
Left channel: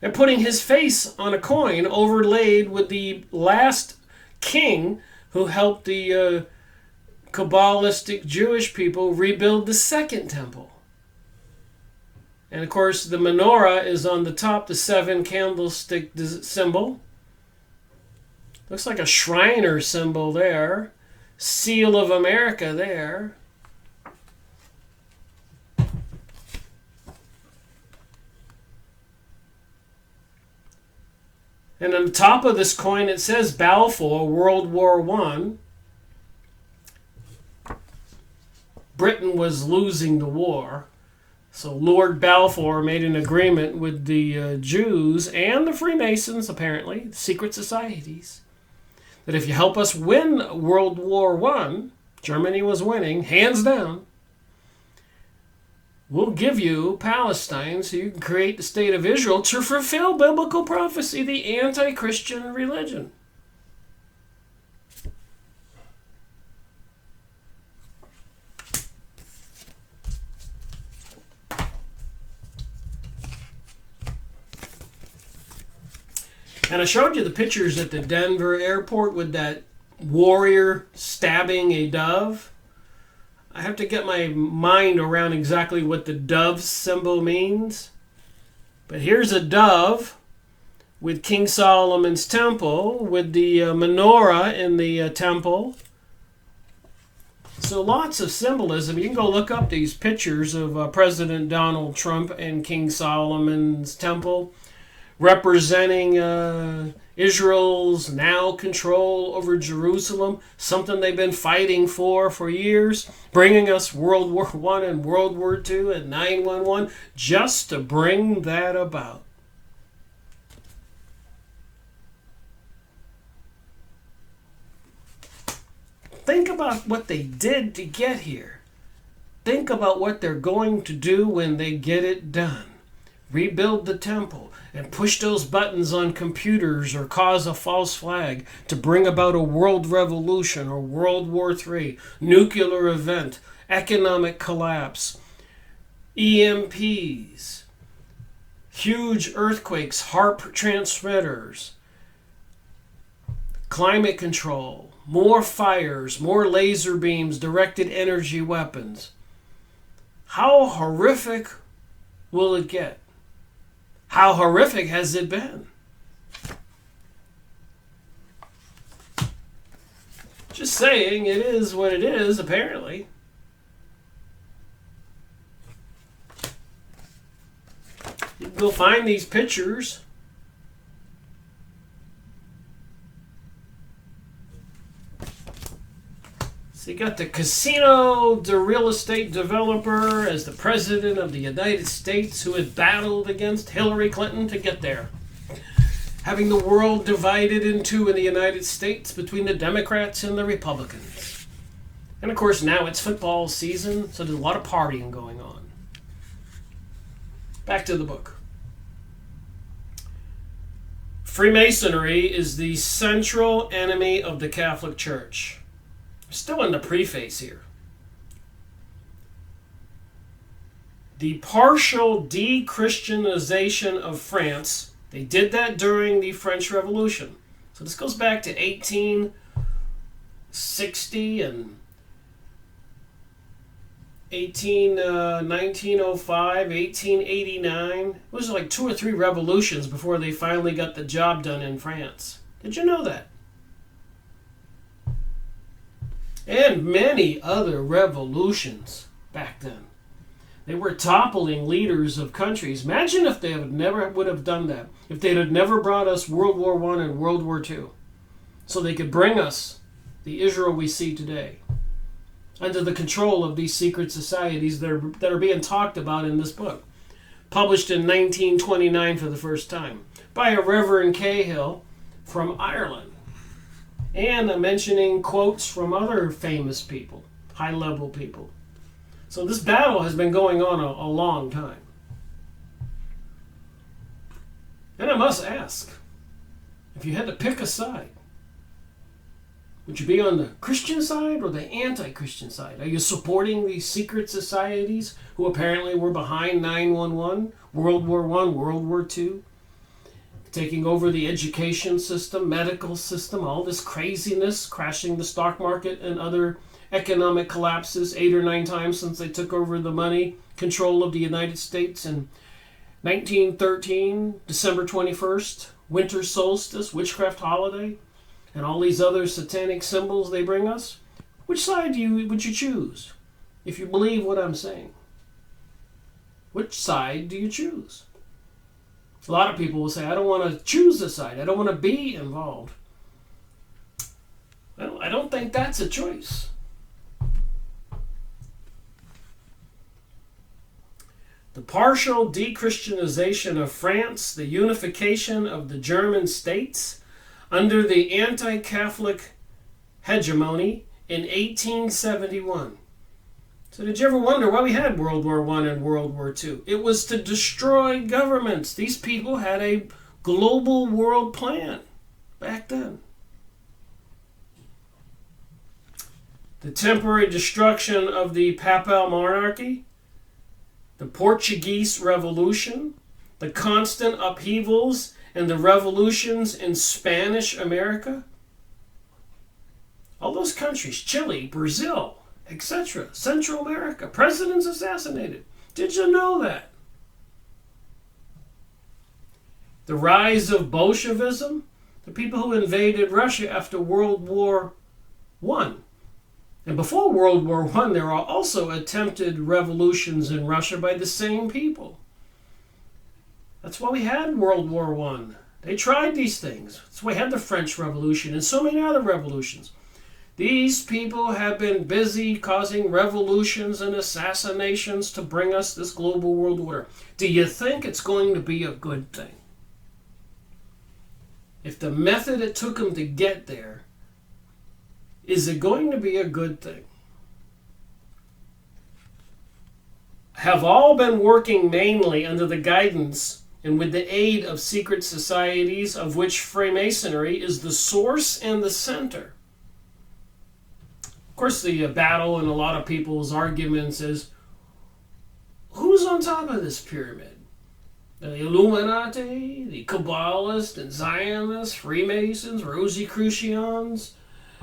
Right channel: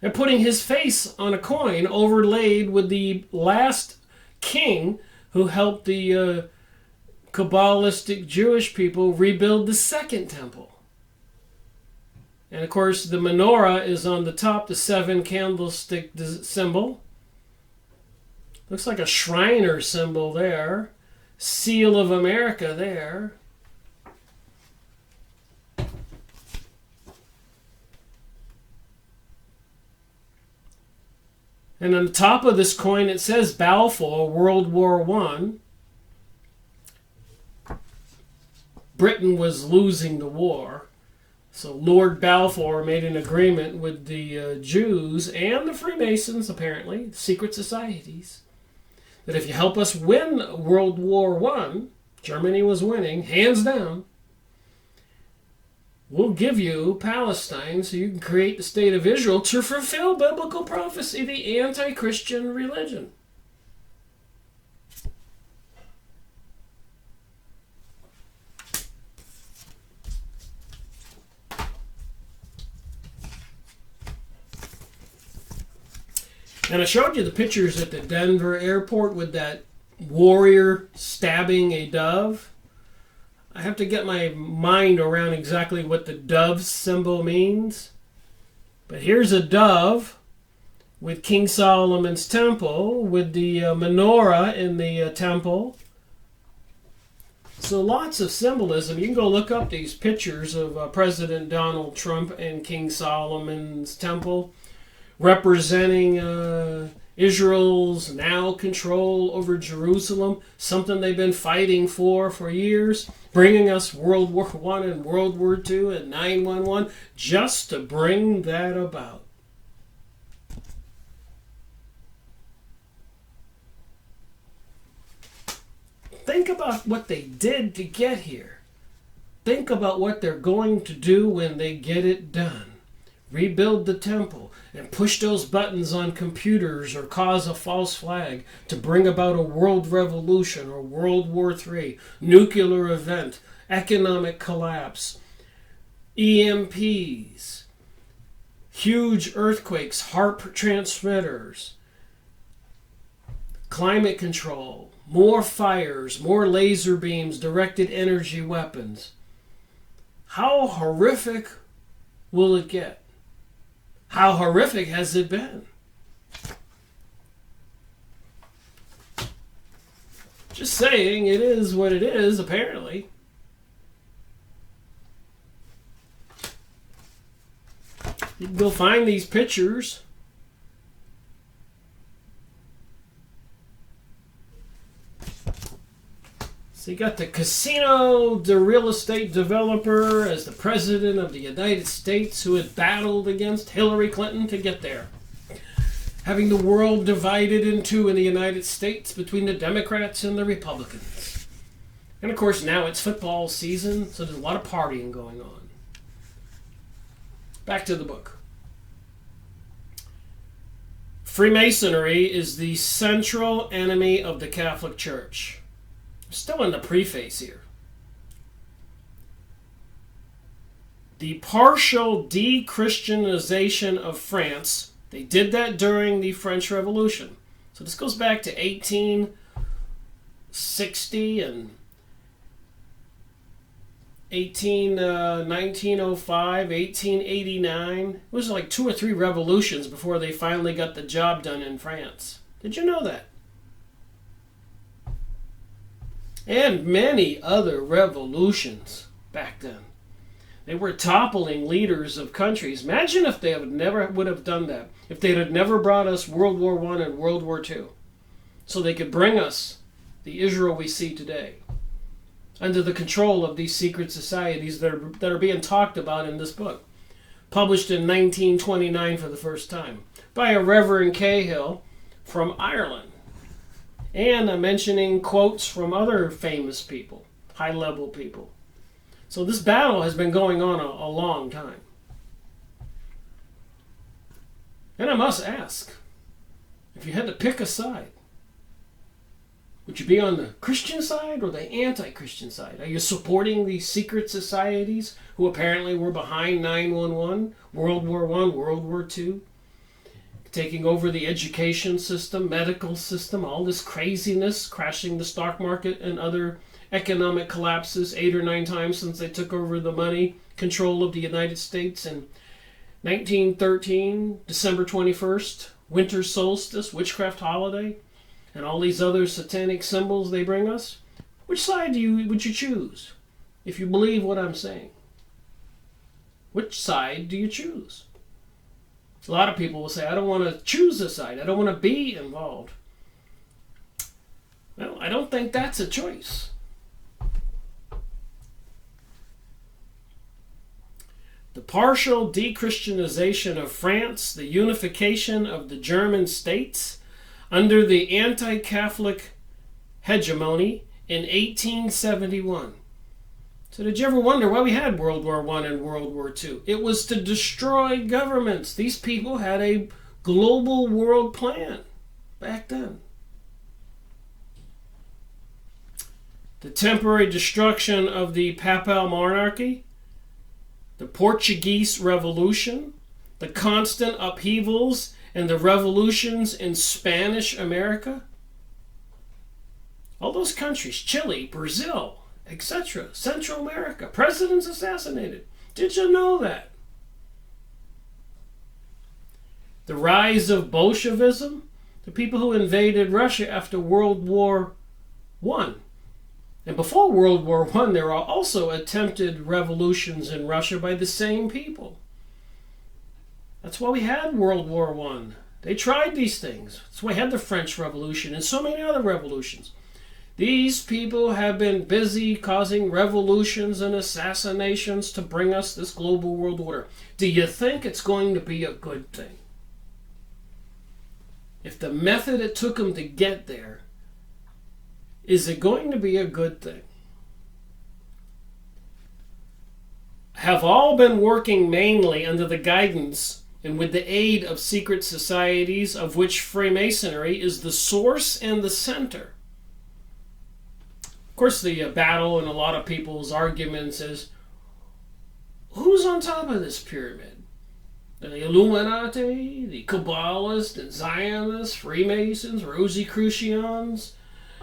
They're putting his face on a coin overlaid with the last king who helped the Kabbalistic Jewish people rebuild the second temple. And of course, the menorah is on the top, the seven candlestick symbol. Looks like a Shriner symbol there. Seal of America there. And on the top of this coin it says Balfour, World War I. Britain was losing the war. So Lord Balfour made an agreement with the Jews and the Freemasons, apparently, secret societies, that if you help us win World War I, Germany was winning, hands down, we'll give you Palestine so you can create the state of Israel to fulfill biblical prophecy, the anti-Christian religion. And I showed you the pictures at the Denver airport with that warrior stabbing a dove. I have to get my mind around exactly what the dove symbol means. But here's a dove with King Solomon's temple, with the menorah in the temple. So lots of symbolism. You can go look up these pictures of President Donald Trump and King Solomon's temple, representing Israel's now control over Jerusalem, something they've been fighting for years, bringing us World War I and World War II and 9/11, just to bring that about. Think about what they did to get here. Think about what they're going to do when they get it done. Rebuild the temple and push those buttons on computers or cause a false flag to bring about a world revolution or World War III, nuclear event, economic collapse, EMPs, huge earthquakes, HARP transmitters, climate control, more fires, more laser beams, directed energy weapons. How horrific will it get? How horrific has it been? Just saying, it is what it is, apparently. You can go find these pictures. So you got the casino, the real estate developer as the president of the United States who had battled against Hillary Clinton to get there. Having the world divided in two in the United States between the Democrats and the Republicans. And of course now it's football season, so there's a lot of partying going on. Back to the book. Freemasonry is the central enemy of the Catholic Church. Still in the preface here. The partial de-Christianization of France, they did that during the French Revolution. So this goes back to 1860 and 1905, 1889. It was like 2 or 3 revolutions before they finally got the job done in France. Did you know that? And many other revolutions back then. They were toppling leaders of countries. Imagine if they would have done that. If they had never brought us World War I and World War II. So they could bring us the Israel we see today. Under the control of these secret societies that are being talked about in this book. Published in 1929 for the first time. By a Reverend Cahill from Ireland. And I'm mentioning quotes from other famous people, high-level people. So this battle has been going on a long time. And I must ask, if you had to pick a side, would you be on the Christian side or the anti-Christian side? Are you supporting these secret societies who apparently were behind 9/11, World War I, World War II? Taking over the education system, medical system, all this craziness, crashing the stock market and other economic collapses 8 or 9 times since they took over the money control of the United States in 1913, December 21st, winter solstice, witchcraft holiday, and all these other satanic symbols they bring us. Which side would you choose if you believe what I'm saying? Which side do you choose? A lot of people will say, I don't want to choose a side. I don't want to be involved. Well, I don't think that's a choice. The partial de-Christianization of France, the unification of the German states under the anti-Catholic hegemony in 1871. So did you ever wonder why we had World War I and World War II? It was to destroy governments. These people had a global world plan back then. The temporary destruction of the Papal monarchy, the Portuguese Revolution, the constant upheavals and the revolutions in Spanish America. All those countries, Chile, Brazil, etc., Central America, presidents assassinated. Did you know that? The rise of Bolshevism, the people who invaded Russia after World War I. And before World War I, there are also attempted revolutions in Russia by the same people. That's why we had World War I. They tried these things. That's why we had the French Revolution and so many other revolutions. These people have been busy causing revolutions and assassinations to bring us this global world order. Do you think it's going to be a good thing? If the method it took them to get there, is it going to be a good thing? Have all been working mainly under the guidance and with the aid of secret societies of which Freemasonry is the source and the center. Of course, the battle in a lot of people's arguments is, who's on top of this pyramid? The Illuminati, the Kabbalists and Zionists, Freemasons, Rosicrucians,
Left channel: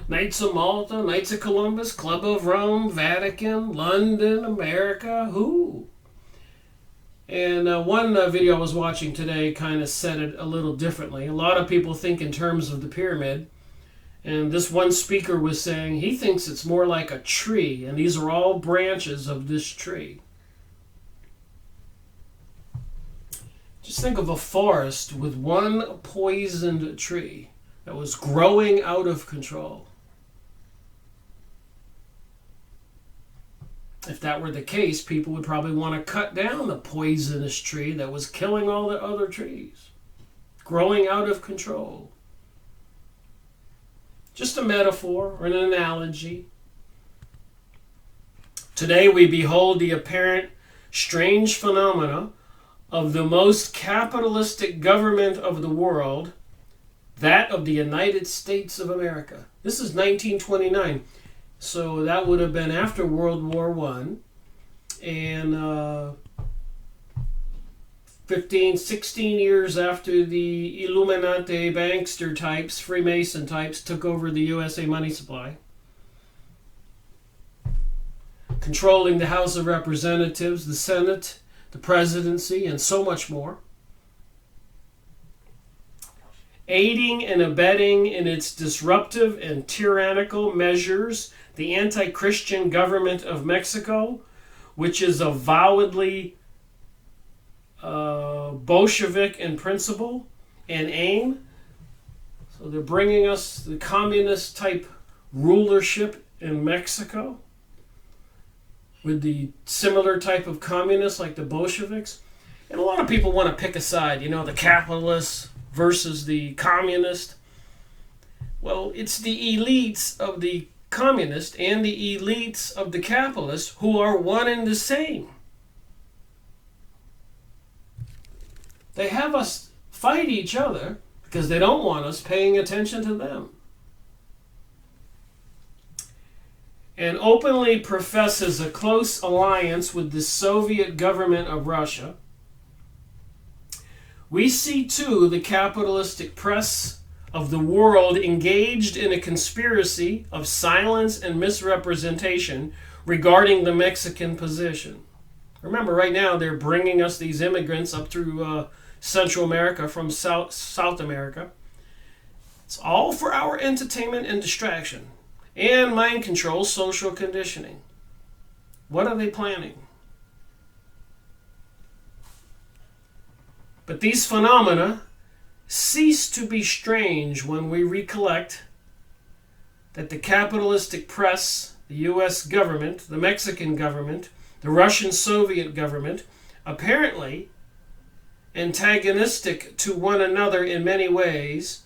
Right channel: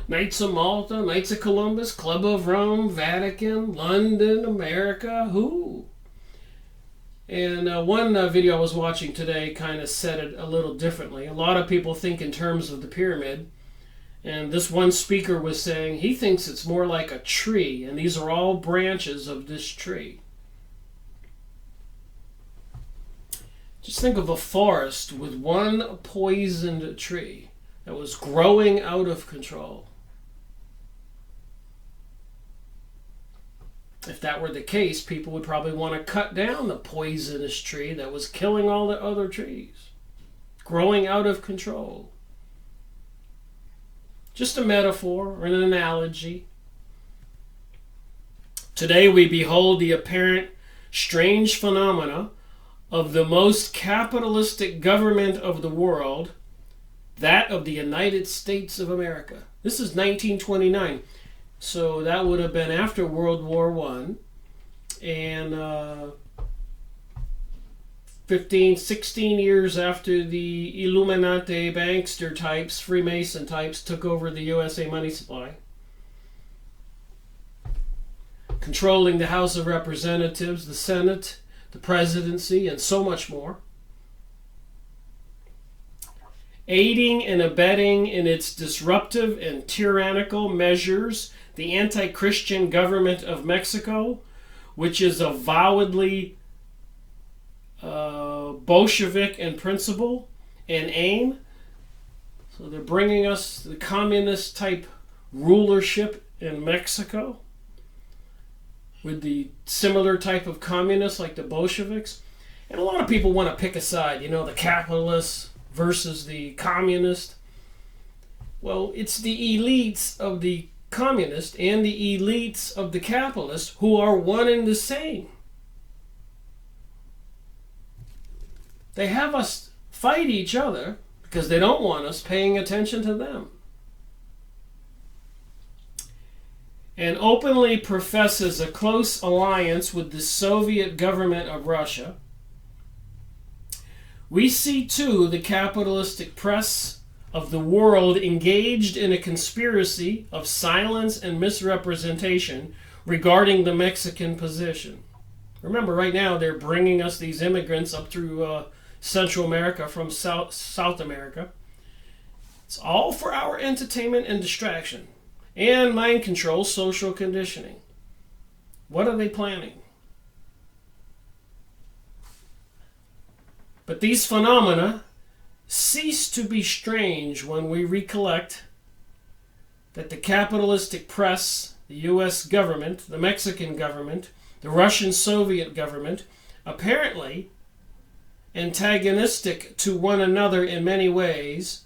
Knights of Malta, Knights of Columbus, Club of Rome, Vatican, London, America, who? And one video I was watching today kind of said it a little differently. A lot of people think in terms of the pyramid, and this one speaker was saying he thinks it's more like a tree, and these are all branches of this tree. Just think of a forest with one poisoned tree that was growing out of control. If that were the case, people would probably want to cut down the poisonous tree that was killing all the other trees, growing out of control. Just a metaphor or an analogy. Today we behold the apparent strange phenomena of the most capitalistic government of the world, that of the United States of America. This is 1929. So that would have been after World War I, and 16 years after the Illuminati bankster types, Freemason types, took over the USA money supply, controlling the House of Representatives, the Senate, the presidency, and so much more. Aiding and abetting in its disruptive and tyrannical measures the anti-Christian government of Mexico, which is avowedly Bolshevik in principle and aim. So they're bringing us the communist type rulership in Mexico with the similar type of communists like the Bolsheviks. And a lot of people want to pick a side, the capitalists versus the communist. Well, it's the elites of the communist and the elites of the capitalist who are one and the same. They have us fight each other because they don't want us paying attention to them. And openly professes a close alliance with the Soviet government of Russia. We see too the capitalistic press of the world engaged in a conspiracy of silence and misrepresentation regarding the Mexican position. Remember, right now they're bringing us these immigrants up through Central America from South America. It's all for our entertainment and distraction and mind control, social conditioning. What are they planning? But these phenomena cease to be strange when we recollect that the capitalistic press, the U.S. government, the Mexican government, the Russian Soviet government, apparently antagonistic to one another in many ways,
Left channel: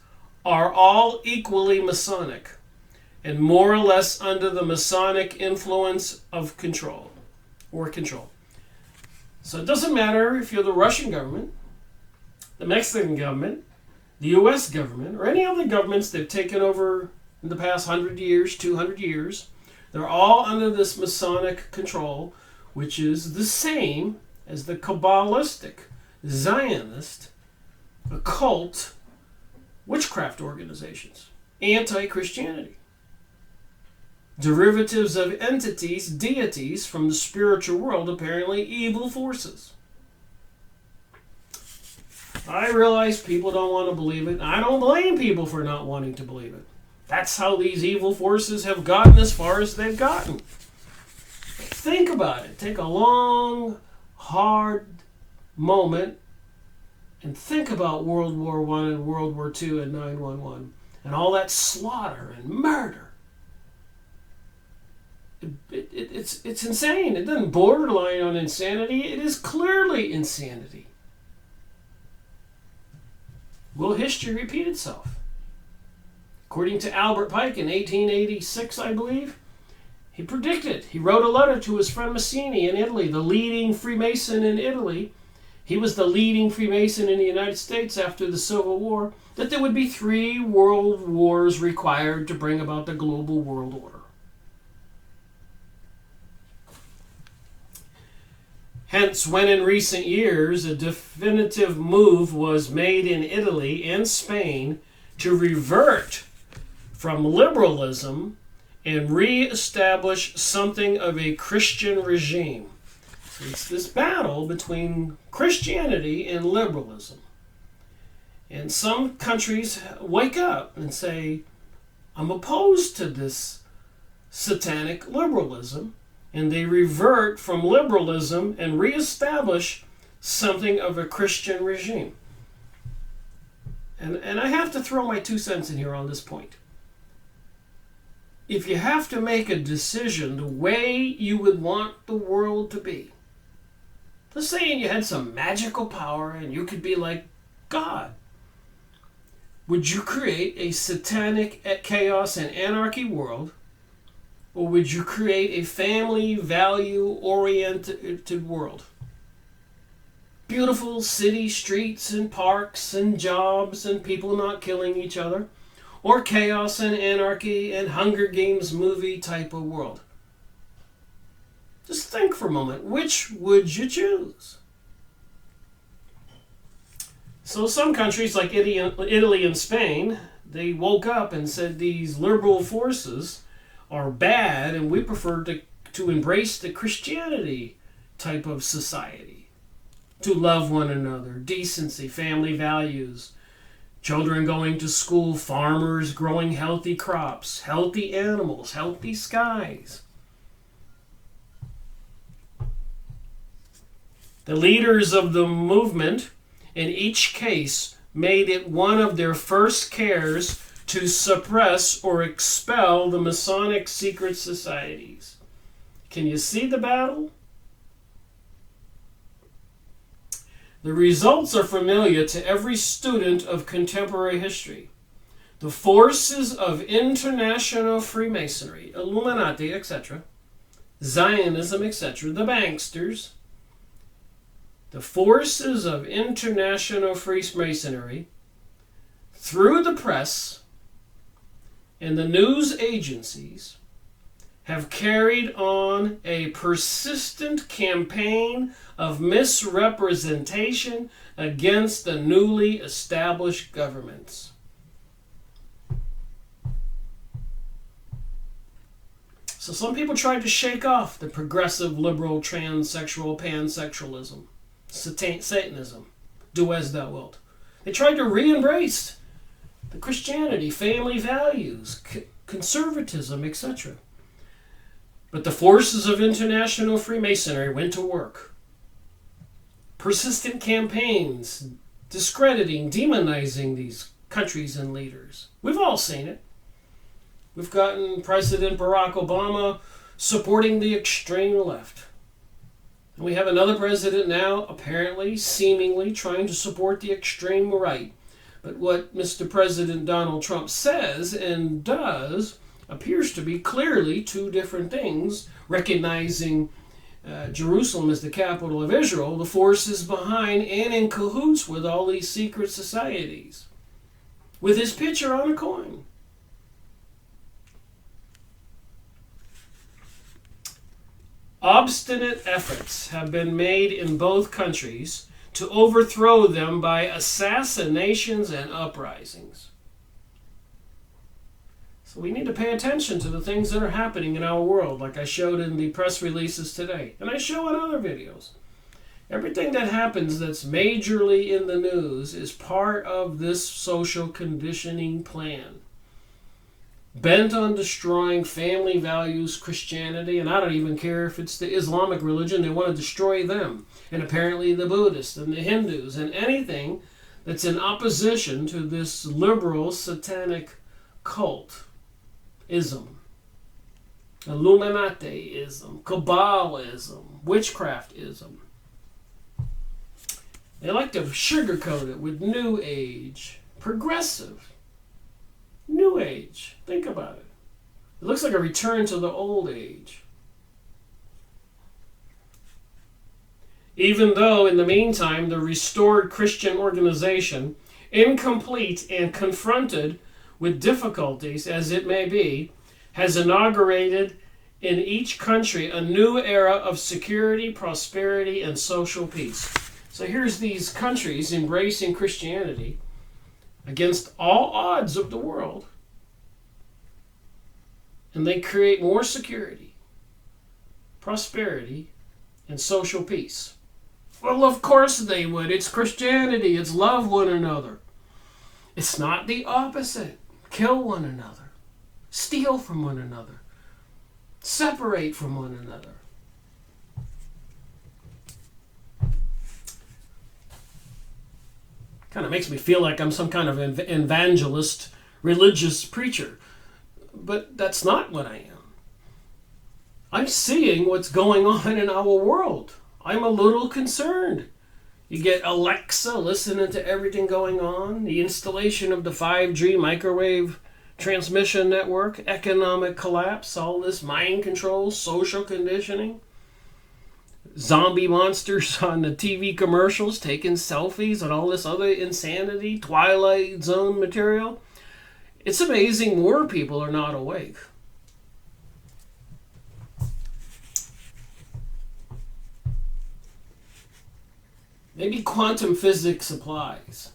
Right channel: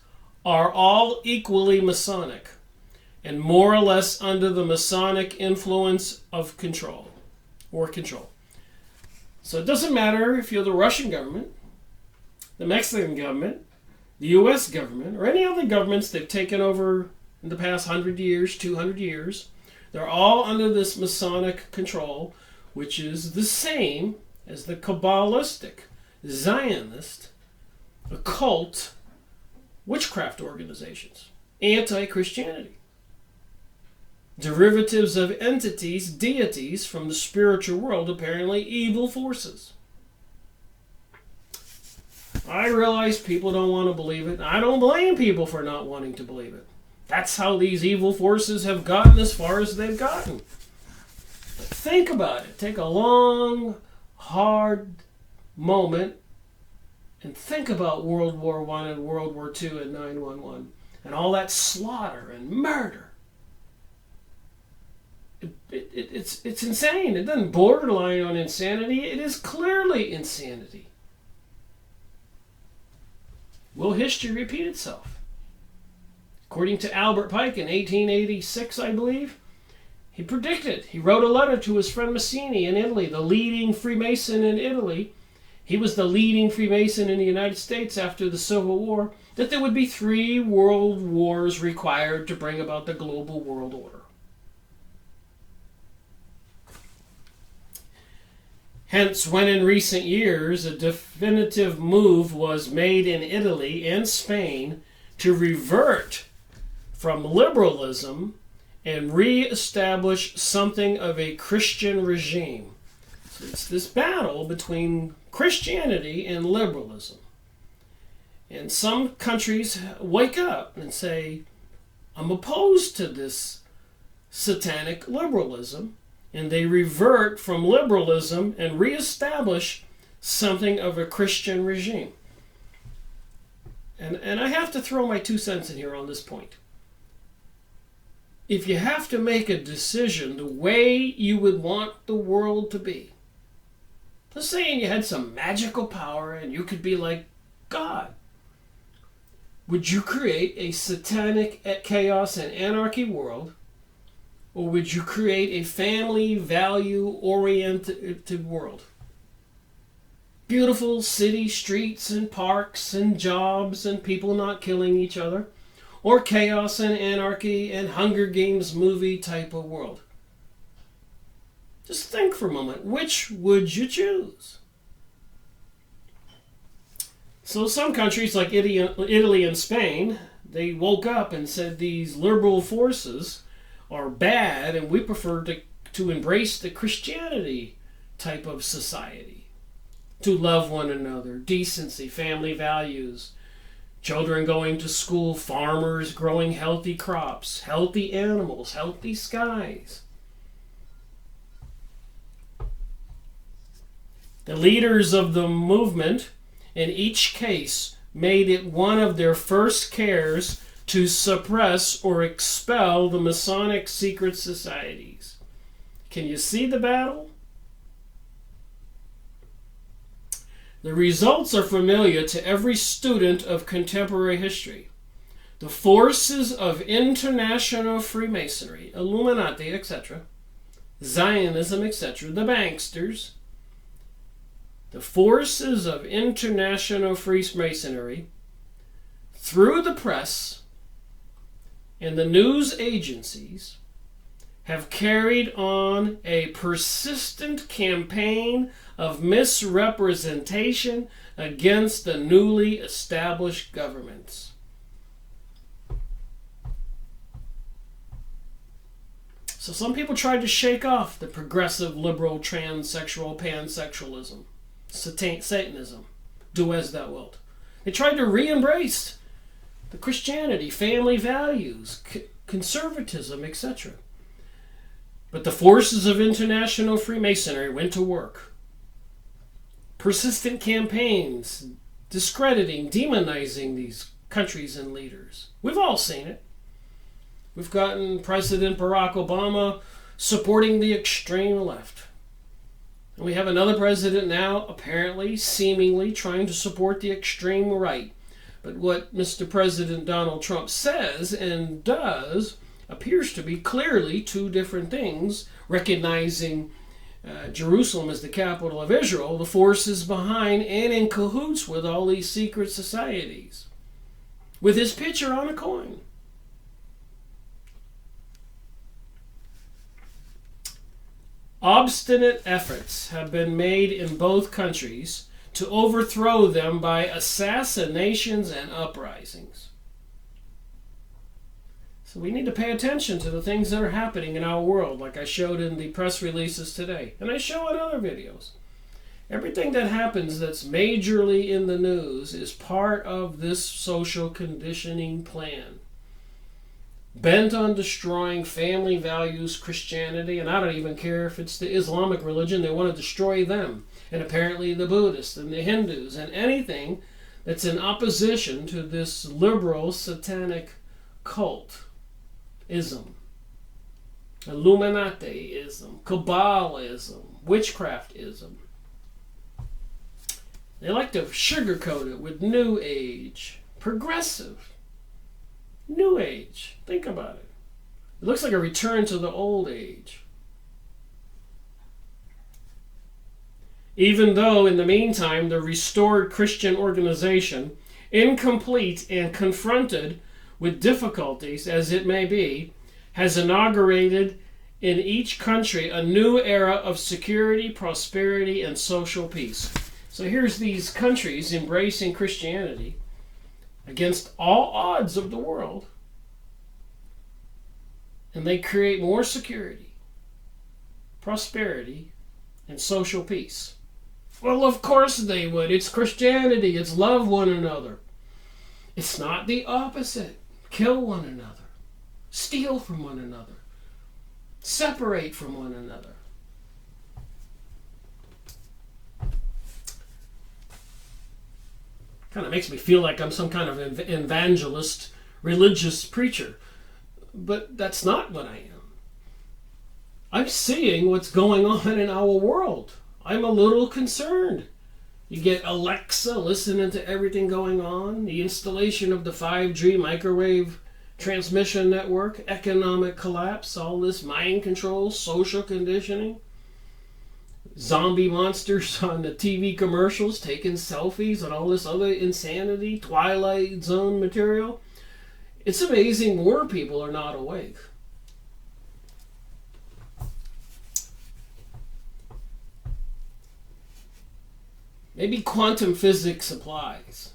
are all equally Masonic and more or less under the Masonic influence of control. So it doesn't matter if you're the Russian government, the Mexican government, the U.S. government, or any other governments they've taken over in the past 100 years, 200 years. They're all under this Masonic control, which is the same as the Kabbalistic, Zionist, occult, witchcraft organizations, anti-Christianity, derivatives of entities, deities from the spiritual world, apparently evil forces. I realize people don't want to believe it. I don't blame people for not wanting to believe it. That's how these evil forces have gotten as far as they've gotten. But think about it. Take a long, hard moment and think about World War I and World War II and 9/11 and all that slaughter and murder. It's insane. It doesn't borderline on insanity. It is clearly insanity. Will history repeat itself? According to Albert Pike in 1886, I believe, he predicted, he wrote a letter to his friend Mazzini in Italy, the leading Freemason in Italy. He was the leading Freemason in the United States after the Civil War, that there would be 3 world wars required to bring about the global world order. Hence, when in recent years a definitive move was made in Italy and Spain to revert from liberalism and re-establish something of a Christian regime. So it's this battle between Christianity and liberalism. And some countries wake up and say, I'm opposed to this satanic liberalism. And they revert from liberalism and reestablish something of a Christian regime. And I have to throw my 2 cents in here on this point. If you have to make a decision the way you would want the world to be, let's say you had some magical power and you could be like God, would you create a satanic chaos and anarchy world? Or would you create a family value-oriented world? Beautiful city streets and parks and jobs and people not killing each other? Or chaos and anarchy and Hunger Games movie type of world? Just think for a moment. Which would you choose? So some countries like Italy and Spain, they woke up and said these liberal forces are bad, and we prefer to embrace the Christianity type of society, to love one another, decency, family values, children going to school, farmers growing healthy crops, healthy animals, healthy skies. The leaders of the movement in each case made it one of their first cares to suppress or expel the Masonic secret societies. Can you see the battle? The results are familiar to every student of contemporary history. The forces of international Freemasonry, Illuminati, etc., Zionism, etc., the Banksters, the forces of international Freemasonry, through the press and the news agencies, have carried on a persistent campaign of misrepresentation against the newly established governments. So some people tried to shake off the progressive, liberal, transsexual, pansexualism, Satanism, do as thou wilt. They tried to re-embrace the Christianity, family values, conservatism, etc. But the forces of international Freemasonry went to work. Persistent campaigns, discrediting, demonizing these countries and leaders. We've all seen it. We've gotten President Barack Obama supporting the extreme left. And we have another president now, apparently, seemingly, trying to support the extreme right. But what Mr. President Donald Trump says and does appears to be clearly 2 different things, recognizing Jerusalem as the capital of Israel, the forces behind and in cahoots with all these secret societies, with his picture on a coin. Obstinate efforts have been made in both countries to overthrow them by assassinations and uprisings. So we need to pay attention to the things that are happening in our world, like I showed in the press releases today, and I show in other videos. Everything that happens that's majorly in the news is part of this social conditioning plan, bent on destroying family values, Christianity, and I don't even care if it's the Islamic religion. They want to destroy them, and apparently the Buddhists and the Hindus and anything that's in opposition to this liberal satanic cultism, Illuminati-ism, Kabbalism, witchcraftism. They like to sugarcoat it with New Age, progressive. New Age. Think about it. It looks like a return to the old age. Even though, in the meantime, the restored Christian organization, incomplete and confronted with difficulties as it may be, has inaugurated in each country a new era of security, prosperity, and social peace. So here's these countries embracing Christianity against all odds of the world, and they create more security, prosperity, and social peace. Well, of course they would. It's Christianity. It's love one another. It's not the opposite. Kill one another. Steal from one another. Separate from one another. Kind of makes me feel like I'm some kind of evangelist, religious preacher. But that's not what I am. I'm seeing what's going on in our world. I'm a little concerned. You get Alexa listening to everything going on, the installation of the 5G microwave transmission network, economic collapse, all this mind control, social conditioning, zombie monsters on the TV commercials taking selfies and all this other insanity, Twilight Zone material. It's amazing more people are not awake. Maybe quantum physics applies.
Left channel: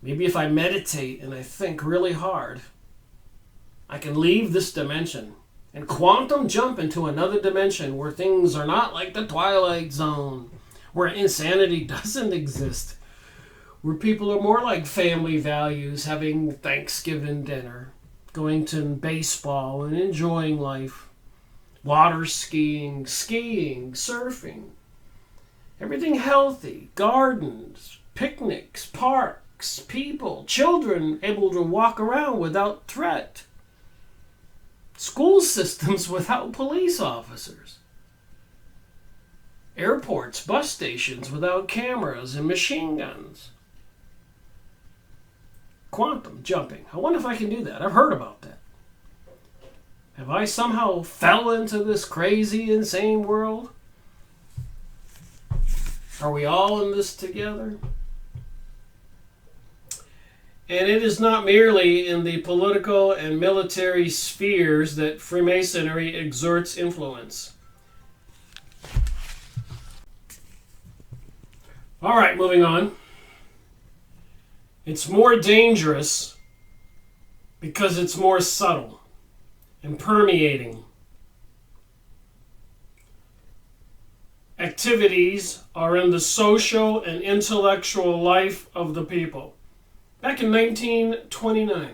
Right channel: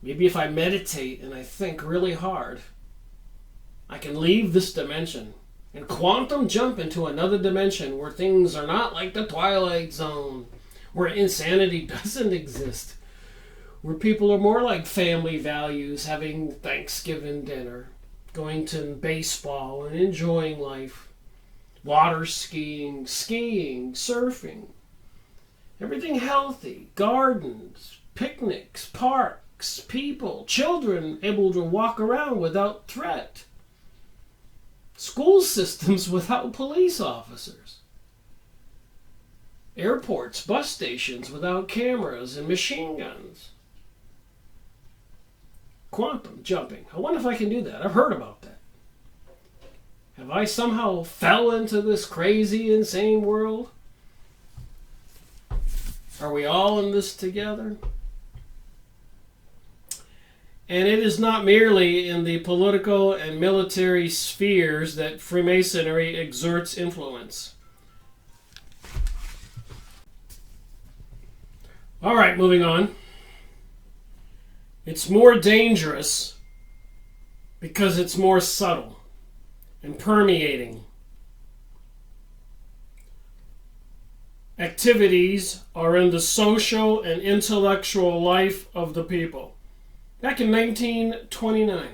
Maybe if I meditate and I think really hard, I can leave this dimension and quantum jump into another dimension where things are not like the Twilight Zone, where insanity doesn't exist, where people are more like family values, having Thanksgiving dinner, going to baseball and enjoying life, water skiing, surfing, everything healthy, gardens, picnics, parks, people, children able to walk around without threat, school systems without police officers, airports, bus stations without cameras and machine guns. Quantum jumping. I wonder if I can do that. I've heard about that. Have I somehow fell into this crazy, insane world? Are we all in this together? And it is not merely in the political and military spheres that Freemasonry exerts influence. All right, moving on. It's more dangerous because it's more subtle and permeating. Activities are in the social and intellectual life of the people. Back in 1929,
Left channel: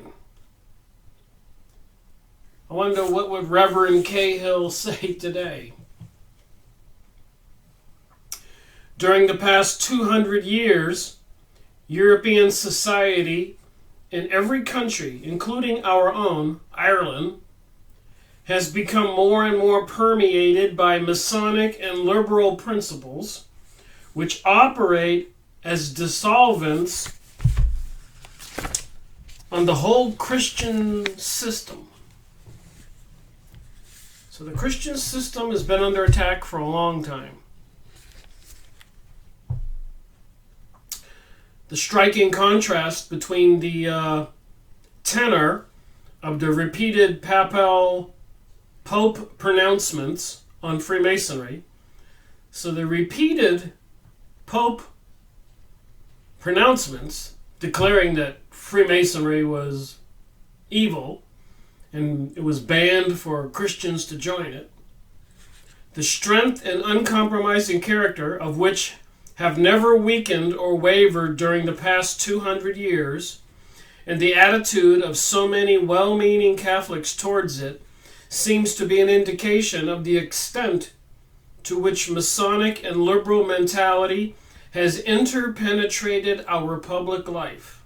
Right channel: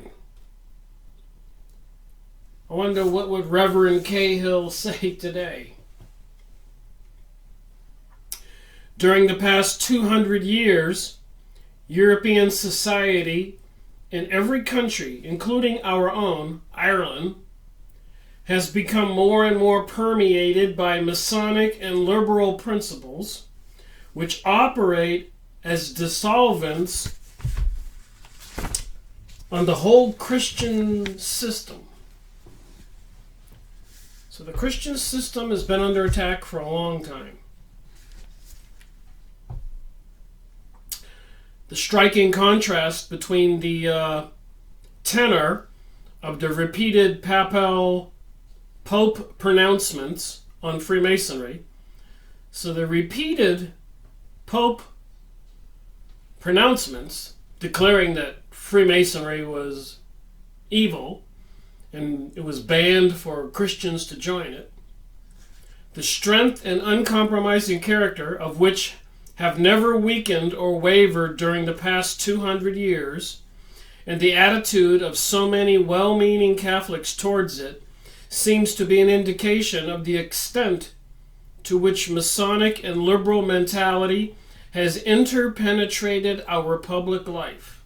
I wonder what would Reverend Cahill say today. During the past 200 years, European society in every country, including our own, Ireland, has become more and more permeated by Masonic and liberal principles, which operate as dissolvents on the whole Christian system. So the Christian system has been under attack for a long time. The striking contrast between the tenor of the repeated papal Pope pronouncements on Freemasonry. So the repeated Pope pronouncements declaring that Freemasonry was evil and it was banned for Christians to join it. the strength and uncompromising character of which have never weakened or wavered during the past 200 years, and the attitude of so many well-meaning Catholics towards it seems to be an indication of the extent to which Masonic and liberal mentality has interpenetrated our public life.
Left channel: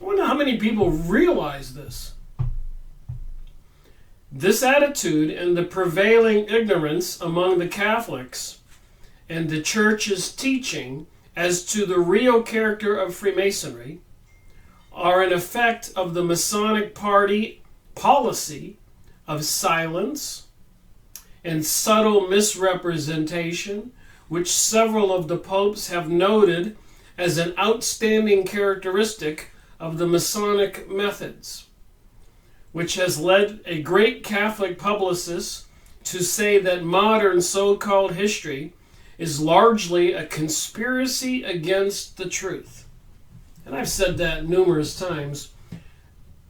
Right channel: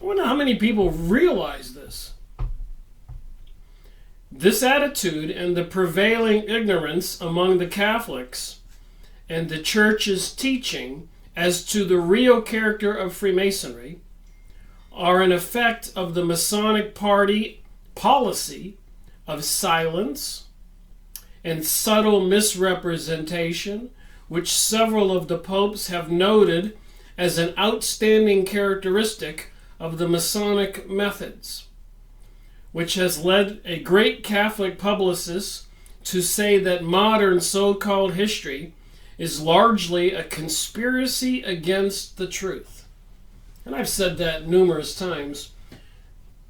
I wonder how many people realize this. This attitude and the prevailing ignorance among the Catholics and the Church's teaching as to the real character of Freemasonry are an effect of the Masonic Party policy of silence and subtle misrepresentation, which several of the popes have noted as an outstanding characteristic of the Masonic methods, which has led a great Catholic publicist to say that modern so-called history is largely a conspiracy against the truth. And I've said that numerous times.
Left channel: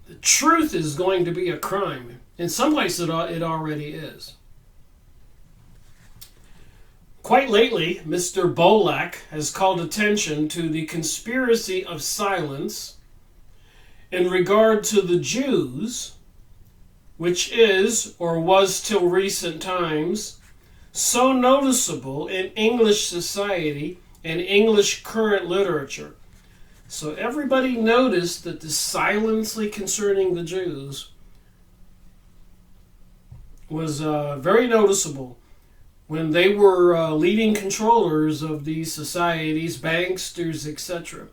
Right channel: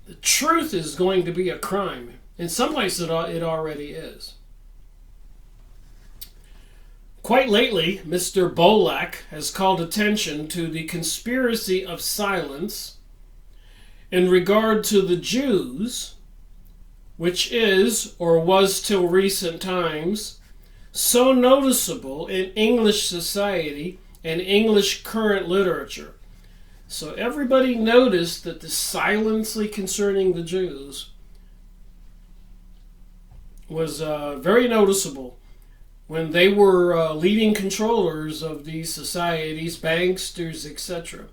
The truth is going to be a crime. In some places it already is. Quite lately, Mr. Bolak has called attention to the conspiracy of silence in regard to the Jews, which is, or was till recent times, so noticeable in English society and English current literature. So everybody noticed that the silence concerning the Jews was very noticeable when they were leading controllers of these societies, banksters, etc.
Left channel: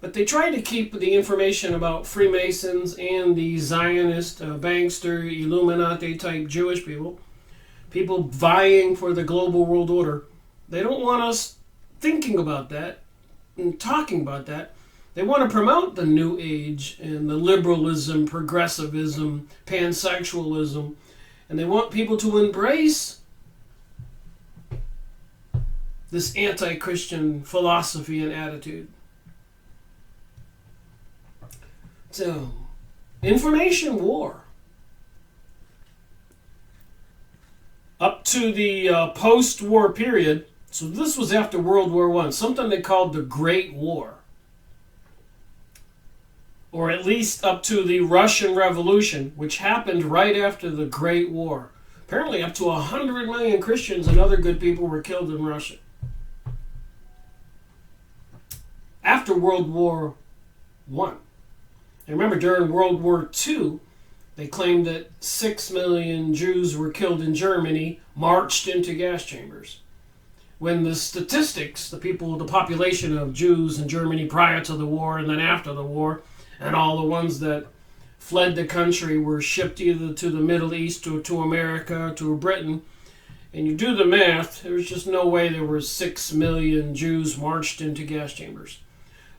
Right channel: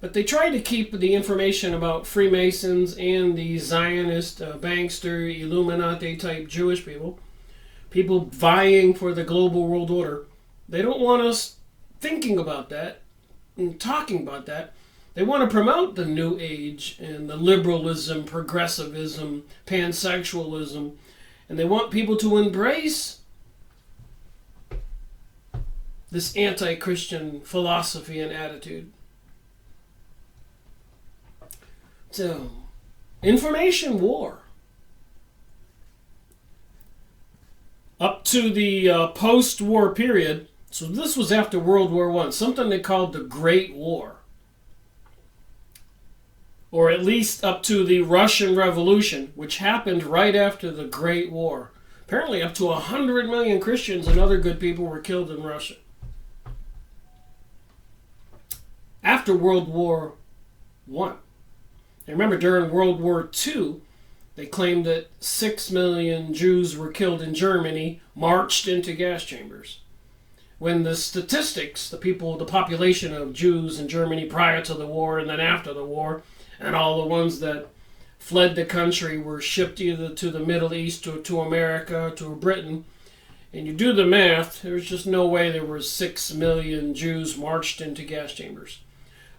But they tried to keep the information about Freemasons and the Zionist, bankster, Illuminati type Jewish people vying for the global world order. They don't want us thinking about that and talking about that. They want to promote the New Age and the liberalism, progressivism, pansexualism, and they want people to embrace this anti-Christian philosophy and attitude. So, information war. Up to the post-war period, so this was after World War I, something they called the Great War. Or at least up to the Russian Revolution, which happened right after the Great War. Apparently up to 100 million Christians and other good people were killed in Russia. After World War I. And remember, during World War II, they claimed that 6 million Jews were killed in Germany, marched into gas chambers. When the statistics, the population of Jews in Germany prior to the war and then after the war, and all the ones that fled the country were shipped either to the Middle East or to America or to Britain. And you do the math, there's just no way there were 6 million Jews marched into gas chambers.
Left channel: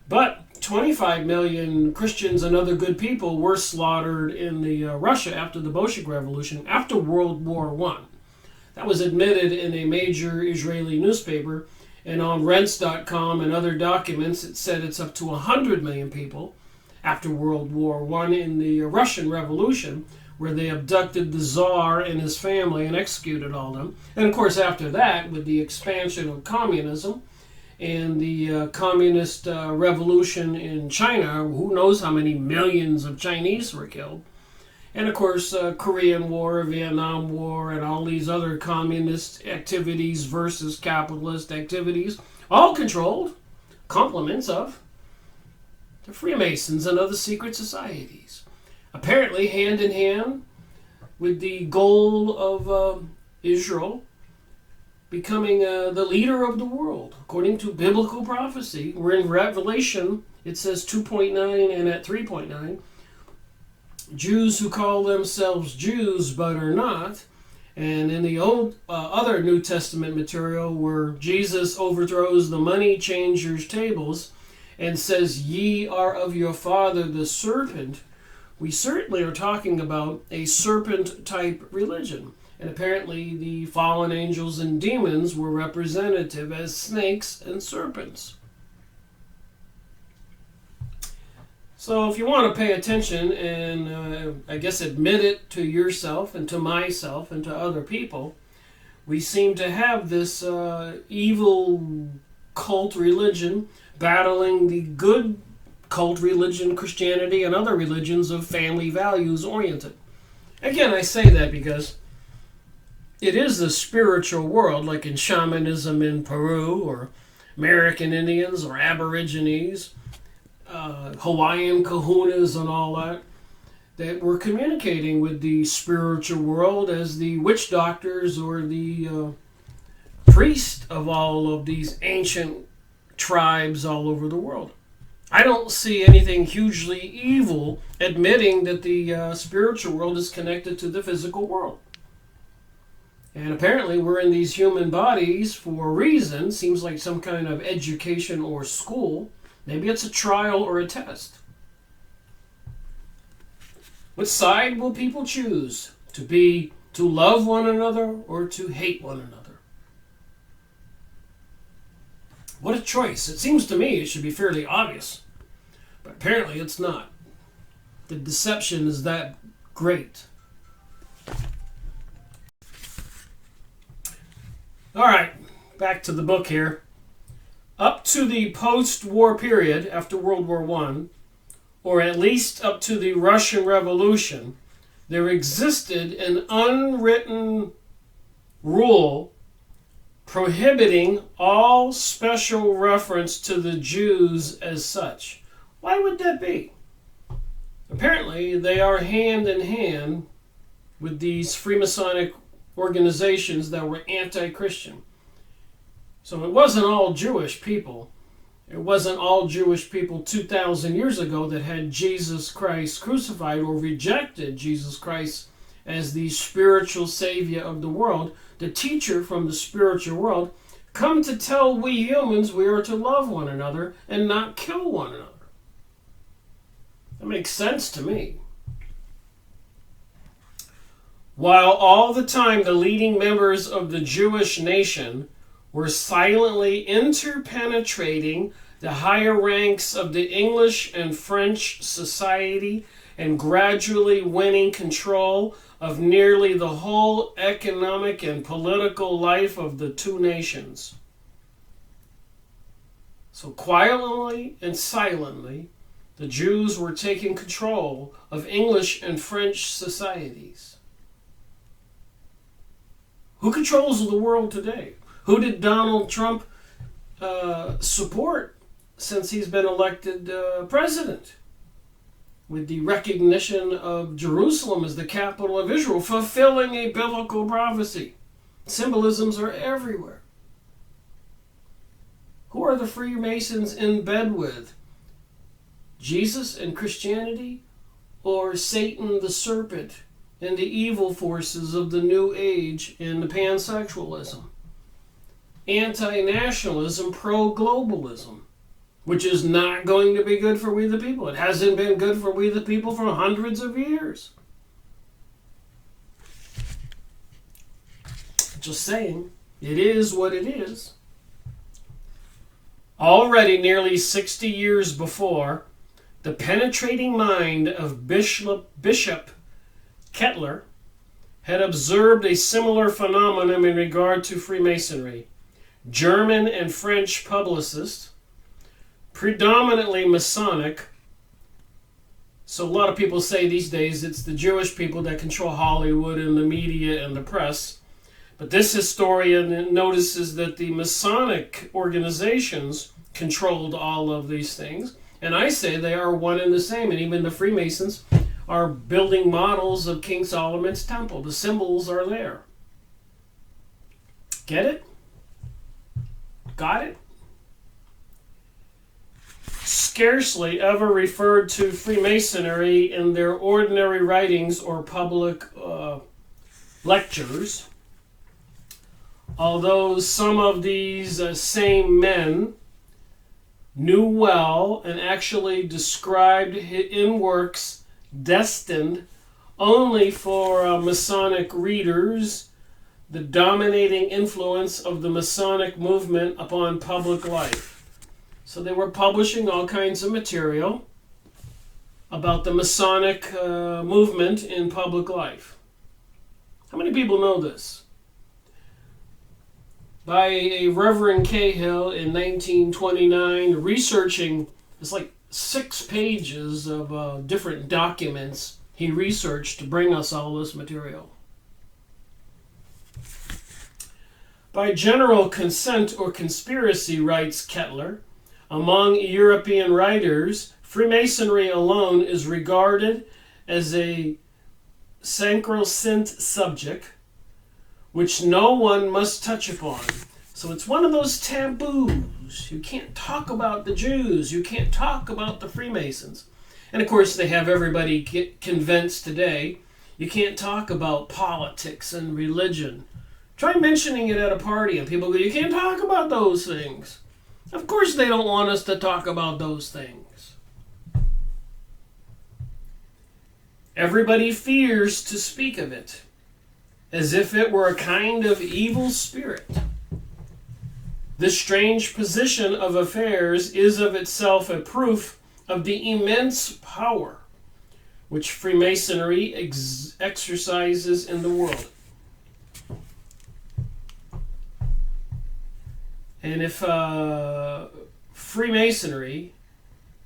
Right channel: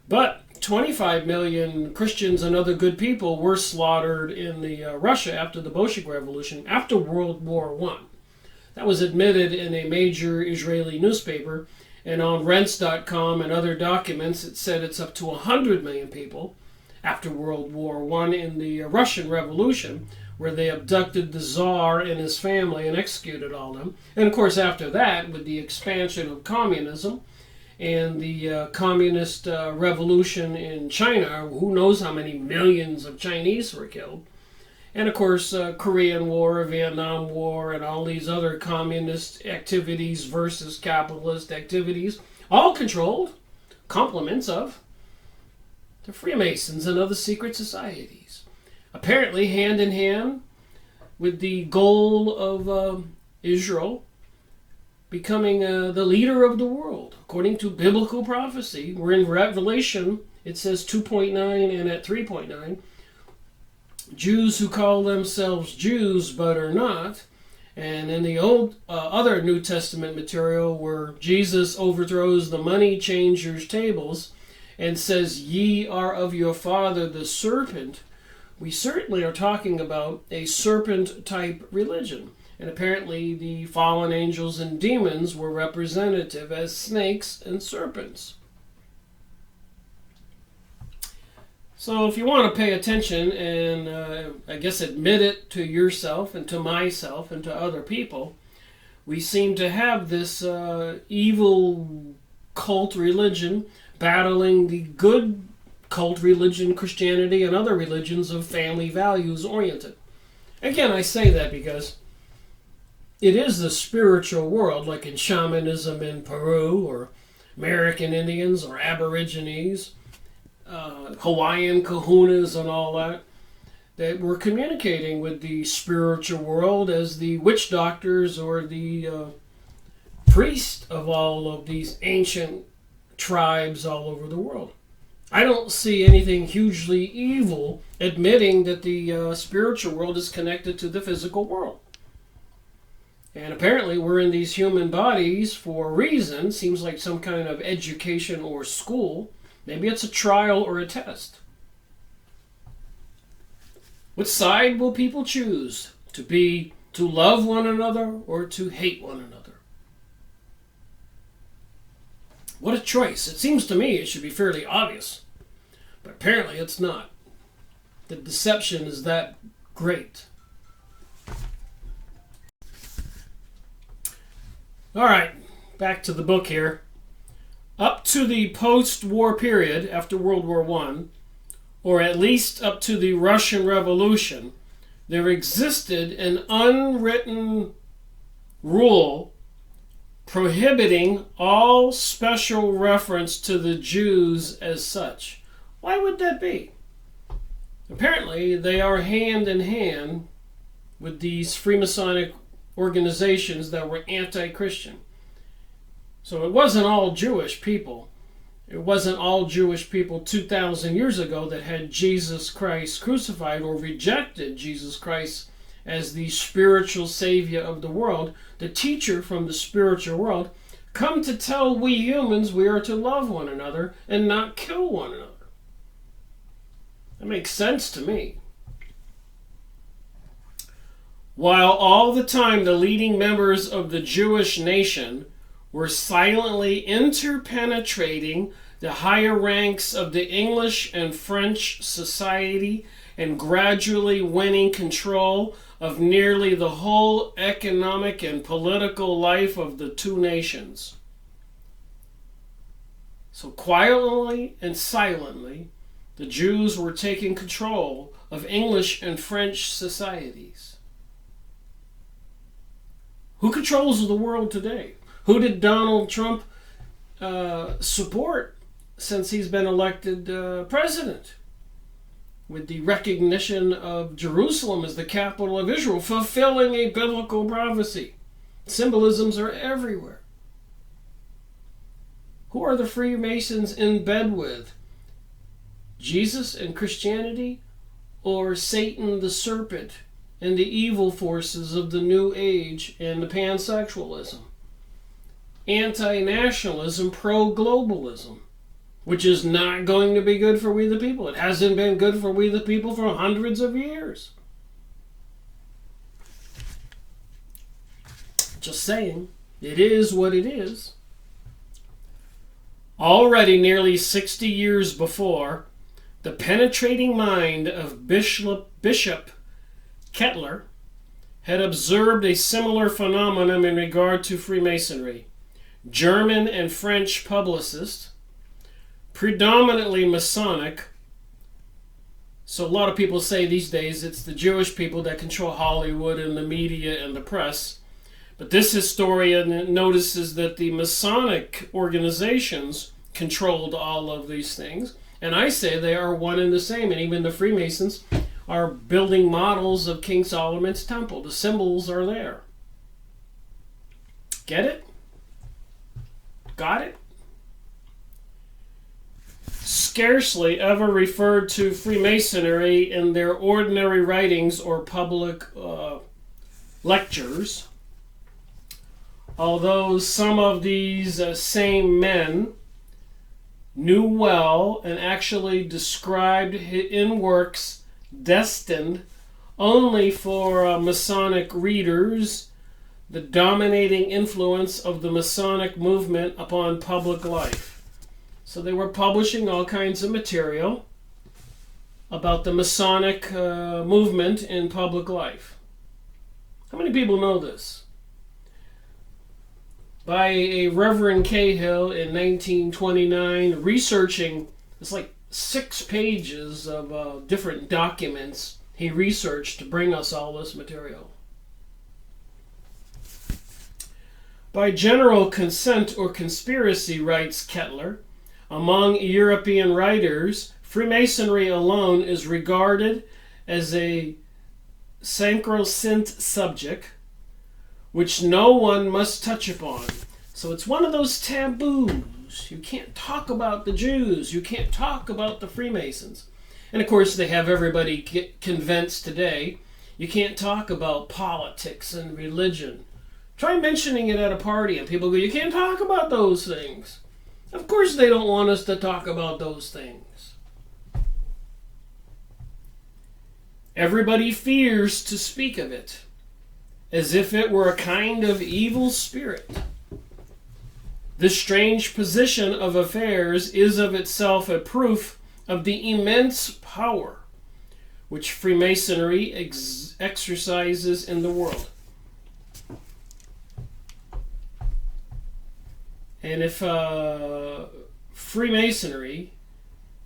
But 25 million Christians and other good people were slaughtered in the Russia after the Bolshevik Revolution, after World War I. That was admitted in a major Israeli newspaper, and on rents.com and other documents it said it's up to 100 million people after World War I in the Russian Revolution, where they abducted the Tsar and his family and executed all of them. And of course after that, with the expansion of communism and the communist revolution in China, who knows how many millions of Chinese were killed. And of course, Korean War, Vietnam War, and all these other communist activities versus capitalist activities, all controlled, complements of the Freemasons and other secret societies. Apparently hand in hand with the goal of Israel becoming the leader of the world. According to biblical prophecy, we're in Revelation, it says 2.9 and at 3.9, Jews who call themselves Jews but are not. And in the old other New Testament material where Jesus overthrows the money changers' tables and says, "Ye are of your father the serpent," we certainly are talking about a serpent-type religion. And apparently the fallen angels and demons were representative as snakes and serpents. So if you want to pay attention and I guess admit it to yourself and to myself and to other people, we seem to have this evil cult religion battling the good cult religion, Christianity, and other religions of family values oriented. Again, I say that because it is the spiritual world, like in shamanism in Peru, or American Indians, or Aborigines, Hawaiian kahunas and all that, that we're communicating with the spiritual world as the witch doctors or the priest of all of these ancient tribes all over the world. I don't see anything hugely evil admitting that the spiritual world is connected to the physical world. And apparently we're in these human bodies for a reason. Seems like some kind of education or school. Maybe it's a trial or a test. Which side will people choose? To love one another or to hate one another? What a choice. It seems to me it should be fairly obvious. But apparently it's not. The deception is that great. All right, back to the book here. Up to the post-war period after World War I, or at least up to the Russian Revolution, there existed an unwritten rule prohibiting all special reference to the Jews as such. Why would that be? Apparently, they are hand in hand with these Freemasonic organizations that were anti-Christian. So it wasn't all Jewish people. It wasn't all Jewish people 2,000 years ago that had Jesus Christ crucified or rejected Jesus Christ as the spiritual savior of the world, the teacher from the spiritual world, come to tell we humans we are to love one another and not kill one another. That makes sense to me. While all the time the leading members of the Jewish nation were silently interpenetrating the higher ranks of the English and French society and gradually winning control of nearly the whole economic and political life of the two nations. So quietly and silently, the Jews were taking control of English and French societies. Who controls the world today? Who did Donald Trump support since he's been elected president? With the recognition of Jerusalem as the capital of Israel, fulfilling a biblical prophecy. Symbolisms are everywhere. Who are the Freemasons in bed with? Jesus and Christianity, or Satan the serpent and the evil forces of the New Age and the pansexualism? Anti-nationalism, pro-globalism, which is not going to be good for we the people. It hasn't been good for we the people for hundreds of years. Just saying, it is what it is. Already nearly 60 years before, the penetrating mind of Bishop Kettler had observed a similar phenomenon in regard to Freemasonry. German and French publicists, predominantly Masonic, so a lot of people say these days it's the Jewish people that control Hollywood and the media and the press, but this historian notices that the Masonic organizations controlled all of these things, and I say they are one and the same, and even the Freemasons are building models of King Solomon's temple. The symbols are there. Get it? Got it? Scarcely ever referred to Freemasonry in their ordinary writings or public lectures, although some of these same men knew well and actually described in works destined only for Masonic readers the dominating influence of the Masonic movement upon public life. So they were publishing all kinds of material about the Masonic movement in public life. How many people know this? By a Reverend Cahill in 1929, researching, it's like 6 pages of different documents he researched to bring us all this material. By general consent or conspiracy, writes Kettler, among European writers, Freemasonry alone is regarded as a sacrosanct subject which no one must touch upon. So it's one of those taboos. You can't talk about the Jews. You can't talk about the Freemasons. And of course, they have everybody get convinced today. You can't talk about politics and religion. Try mentioning it at a party and people go, you can't talk about those things. Of course they don't want us to talk about those things. Everybody fears to speak of it, as if it were a kind of evil spirit. This strange position of affairs is of itself a proof of the immense power which Freemasonry exercises in the world. And if Freemasonry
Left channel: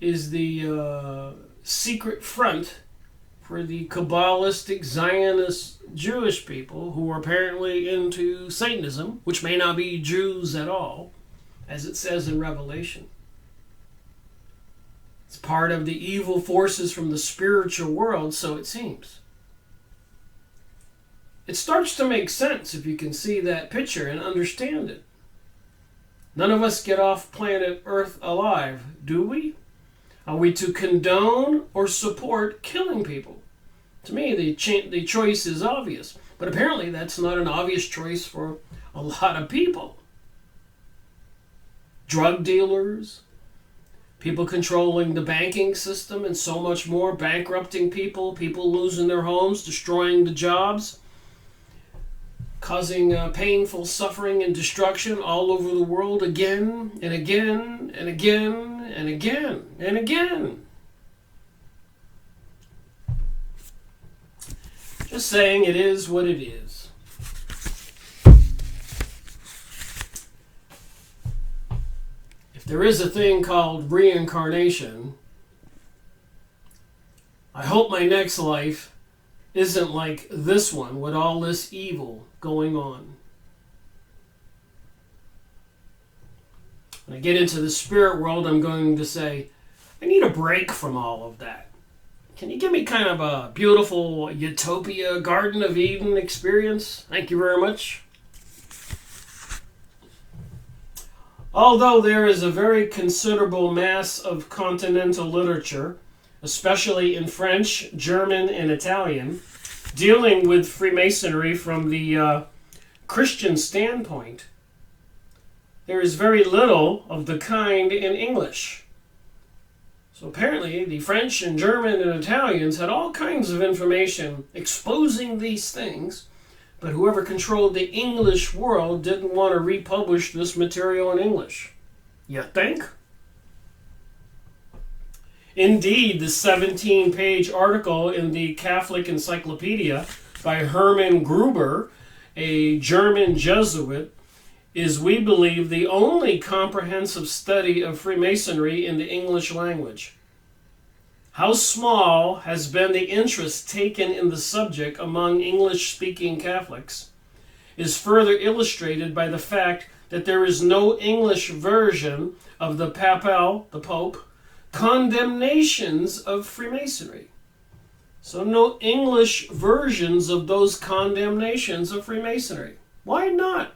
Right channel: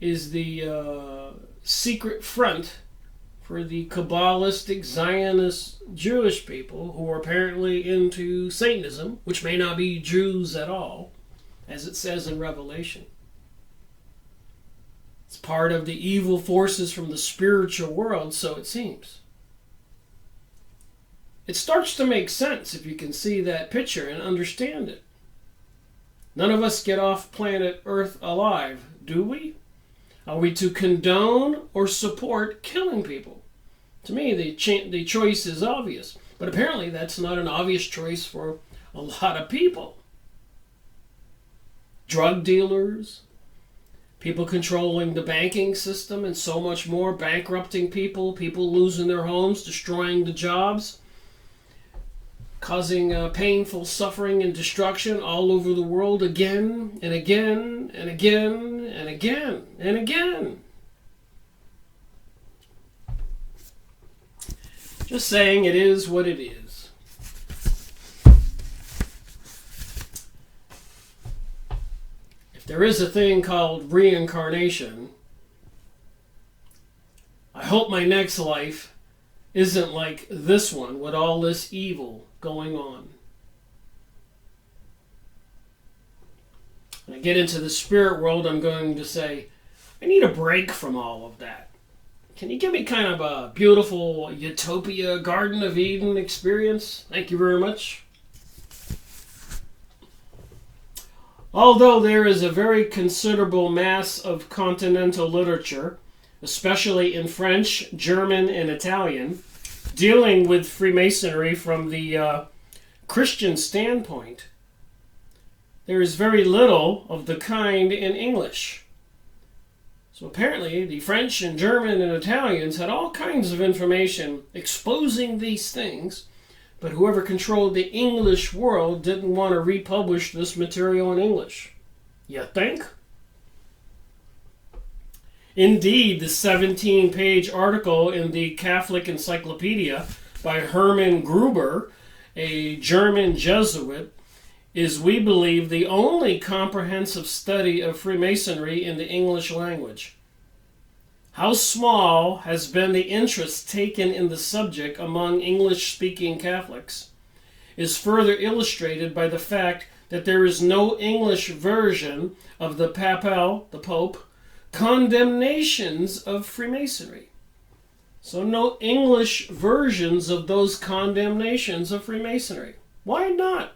is the secret front for the Kabbalistic Zionist Jewish people who are apparently into Satanism, which may not be Jews at all, as it says in Revelation. It's part of the evil forces from the spiritual world, so it seems. It starts to make sense if you can see that picture and understand it. None of us get off planet Earth alive, do we? Are we to condone or support killing people? To me, the choice is obvious. But apparently that's not an obvious choice for a lot of people. Drug dealers, people controlling the banking system and so much more, bankrupting people, people losing their homes, destroying the jobs, causing painful suffering and destruction all over the world again and again and again and again and again. Just saying, it is what it is. If there is a thing called reincarnation, I hope my next life isn't like this one with all this evil going on. When I get into the spirit world, I'm going to say, I need a break from all of that. Can you give me kind of a beautiful utopia, Garden of Eden experience? Thank you very much. Although there is a very considerable mass of continental literature, especially in French, German, and Italian, dealing with Freemasonry from the Christian standpoint, there is very little of the kind in English. So apparently the French and German and Italians had all kinds of information exposing these things, but whoever controlled the English world didn't want to republish this material in English. You think? Indeed, the 17-page article in the Catholic Encyclopedia by Hermann Gruber, a German Jesuit, is, we believe, the only comprehensive study of Freemasonry in the English language. How small has been the interest taken in the subject among English-speaking Catholics is further illustrated by the fact that there is no English version of the papal, the Pope, condemnations of Freemasonry. So no English versions of those condemnations of Freemasonry. Why not?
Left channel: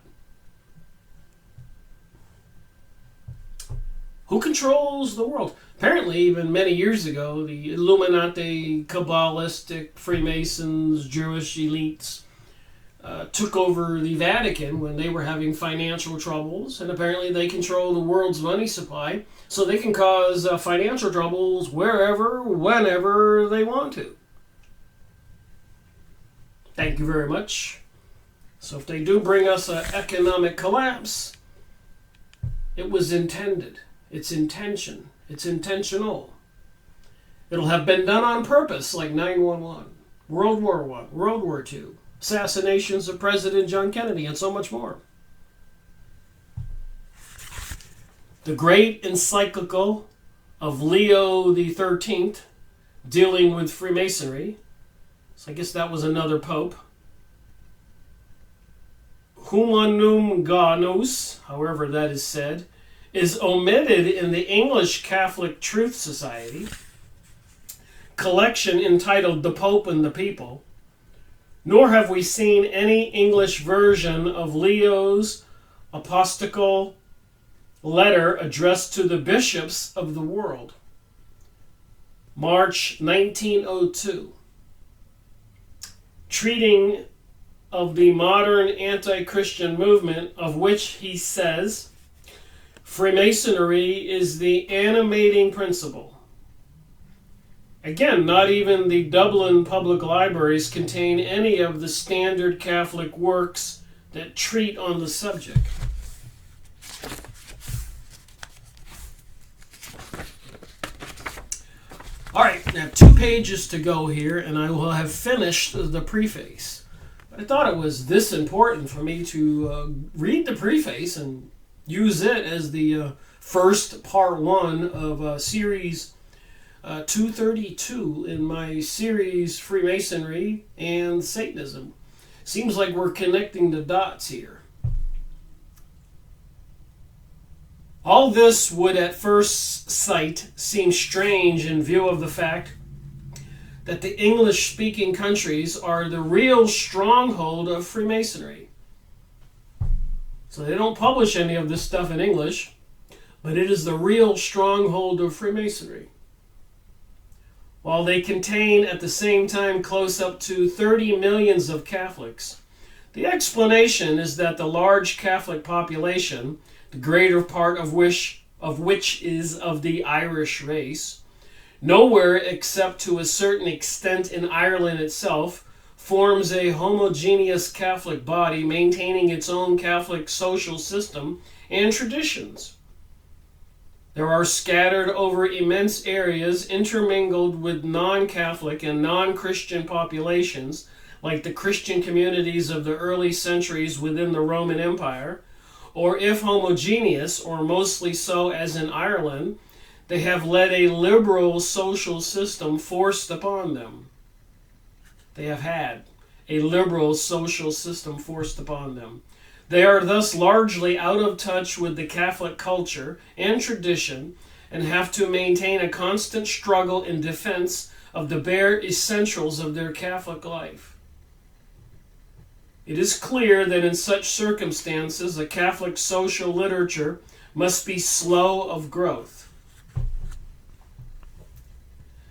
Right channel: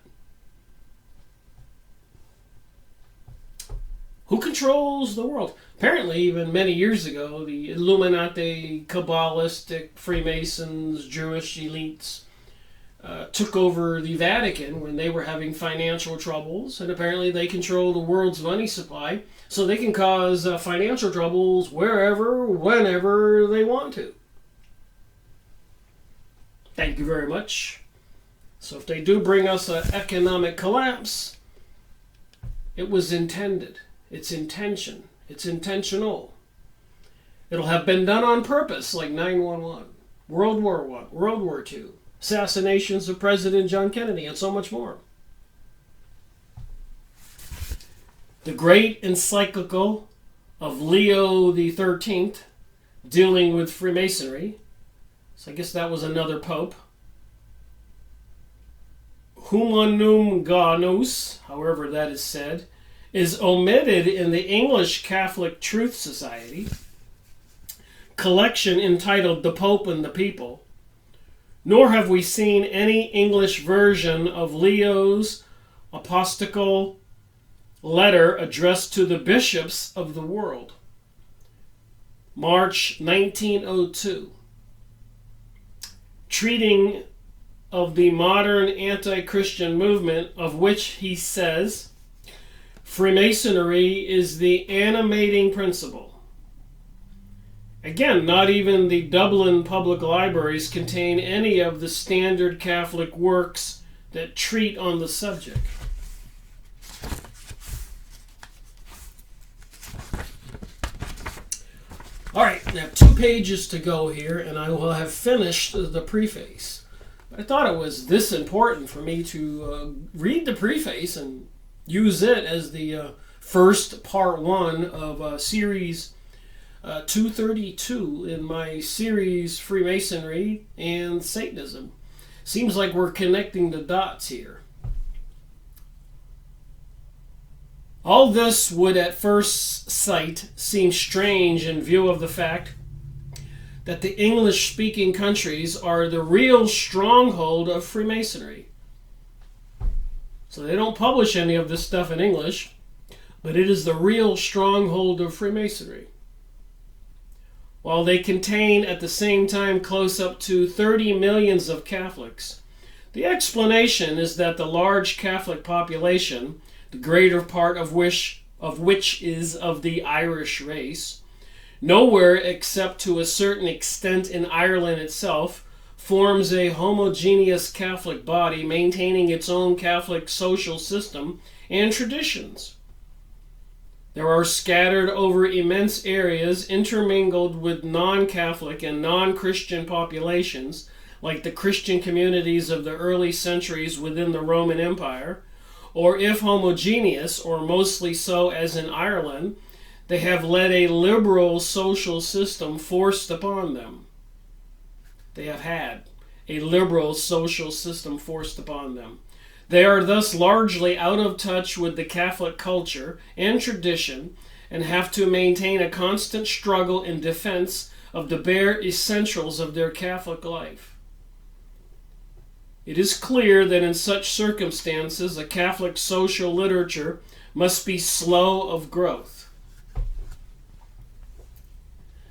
Who controls the world? Apparently, even many years ago, the Illuminati, Kabbalistic, Freemasons, Jewish elites took over the Vatican when they were having financial troubles, and apparently they control the world's money supply, so they can cause financial troubles wherever, whenever they want to. Thank you very much. So if they do bring us an economic collapse, it was intended. It's intention. It's intentional. It'll have been done on purpose, like 9/11, World War I, World War II, assassinations of President John Kennedy, and so much more. The great encyclical of Leo the 13th, dealing with Freemasonry, so I guess that was another pope, Humanum Ganus, however that is said, is omitted in the English Catholic Truth Society collection entitled The Pope and the People, nor have we seen any English version of Leo's apostolical letter addressed to the bishops of the world, March 1902, treating of the modern anti-Christian movement, of which he says Freemasonry is the animating principle. Again, not even the Dublin public libraries contain any of the standard Catholic works that treat on the subject. All right, I have 2 pages to go here, and I will have finished the preface. But I thought it was this important for me to read the preface and use it as the first part 1 of series 232 in my series Freemasonry and Satanism. Seems like we're connecting the dots here. All this would at first sight seem strange in view of the fact that the English-speaking countries are the real stronghold of Freemasonry. So they don't publish any of this stuff in English, but it is the real stronghold of Freemasonry. While they contain at the same time close up to 30 millions of Catholics, the explanation is that the large Catholic population, the greater part of which is of the Irish race, nowhere except to a certain extent in Ireland itself, forms a homogeneous Catholic body maintaining its own Catholic social system and traditions. There are scattered over immense areas intermingled with non-Catholic and non-Christian populations, like the Christian communities of the early centuries within the Roman Empire, or if homogeneous, or mostly so as in Ireland, they have led a liberal social system forced upon them. They have had a liberal social system forced upon them. They are thus largely out of touch with the Catholic culture and tradition and have to maintain a constant struggle in defense of the bare essentials of their Catholic life. It is clear that in such circumstances, a Catholic social literature must be slow of growth.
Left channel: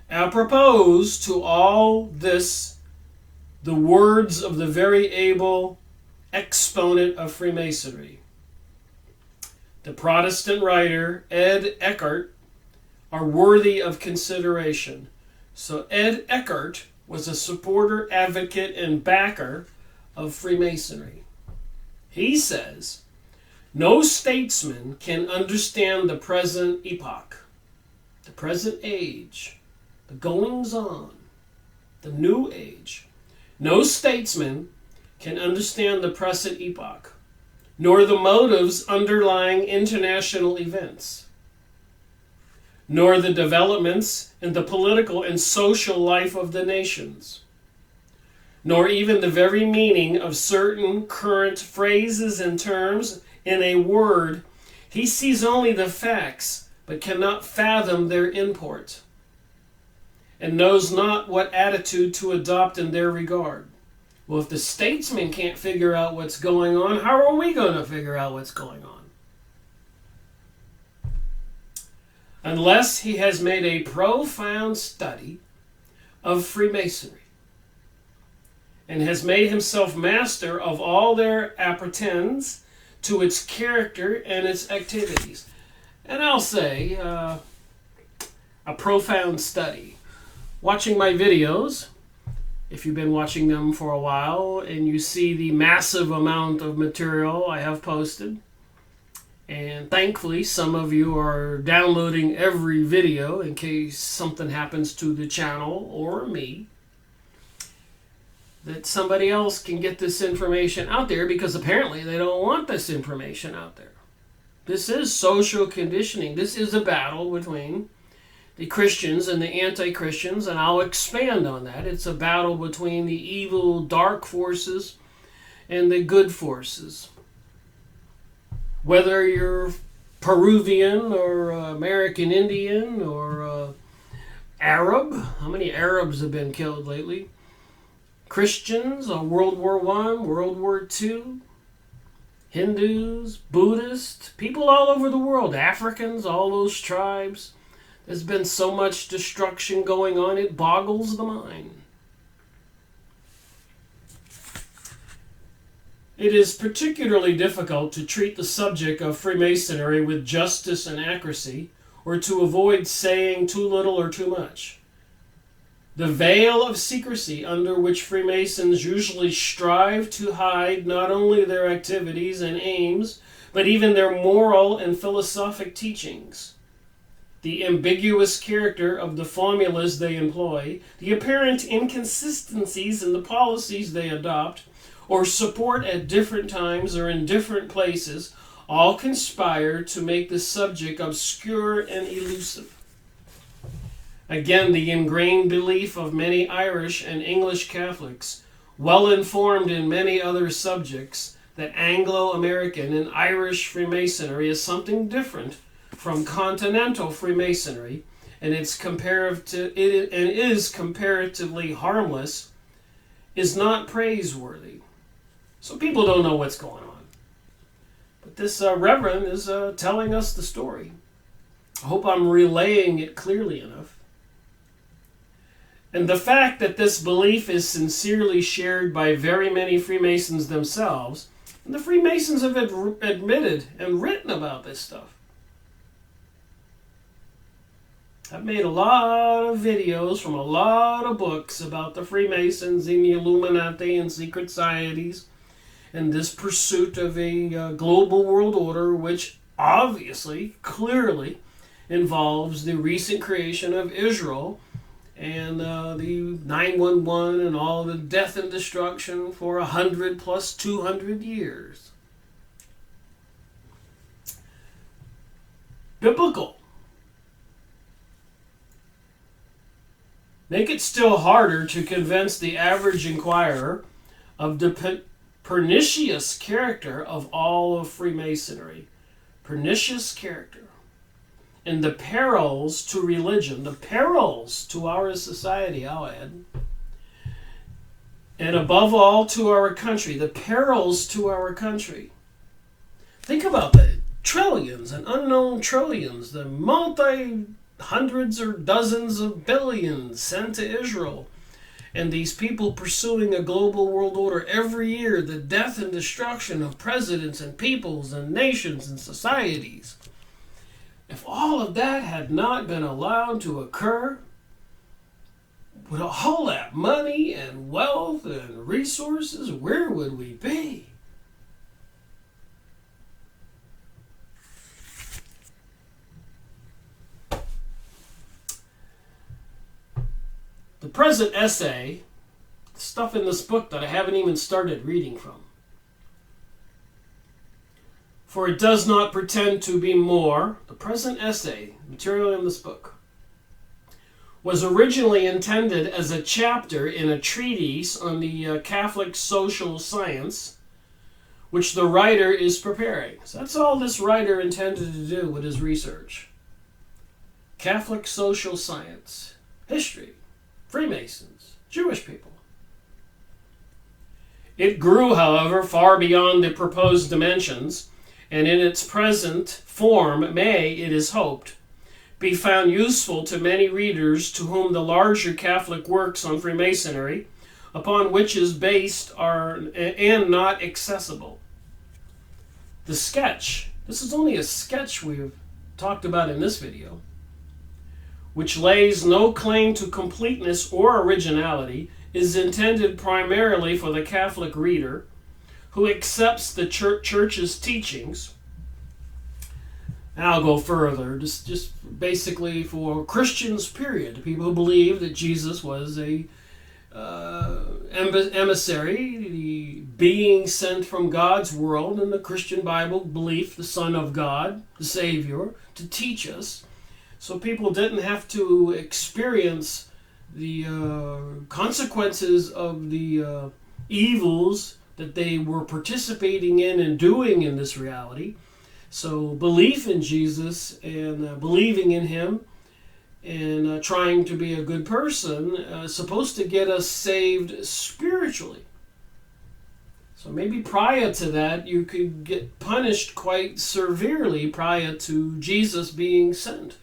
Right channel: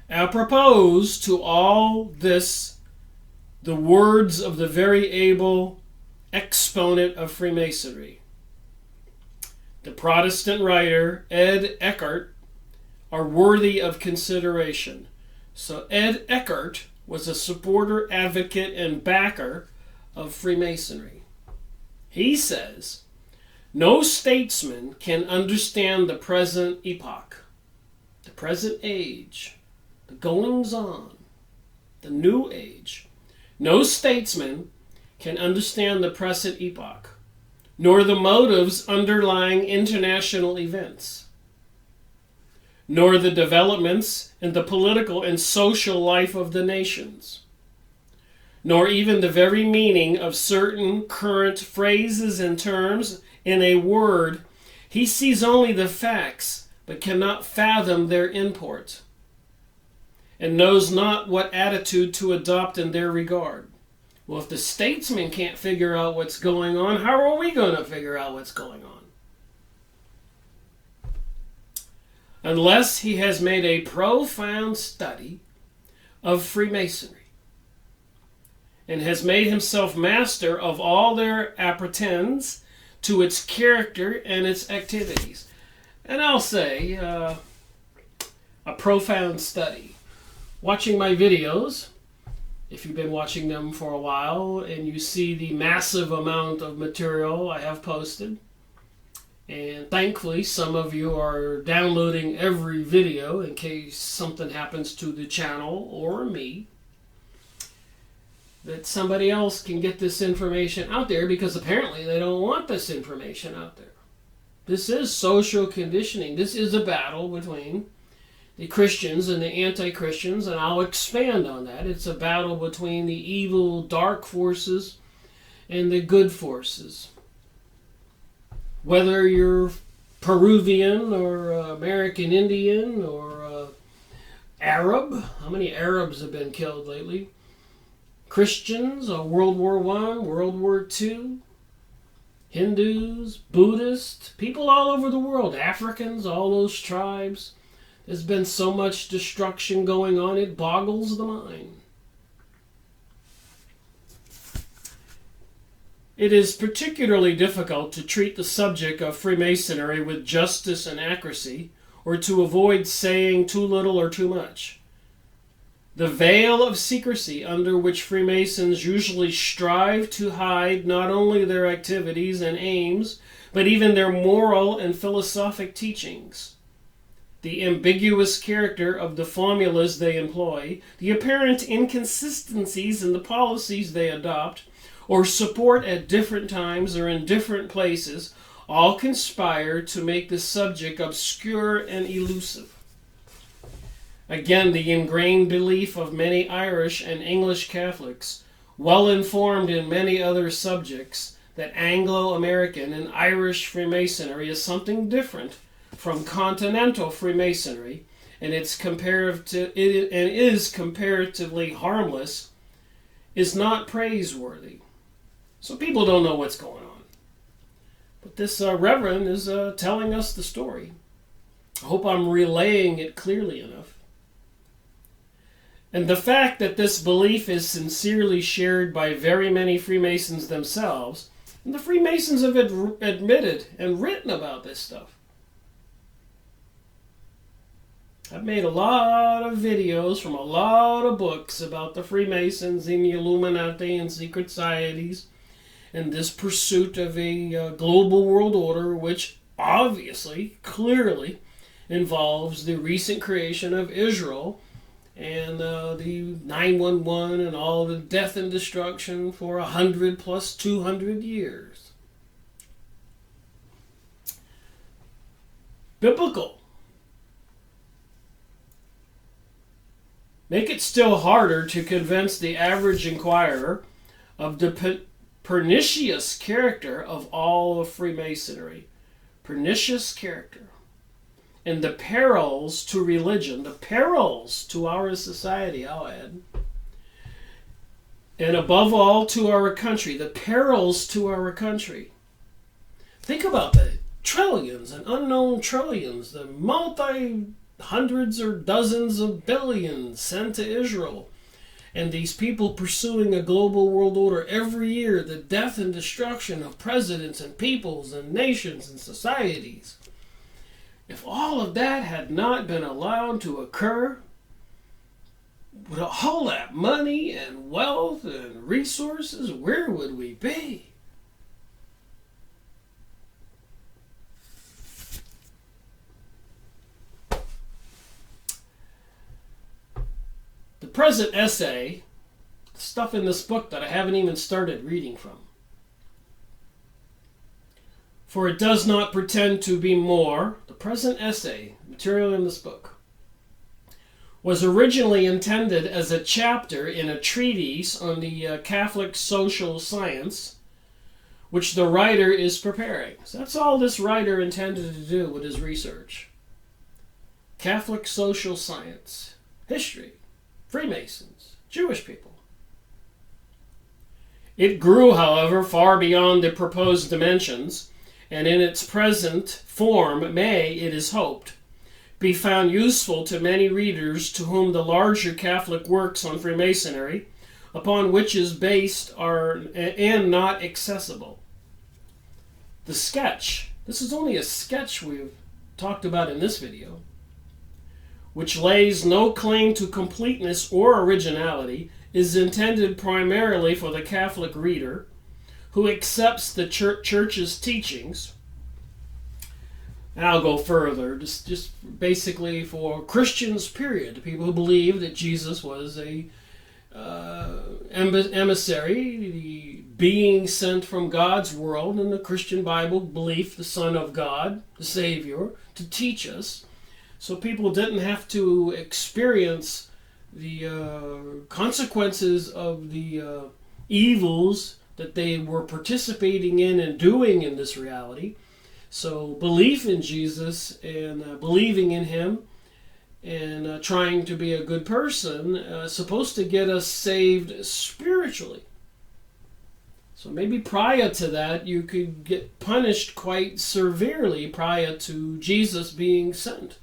Apropos to all this, the words of the very able exponent of Freemasonry, the Protestant writer Ed Eckhart, are worthy of consideration. So Ed Eckhart was a supporter, advocate, and backer of Freemasonry. He says, no statesman can understand the present epoch, the present age, the goings-on, the new age. No statesman can understand the present epoch, nor the motives underlying international events, nor the developments in the political and social life of the nations, nor even the very meaning of certain current phrases and terms. In a word, he sees only the facts, but cannot fathom their import, and knows not what attitude to adopt in their regard. Well, if the statesman can't figure out what's going on, how are we going to figure out what's going on? Unless he has made a profound study of Freemasonry and has made himself master of all their appertains to its character and its activities. And I'll say, a profound study. Watching my videos, if you've been watching them for a while and you see the massive amount of material I have posted, And thankfully, some of you are downloading every video in case something happens to the channel or me, that somebody else can get this information out there, because apparently they don't want this information out there. This is social conditioning. This is a battle between the Christians and the anti-Christians, and I'll expand on that. It's a battle between the evil, dark forces and the good forces. Whether you're Peruvian or American Indian or Arab, how many Arabs have been killed lately? Christians, World War I, World War II, Hindus, Buddhists, people all over the world, Africans, all those tribes. There's been so much destruction going on, it boggles the mind. It is particularly difficult to treat the subject of Freemasonry with justice and accuracy, or to avoid saying too little or too much. The veil of secrecy under which Freemasons usually strive to hide not only their activities and aims, but even their moral and philosophic teachings. The ambiguous character of the formulas they employ, the apparent inconsistencies in the policies they adopt, or support at different times or in different places, all conspire to make the subject obscure and elusive. Again, the ingrained belief of many Irish and English Catholics, well informed in many other subjects, that Anglo-American and Irish Freemasonry is something different from continental Freemasonry, and is comparatively harmless, is not praiseworthy. So people don't know what's going on. But this reverend is telling us the story. I hope I'm relaying it clearly enough. And the fact that this belief is sincerely shared by very many Freemasons themselves, and the Freemasons have admitted and written about this stuff. I've made a lot of videos from a lot of books about the Freemasons and the Illuminati and secret societies, and this pursuit of a global world order, which obviously, clearly, involves the recent creation of Israel and the 911 and all the death and destruction for 100 plus 200 years. Biblical. Make it still harder to convince the average inquirer of the pernicious character of all of Freemasonry. Pernicious character. And the perils to religion, the perils to our society, I'll add. And above all, to our country, the perils to our country. Think about that. Trillions and unknown trillions, the multi-hundreds or dozens of billions sent to Israel. And these people pursuing a global world order every year, the death and destruction of presidents and peoples and nations and societies. If all of that had not been allowed to occur, with all that money and wealth and resources, where would we be? The present essay, stuff in this book that I haven't even started reading from, for it does not pretend to be more, the present essay, material in this book, was originally intended as a chapter in a treatise on the Catholic social science, which the writer is preparing. So that's all this writer intended to do with his research. Catholic social science, history, Freemasons, Jewish people. It grew, however, far beyond the proposed dimensions, and in its present form may, it is hoped, be found useful to many readers to whom the larger Catholic works on Freemasonry, upon which is based, are and not accessible. The sketch, this is only a sketch we've talked about in this video, which lays no claim to completeness or originality, is intended primarily for the Catholic reader who accepts the church's teachings And I'll go further, just basically for Christians, period, people who believe that Jesus was a emissary, the being sent from God's world in the Christian Bible belief, the Son of God, the Savior, to teach us. So people didn't have to experience the consequences of the evils that they were participating in and doing in this reality. So belief in Jesus and believing in him and trying to be a good person is supposed to get us saved spiritually. So maybe prior to that, you could get punished quite severely prior to Jesus being sent.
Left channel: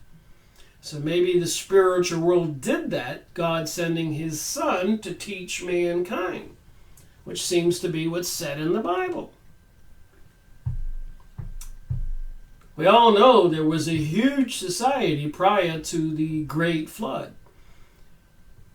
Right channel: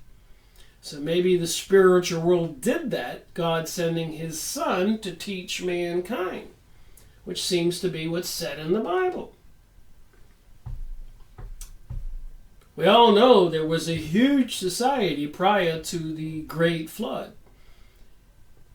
So maybe the spiritual world did that, God sending his Son to teach mankind, which seems to be what's said in the Bible. We all know there was a huge society prior to the Great Flood.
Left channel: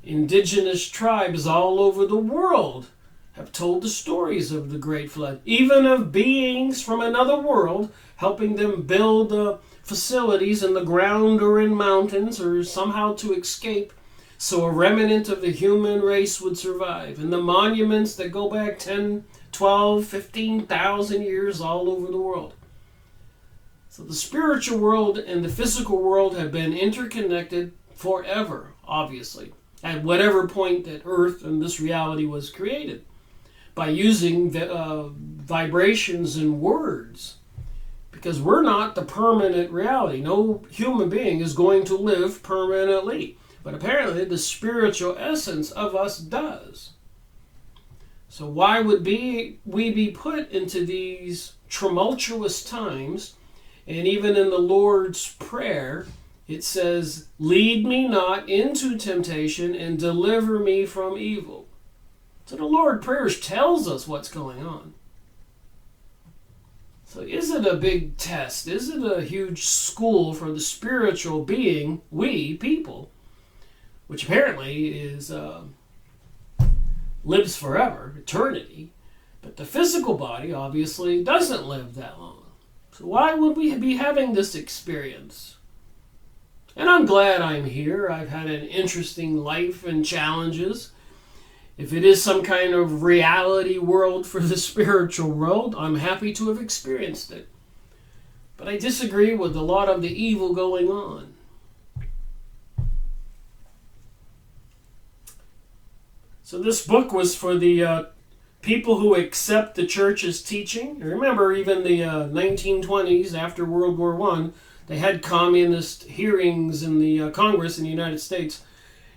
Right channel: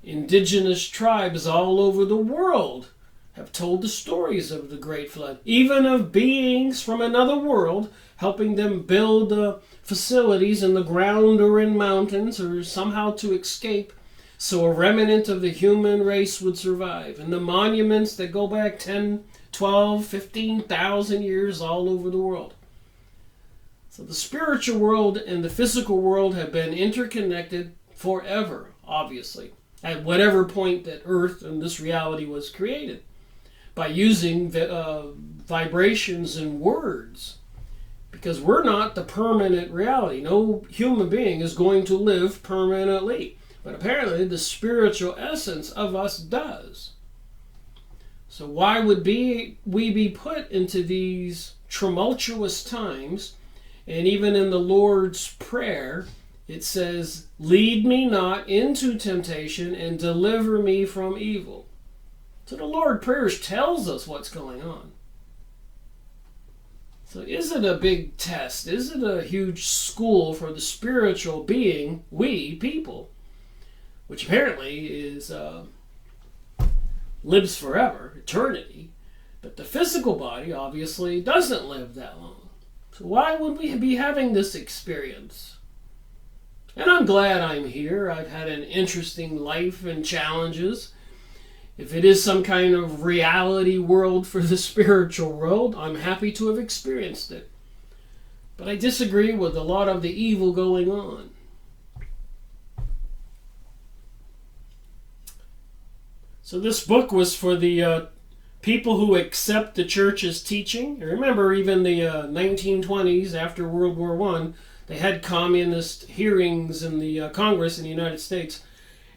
Indigenous tribes all over the world have told the stories of the Great Flood, even of beings from another world helping them build facilities in the ground or in mountains or somehow to escape so a remnant of the human race would survive. And the monuments that go back 10, 12, 15,000 years all over the world. So the spiritual world and the physical world have been interconnected forever, obviously, at whatever point that Earth and this reality was created, by using vibrations and words. Because we're not the permanent reality. No human being is going to live permanently. But apparently the spiritual essence of us does. So why would we be put into these tumultuous times? And even in the Lord's Prayer, it says, "Lead me not into temptation and deliver me from evil." So the Lord's Prayer tells us what's going on. So is it a big test? Is it a huge school for the spiritual being, we people, which apparently is lives forever, eternity, but the physical body obviously doesn't live that long. So why would we be having this experience? And I'm glad I'm here. I've had an interesting life and challenges. If it is some kind of reality world for the spiritual world, I'm happy to have experienced it. But I disagree with a lot of the evil going on. So this book was for the people who accept the church's teaching. And remember, even the 1920s, after World War I, they had communist hearings in the Congress in the United States.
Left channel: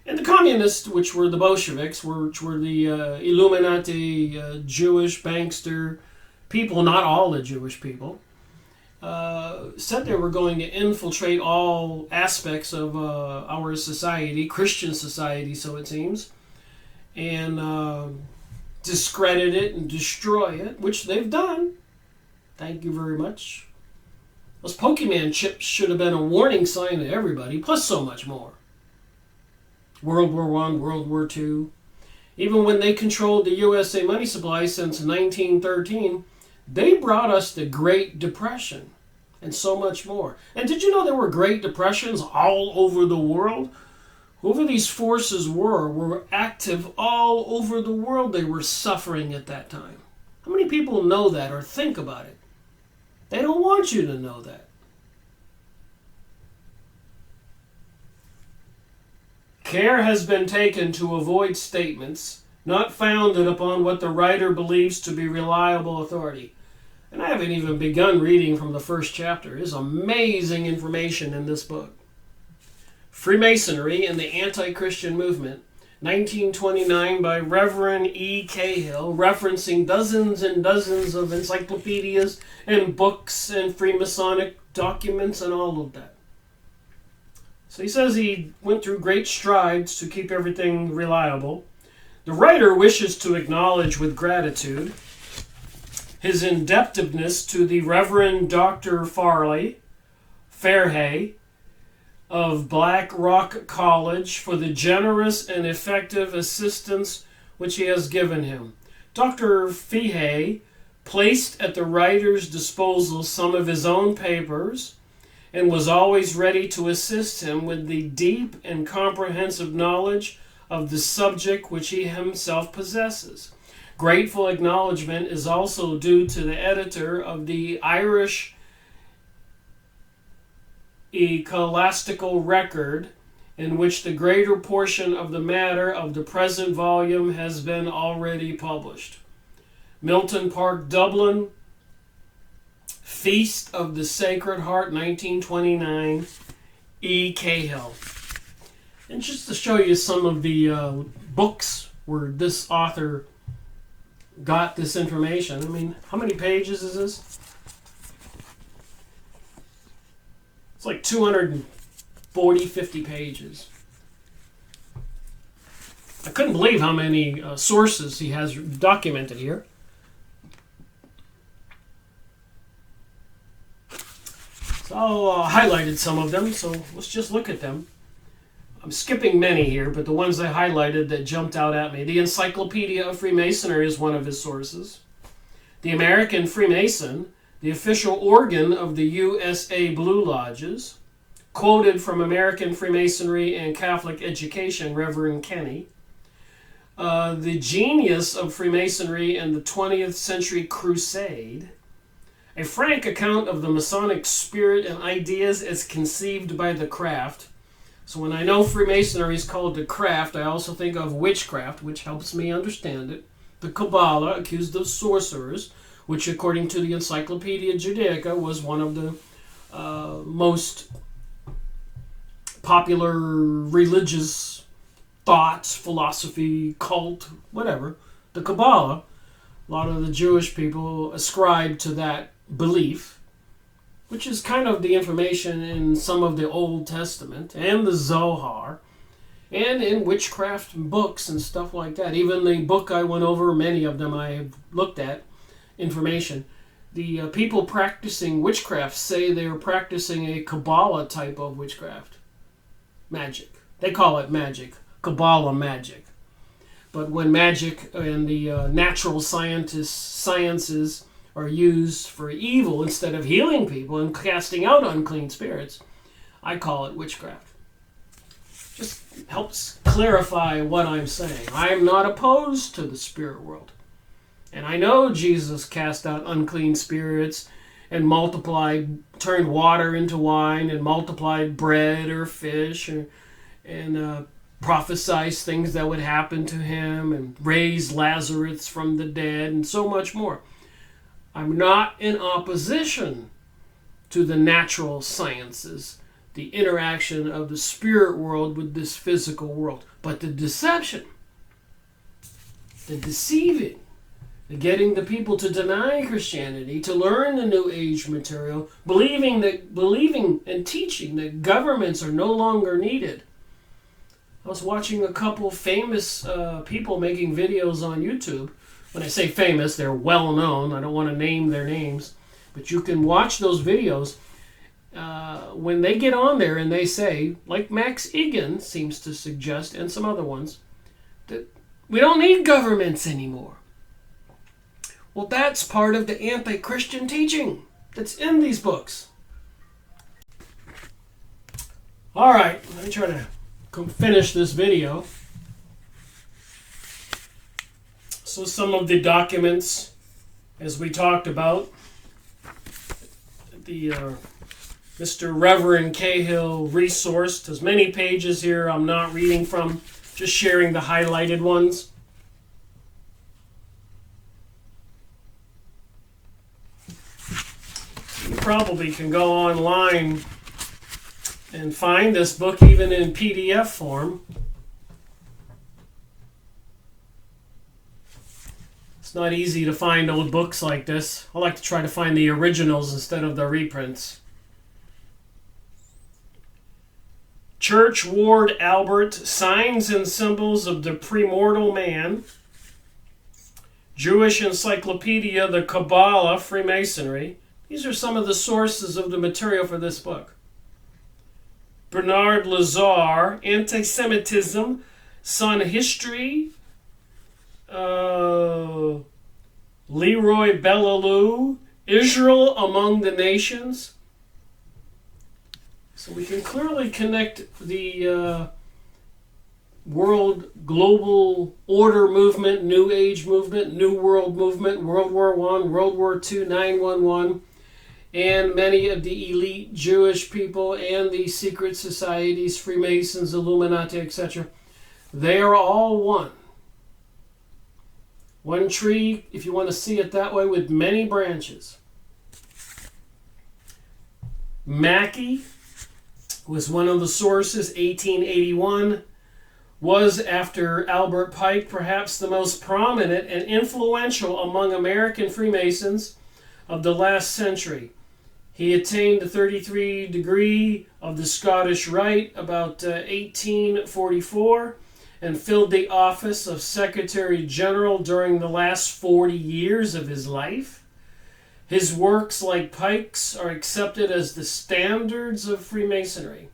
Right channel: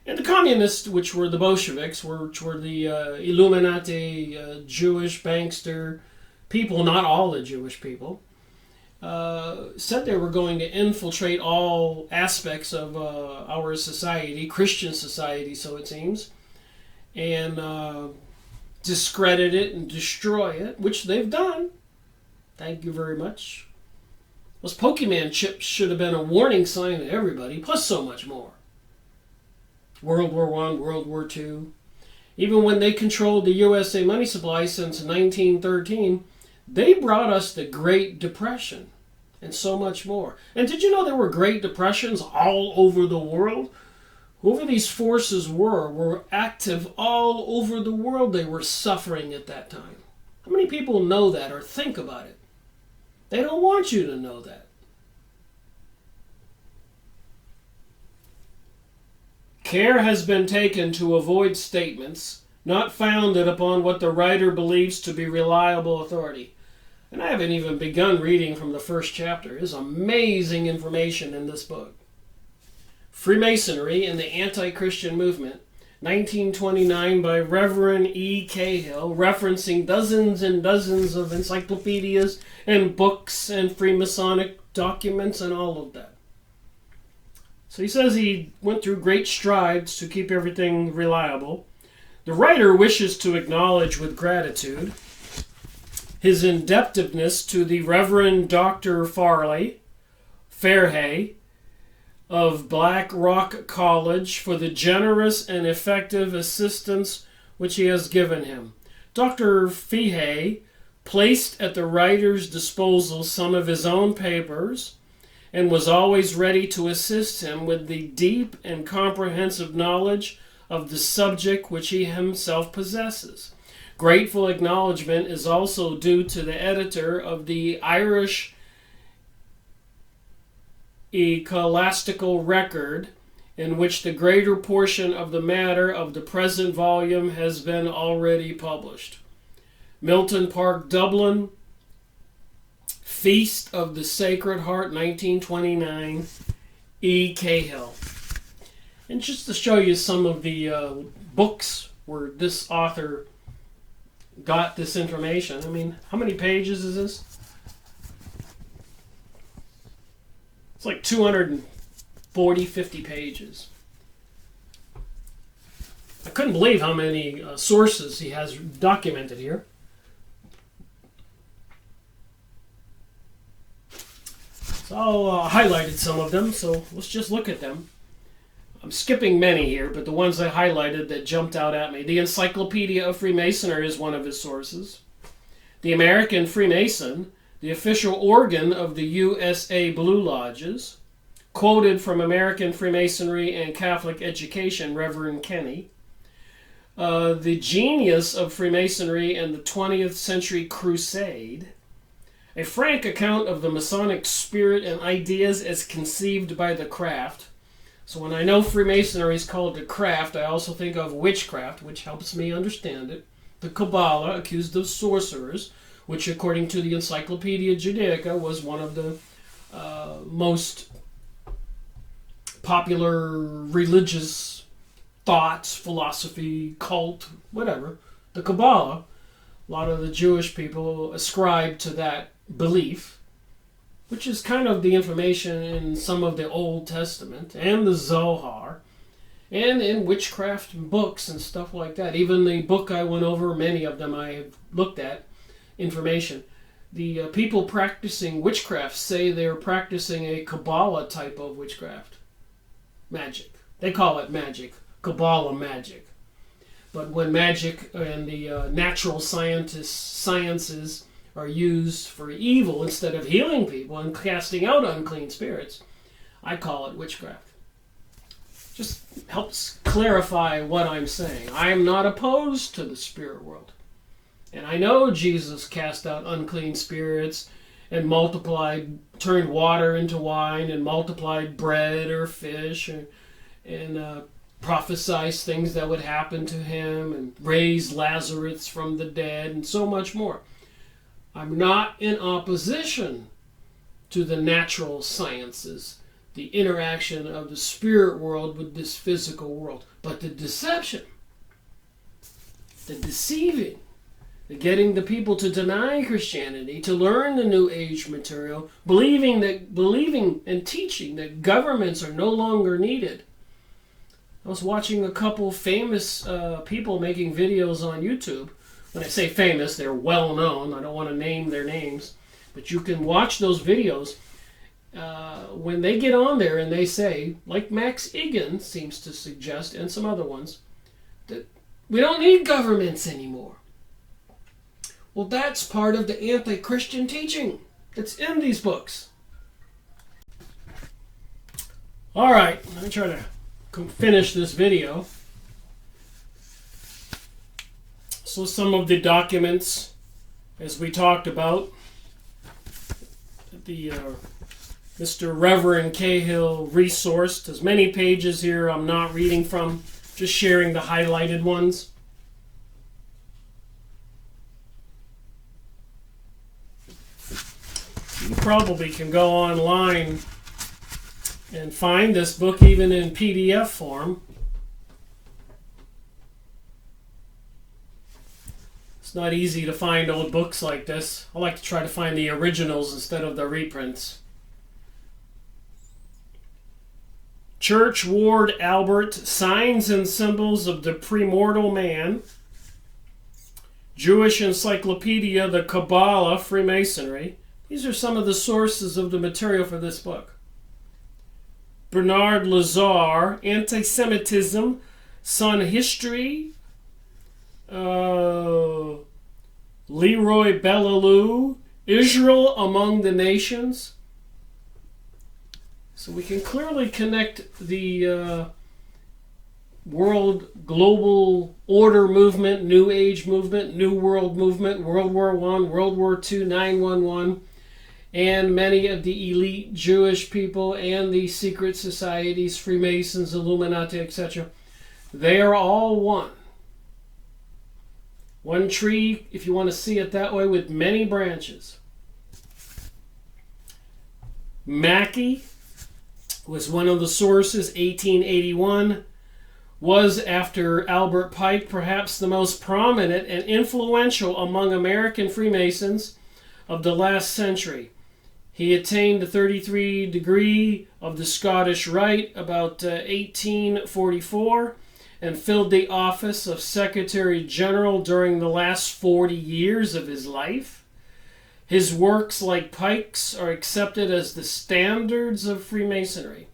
And the communists, which were the Bolsheviks, which were the Illuminati, Jewish Bankster people, not all the Jewish people, said they were going to infiltrate all aspects of our society, Christian society, so it seems, and discredit it and destroy it, which they've done. Thank you very much. Those Pokemon chips should have been a warning sign to everybody, plus so much more. World War I, World War II. Even when they controlled the USA money supply since 1913, they brought us the Great Depression and so much more. And did you know there were Great Depressions all over the world? Whoever these forces were active all over the world. They were suffering at that time. How many people know that or think about it? They don't want you to know that. Care has been taken to avoid statements not founded upon what the writer believes to be reliable authority. And I haven't even begun reading from the first chapter. There's amazing information in this book. Freemasonry and the Anti-Christian Movement, 1929, by Reverend E. Cahill, referencing dozens and dozens of encyclopedias and books and Freemasonic documents and all of that. So he says he went through great strides to keep everything reliable. The writer wishes to acknowledge with gratitude his indebtedness to the Reverend Dr. Fairhay of Black Rock College for the generous and effective assistance which he has given him. Dr. Fairhay placed at the writer's disposal some of his own papers and was always ready to assist him with the deep and comprehensive knowledge of the subject which he himself possesses. Grateful acknowledgement is also due to the editor of the Irish Ecclesiastical Record, in which the greater portion of the matter of the present volume has been already published. Milton Park, Dublin, Feast of the Sacred Heart, 1929, E. Cahill. And just to show you some of the books where this author got this information. I mean, how many pages is this? It's like 240, 50 pages. I couldn't believe how many sources he has documented here. So I highlighted some of them, so let's just look at them. I'm skipping many here, but the ones I highlighted that jumped out at me. The Encyclopedia of Freemasonry is one of his sources. The American Freemason, the official organ of the USA Blue Lodges, quoted from American Freemasonry and Catholic Education, Reverend Kenny. The Genius of Freemasonry and the 20th Century Crusade. A frank account of the Masonic spirit and ideas as conceived by the craft. So when I know Freemasonry is called the craft, I also think of witchcraft, which helps me understand it. The Kabbalah, accused of sorcerers, which according to the Encyclopedia Judaica was one of the most popular religious thoughts, philosophy, cult, whatever. The Kabbalah, a lot of the Jewish people ascribe to that belief, which is kind of the information in some of the Old Testament and the Zohar and in witchcraft books and stuff like that. Even the book I went over, many of them I have looked at, information. The people practicing witchcraft say they're practicing a Kabbalah type of witchcraft. Magic. They call it magic. Kabbalah magic. But when magic and the natural sciences are used for evil instead of healing people and casting out unclean spirits, I call it witchcraft. Just helps clarify what I'm saying. I am not opposed to the spirit world. And I know Jesus cast out unclean spirits and multiplied, turned water into wine and multiplied bread or fish and prophesied things that would happen to him and raised Lazarus from the dead and so much more. I'm not in opposition to the natural sciences, the interaction of the spirit world with this physical world. But the deception, the deceiving, the getting the people to deny Christianity, to learn the New Age material, believing and teaching that governments are no longer needed. I was watching a couple famous people making videos on YouTube. When I say famous, they're well known. I don't want to name their names. But you can watch those videos. When they get on there and they say, like Max Egan seems to suggest, and some other ones, that we don't need governments anymore. Well, that's part of the anti-Christian teaching that's in these books. All right, let me try to finish this video. So some of the documents, as we talked about, the Mr. Reverend Cahill resourced. There's many pages here I'm not reading from, just sharing the highlighted ones. You probably can go online and find this book even in PDF form. It's not easy to find old books like this. I like to try to find the originals instead of the reprints. Church Ward Albert, Signs and Symbols of the Premortal Man. Jewish Encyclopedia, the Kabbalah, Freemasonry. These are some of the sources of the material for this book. Bernard Lazare, Anti-Semitism, Sun History. Leroy Bellalou, Israel Among the Nations. So we can clearly connect the world global order movement, New Age movement, New World movement, World War I, World War II, 911, and many of the elite Jewish people and the secret societies, Freemasons, Illuminati, etc. They are all one. One tree, if you want to see it that way, with many branches. Mackey was one of the sources, 1881, was, after Albert Pike, perhaps the most prominent and influential among American Freemasons of the last century. He attained the 33 degree of the Scottish Rite about 1844 and filled the office of Secretary General during the last 40 years of his life. His works, like Pike's, are accepted as the standards of Freemasonry.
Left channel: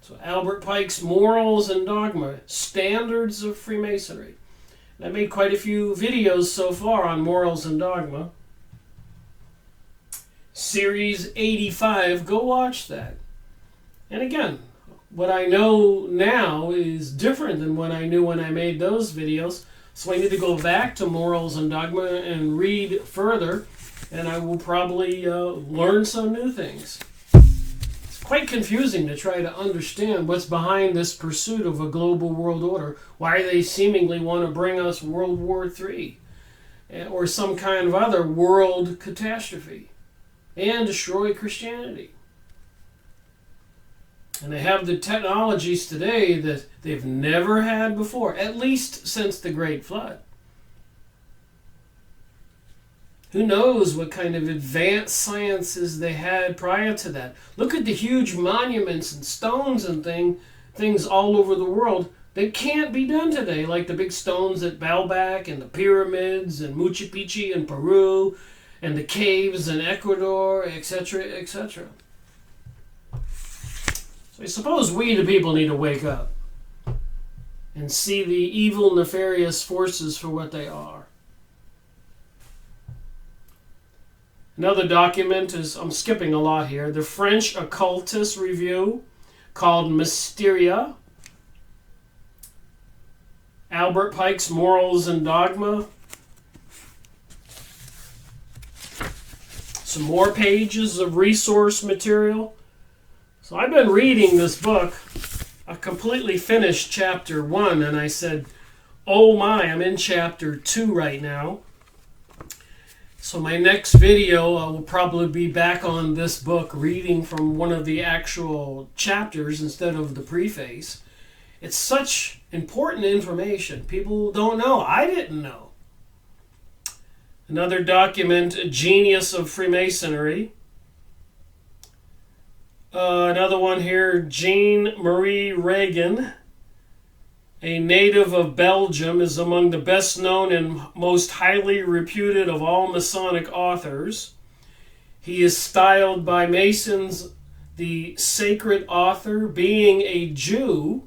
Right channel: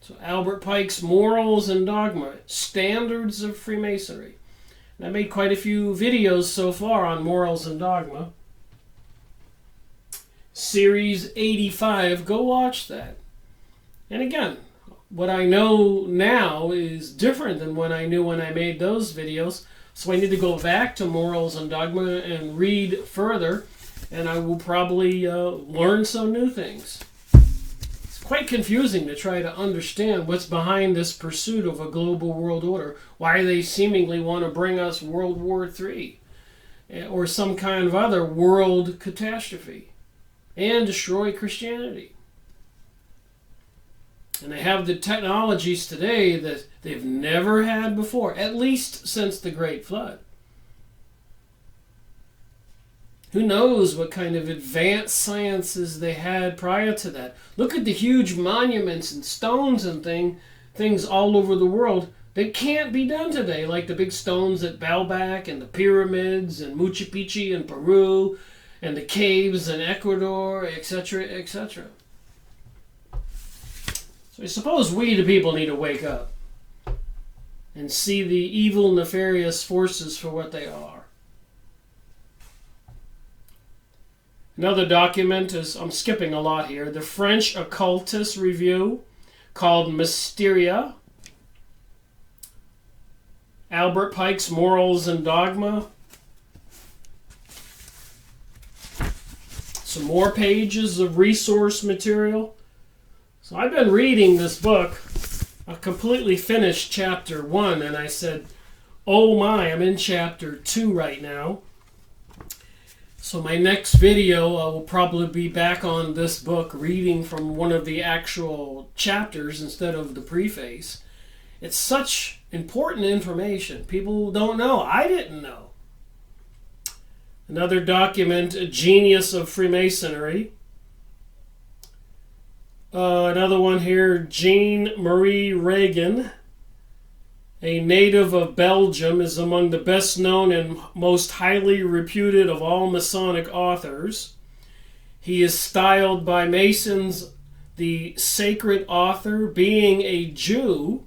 So Albert Pike's Morals and Dogma, Standards of Freemasonry. And I made quite a few videos so far on Morals and Dogma. Series 85, go watch that. And again, what I know now is different than what I knew when I made those videos. So I need to go back to Morals and Dogma and read further, and I will probably learn some new things. It's quite confusing to try to understand what's behind this pursuit of a global world order, why they seemingly want to bring us World War III or some kind of other world catastrophe and destroy Christianity. And they have the technologies today that they've never had before, at least since the Great Flood. Who knows what kind of advanced sciences they had prior to that. Look at the huge monuments and stones and things all over the world that can't be done today, like the big stones at Baalbek and the pyramids and Machu Picchu in Peru and the caves in Ecuador, etc., etc. So I suppose we, the people, need to wake up and see the evil, nefarious forces for what they are. Another document is, I'm skipping a lot here, the French Occultist Review called Mysteria. Albert Pike's Morals and Dogma. Some more pages of resource material. So I've been reading this book. I completely finished chapter 1 and I said, oh my, I'm in chapter 2 right now. So my next video will probably be back on this book, reading from one of the actual chapters instead of the preface. It's such important information. People don't know. I didn't know. Another document, A Genius of Freemasonry. Another one here, Jean Marie Reagan, a native of Belgium, is among the best known and most highly reputed of all Masonic authors. He is styled by Masons the sacred author. Being a Jew,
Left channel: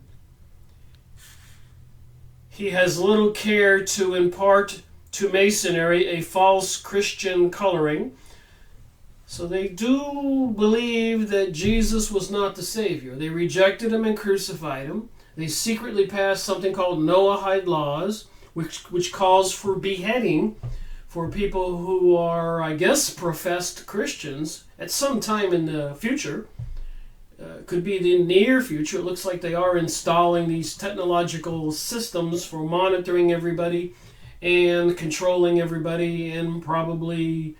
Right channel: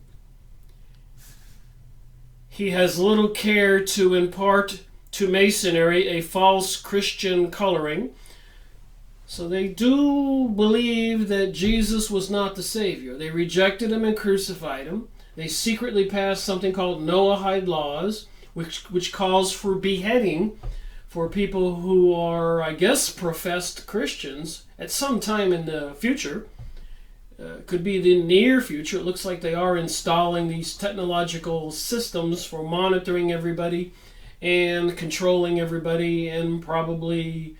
he has little care to impart to Masonry a false Christian coloring. So they do believe that Jesus was not the Savior. They rejected him and crucified him. They secretly passed something called Noahide laws, which calls for beheading for people who are, I guess, professed Christians at some time in the future. Could be the near future. It looks like they are installing these technological systems for monitoring everybody and controlling everybody, and probably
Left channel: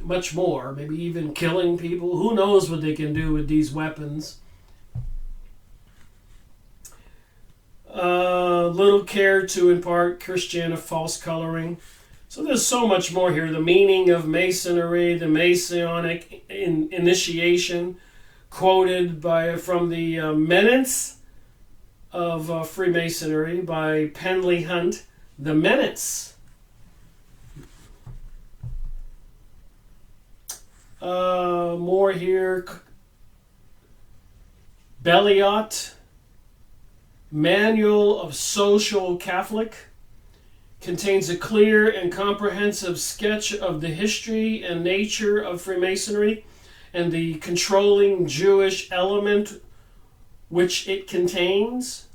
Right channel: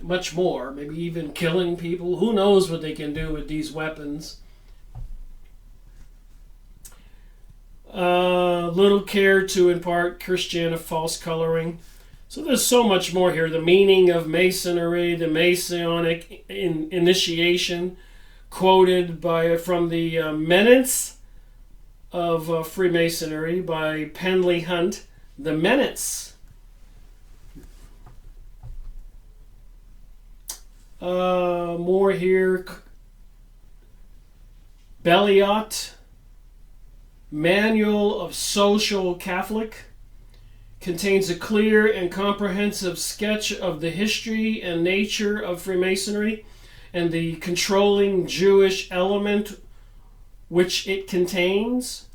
much more, maybe even killing people. Who knows what they can do with these weapons. Little care to impart Christian false coloring. So there's so much more here. The meaning of Masonry, the Masonic initiation, quoted from the Menace of Freemasonry by Penley Hunt. The Menace. More here. Belliot, Manual of Social Catholic, contains a clear and comprehensive sketch of the history and nature of Freemasonry and the controlling Jewish element which it contains.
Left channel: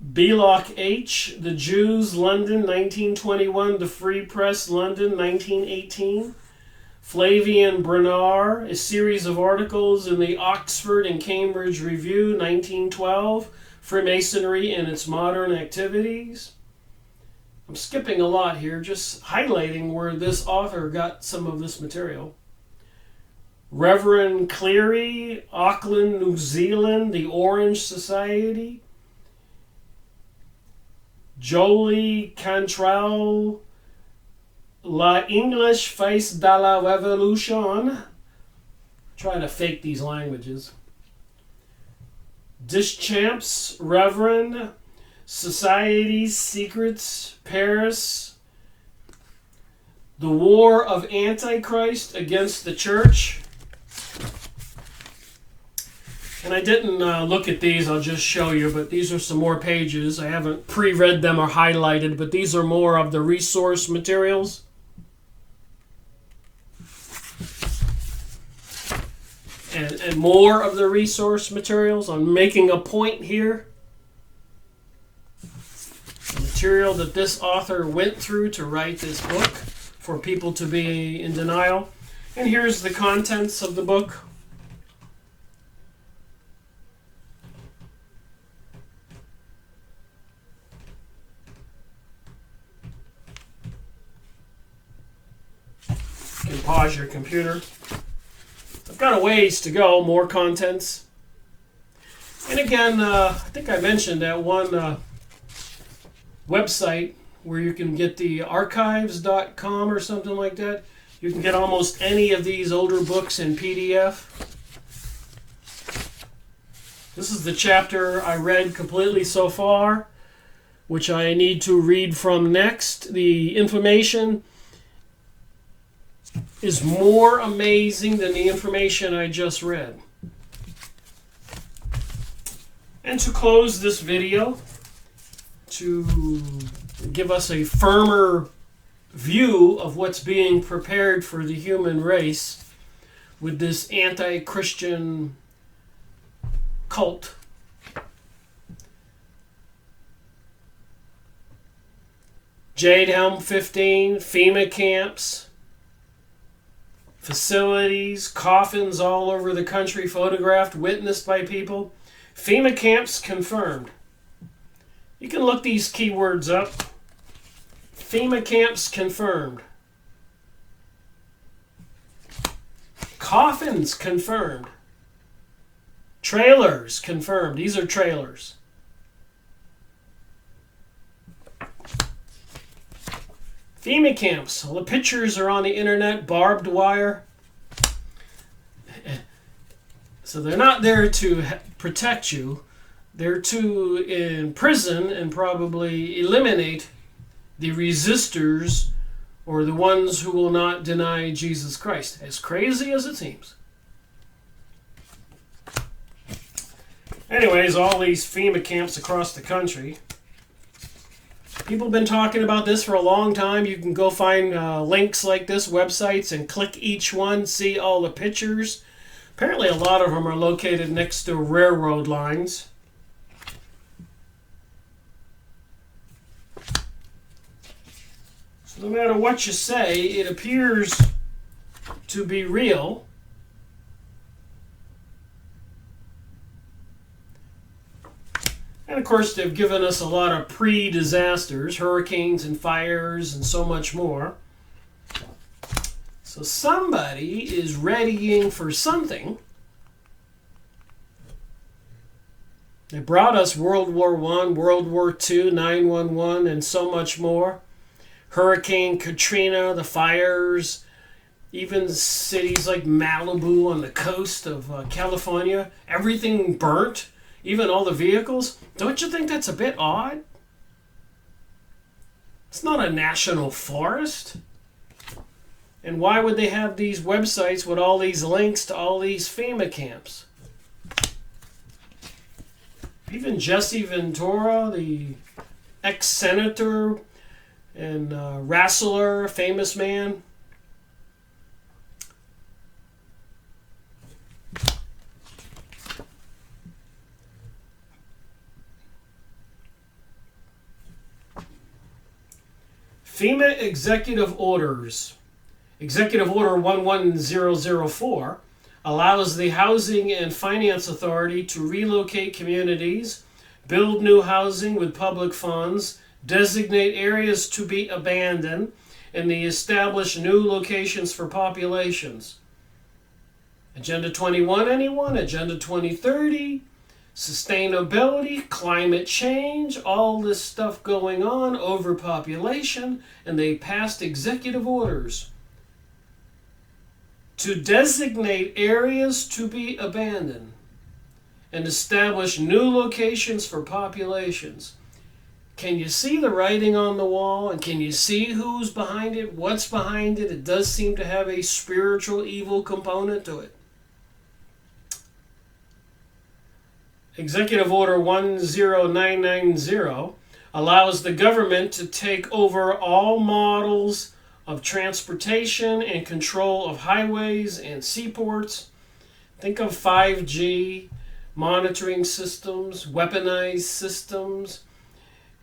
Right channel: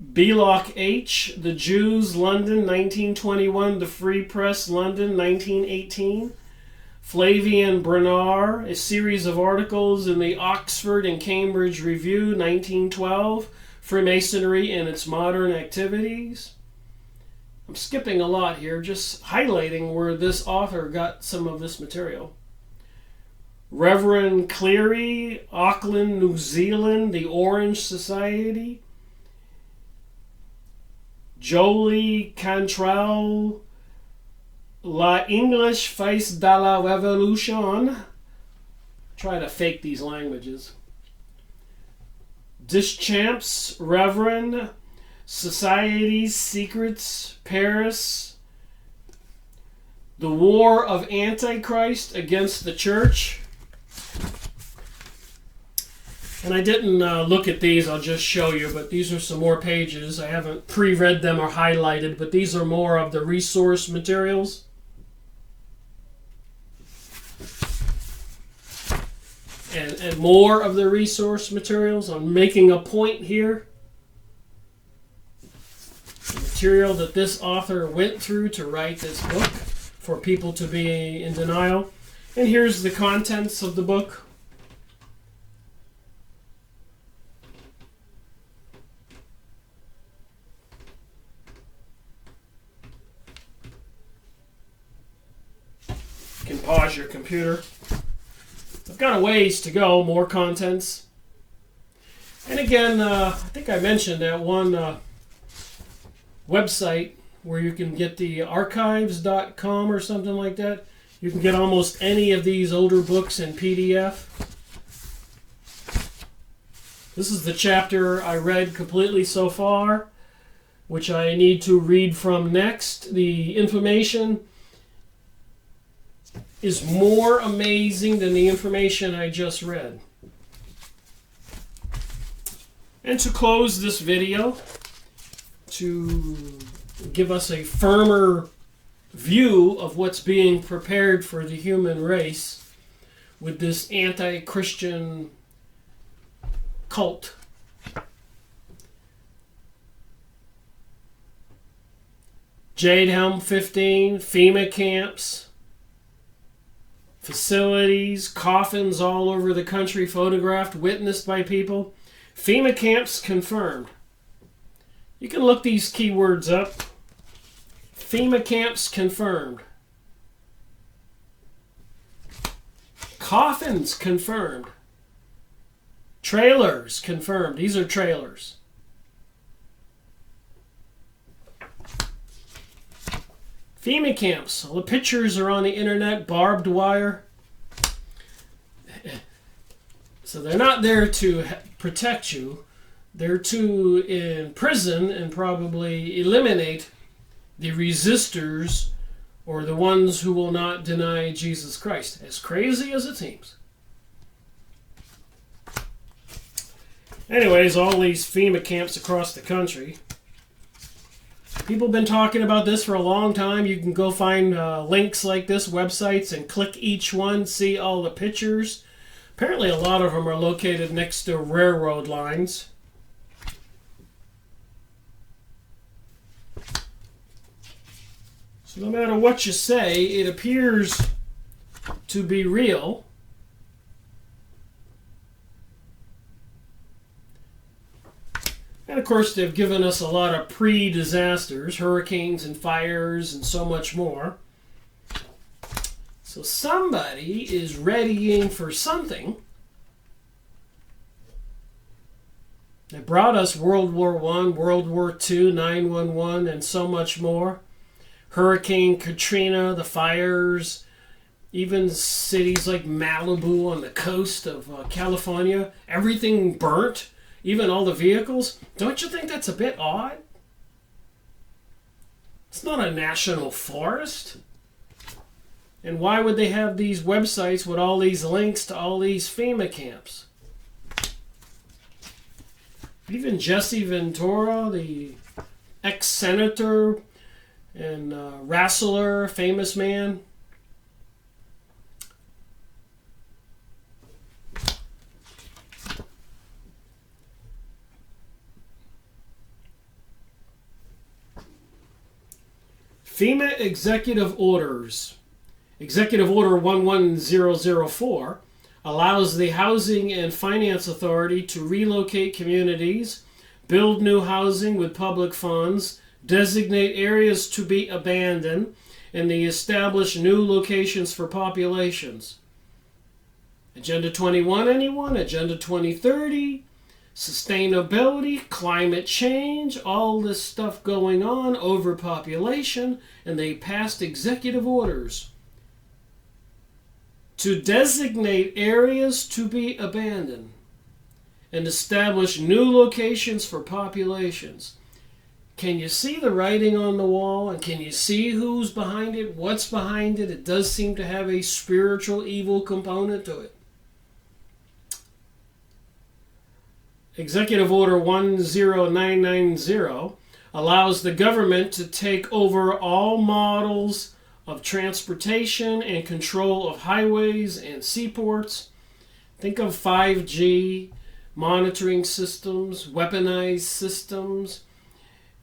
Belloc H., The Jews, London, 1921, The Free Press, London, 1918. Flavian Bernard, a series of articles in the Oxford and Cambridge Review, 1912, Freemasonry and Its Modern Activities. I'm skipping a lot here, just highlighting where this author got some of this material. Reverend Cleary, Auckland, New Zealand, The Orange Society. Jolie Cantrell, La English Face de la Revolution. Try to fake these languages. Deschamps, Reverend, Society's Secrets, Paris. The War of Antichrist Against the Church. And I didn't look at these, I'll just show you, but these are some more pages. I haven't pre-read them or highlighted, but these are more of the resource materials. And more of the resource materials. I'm making a point here. The material that this author went through to write this book for people to be in denial. And here's the contents of the book. You can pause your computer. I've got a ways to go, more contents. And again, I think I mentioned that one website where you can get the archives.com or something like that. You can get almost any of these older books in PDF. This is the chapter I read completely so far, which I need to read from next. The information is more amazing than the information I just read. And to close this video, to give us a firmer view of what's being prepared for the human race with this anti-Christian cult. Jade Helm 15, FEMA camps, facilities, coffins all over the country photographed, witnessed by people. FEMA camps confirmed. You can look these keywords up. FEMA camps confirmed. Coffins confirmed. Trailers confirmed. These are trailers. FEMA camps. All the pictures are on the internet. Barbed wire. So they're not there to protect you. They're to imprison and probably eliminate the resistors or the ones who will not deny Jesus Christ. As crazy as it seems. Anyways, all these FEMA camps across the country. People have been talking about this for a long time. You can go find links like this, websites, and click each one, see all the pictures. Apparently a lot of them are located next to railroad lines. So no matter what you say, it appears to be real. And of course, they've given us a lot of pre-disasters, hurricanes and fires and so much more. So somebody is readying for something. They brought us World War I, World War II, 9/11, and so much more. Hurricane Katrina, the fires, even cities like Malibu on the coast of California, everything burnt, even all the vehicles. Don't you think that's a bit odd? It's not a national forest. And why would they have these websites with all these links to all these FEMA camps? Even Jesse Ventura, the ex-senator and wrestler, famous man, FEMA executive orders. Executive Order 11004 allows the Housing and Finance Authority to relocate communities, build new housing with public funds, designate areas to be abandoned, and they establish new locations for populations. Agenda 21, anyone? Agenda 2030, sustainability, climate change, all this stuff going on, overpopulation, and they passed executive orders to designate areas to be abandoned and establish new locations for populations. Can you see the writing on the wall? And can you see who's behind it? What's behind it? It does seem to have a spiritual evil component to it. Executive Order 10990 allows the government to take over all models of transportation and control of highways and seaports. Think of 5G, monitoring systems, weaponized systems,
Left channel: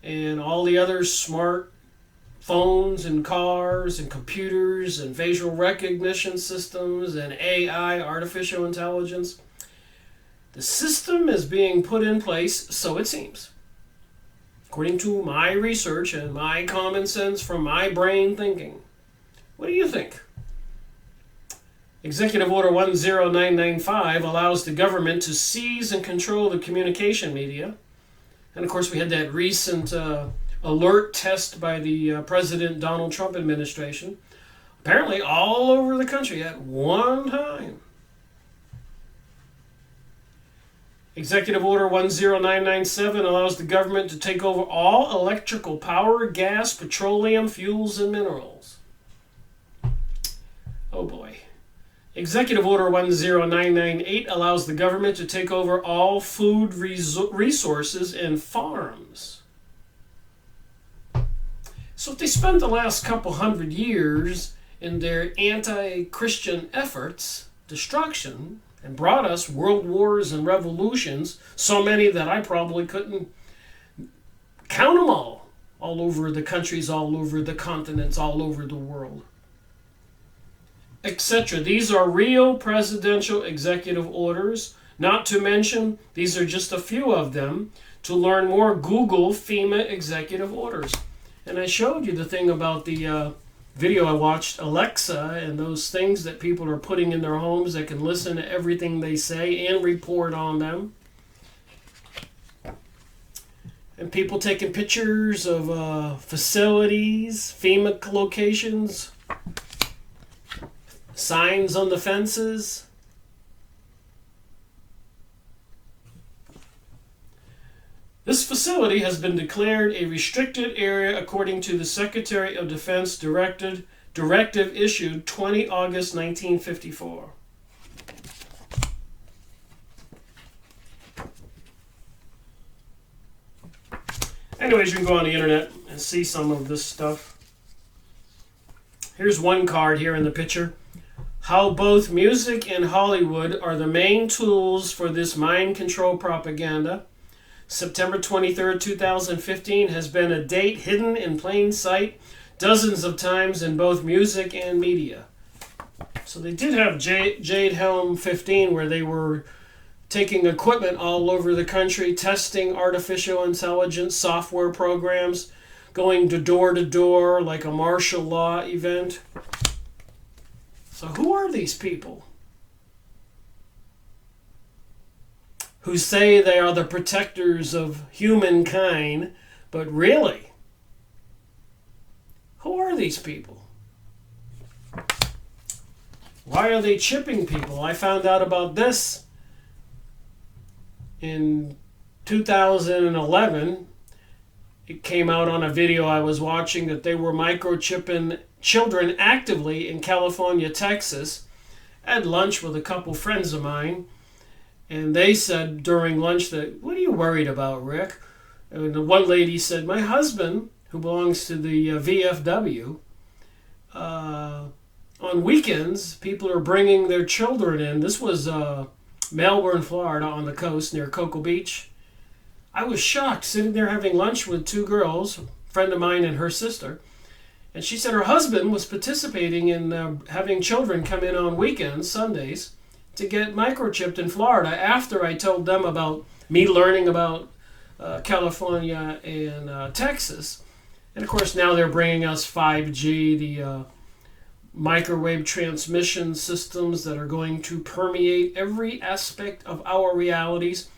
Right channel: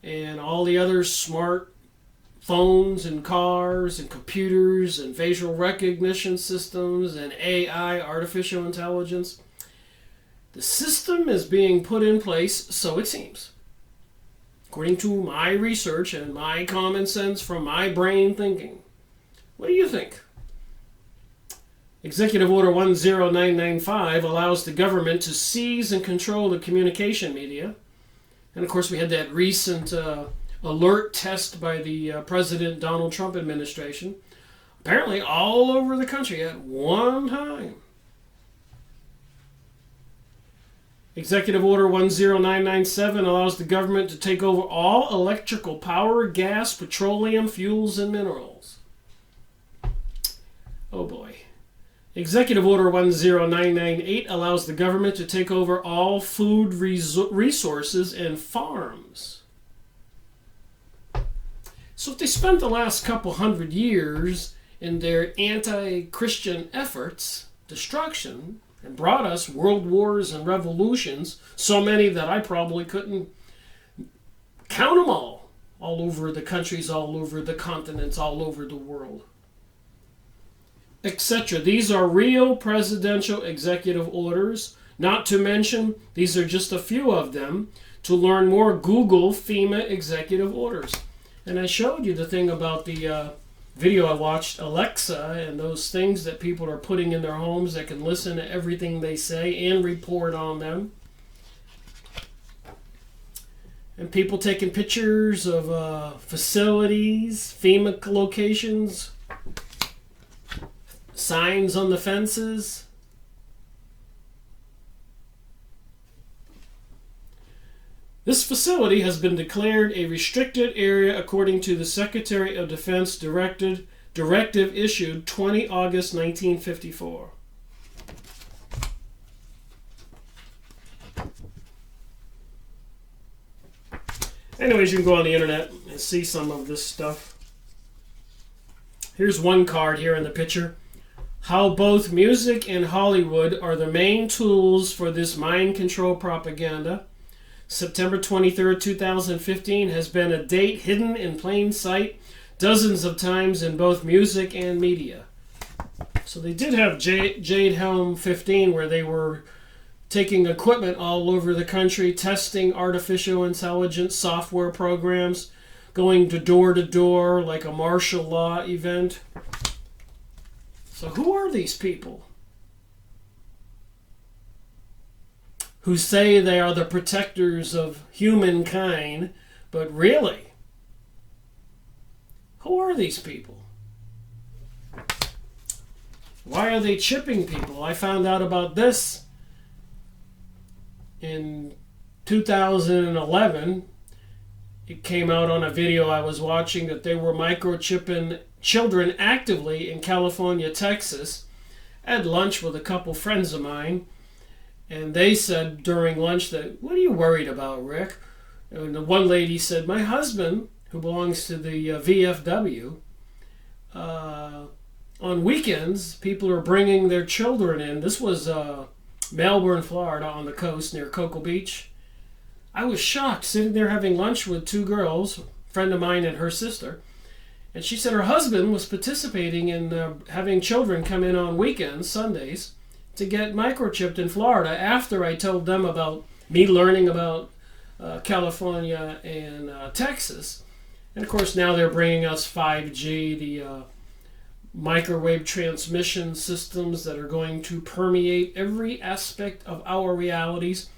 and all the other smart phones and cars and computers and facial recognition systems and AI, artificial intelligence. The system is being put in place, so it seems, according to my research and my common sense from my brain thinking. What do you think? Executive Order 10995 allows the government to seize and control the communication media. And of course, we had that recent alert test by the President Donald Trump administration, apparently all over the country at one time. Executive Order 10997 allows the government to take over all electrical power, gas, petroleum, fuels, and minerals. Oh boy. Executive Order 10998 allows the government to take over all food resources and farms. So if they spent the last couple hundred years in their anti-Christian efforts, destruction, and brought us world wars and revolutions, so many that I probably couldn't count them all over the countries, all over the continents, all over the world, etc. These are real presidential executive orders. Not to mention, these are just a few of them. To learn more, Google FEMA executive orders. And I showed you the thing about the video I watched, Alexa, and those things that people are putting in their homes that can listen to everything they say and report on them. And people taking pictures of facilities, FEMA locations, signs on the fences. This facility has been declared a restricted area according to the Secretary of Defense directive issued 20 August 1954. Anyways, you can go on the internet and see some of this stuff. Here's one card here in the picture. How both music and Hollywood are the main tools for this mind control propaganda. September 23rd, 2015 has been a date hidden in plain sight dozens of times in both music and media. So they did have Jade Helm 15 where they were taking equipment all over the country, testing artificial intelligence software programs, going to door like a martial law event. So who are these people who say they are the protectors of humankind, but really, who are these people? Why are they chipping people? I found out about this in 2011. It came out on a video I was watching that they were microchipping children actively in California, Texas. I had lunch with a couple friends of mine, and they said during lunch that, "What are you worried about, Rick?" And the one lady said, "My husband, who belongs to the VFW, on weekends, people are bringing their children in." This was Melbourne, Florida, on the coast near Cocoa Beach. I was shocked, sitting there having lunch with two girls, a friend of mine and her sister, And she said her husband was participating in having children come in on weekends, Sundays, to get microchipped in Florida after I told them about me learning about California and Texas. And of course now they're bringing us 5G, the microwave transmission systems that are going to permeate every aspect of our realities.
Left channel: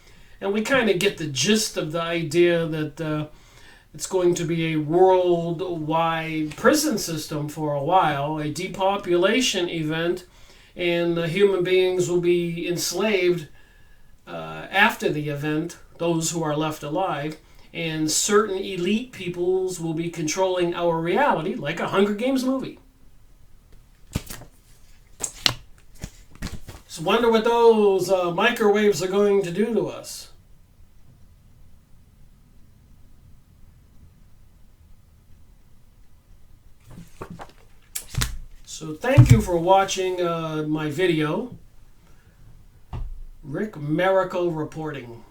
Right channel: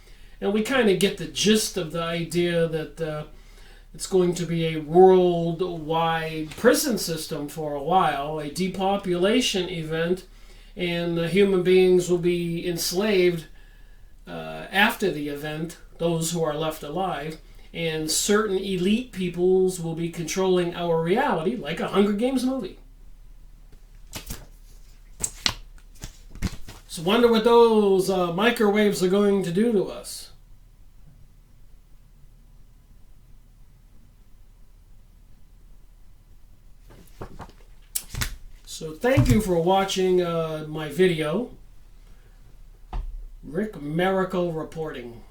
And we kind of get the gist of the idea that it's going to be a worldwide prison system for a while, a depopulation event, and human beings will be enslaved after the event, those who are left alive, and certain elite peoples will be controlling our reality like a Hunger Games movie. So wonder what those microwaves are going to do to us. So thank you for watching my video. Rick Miracle reporting.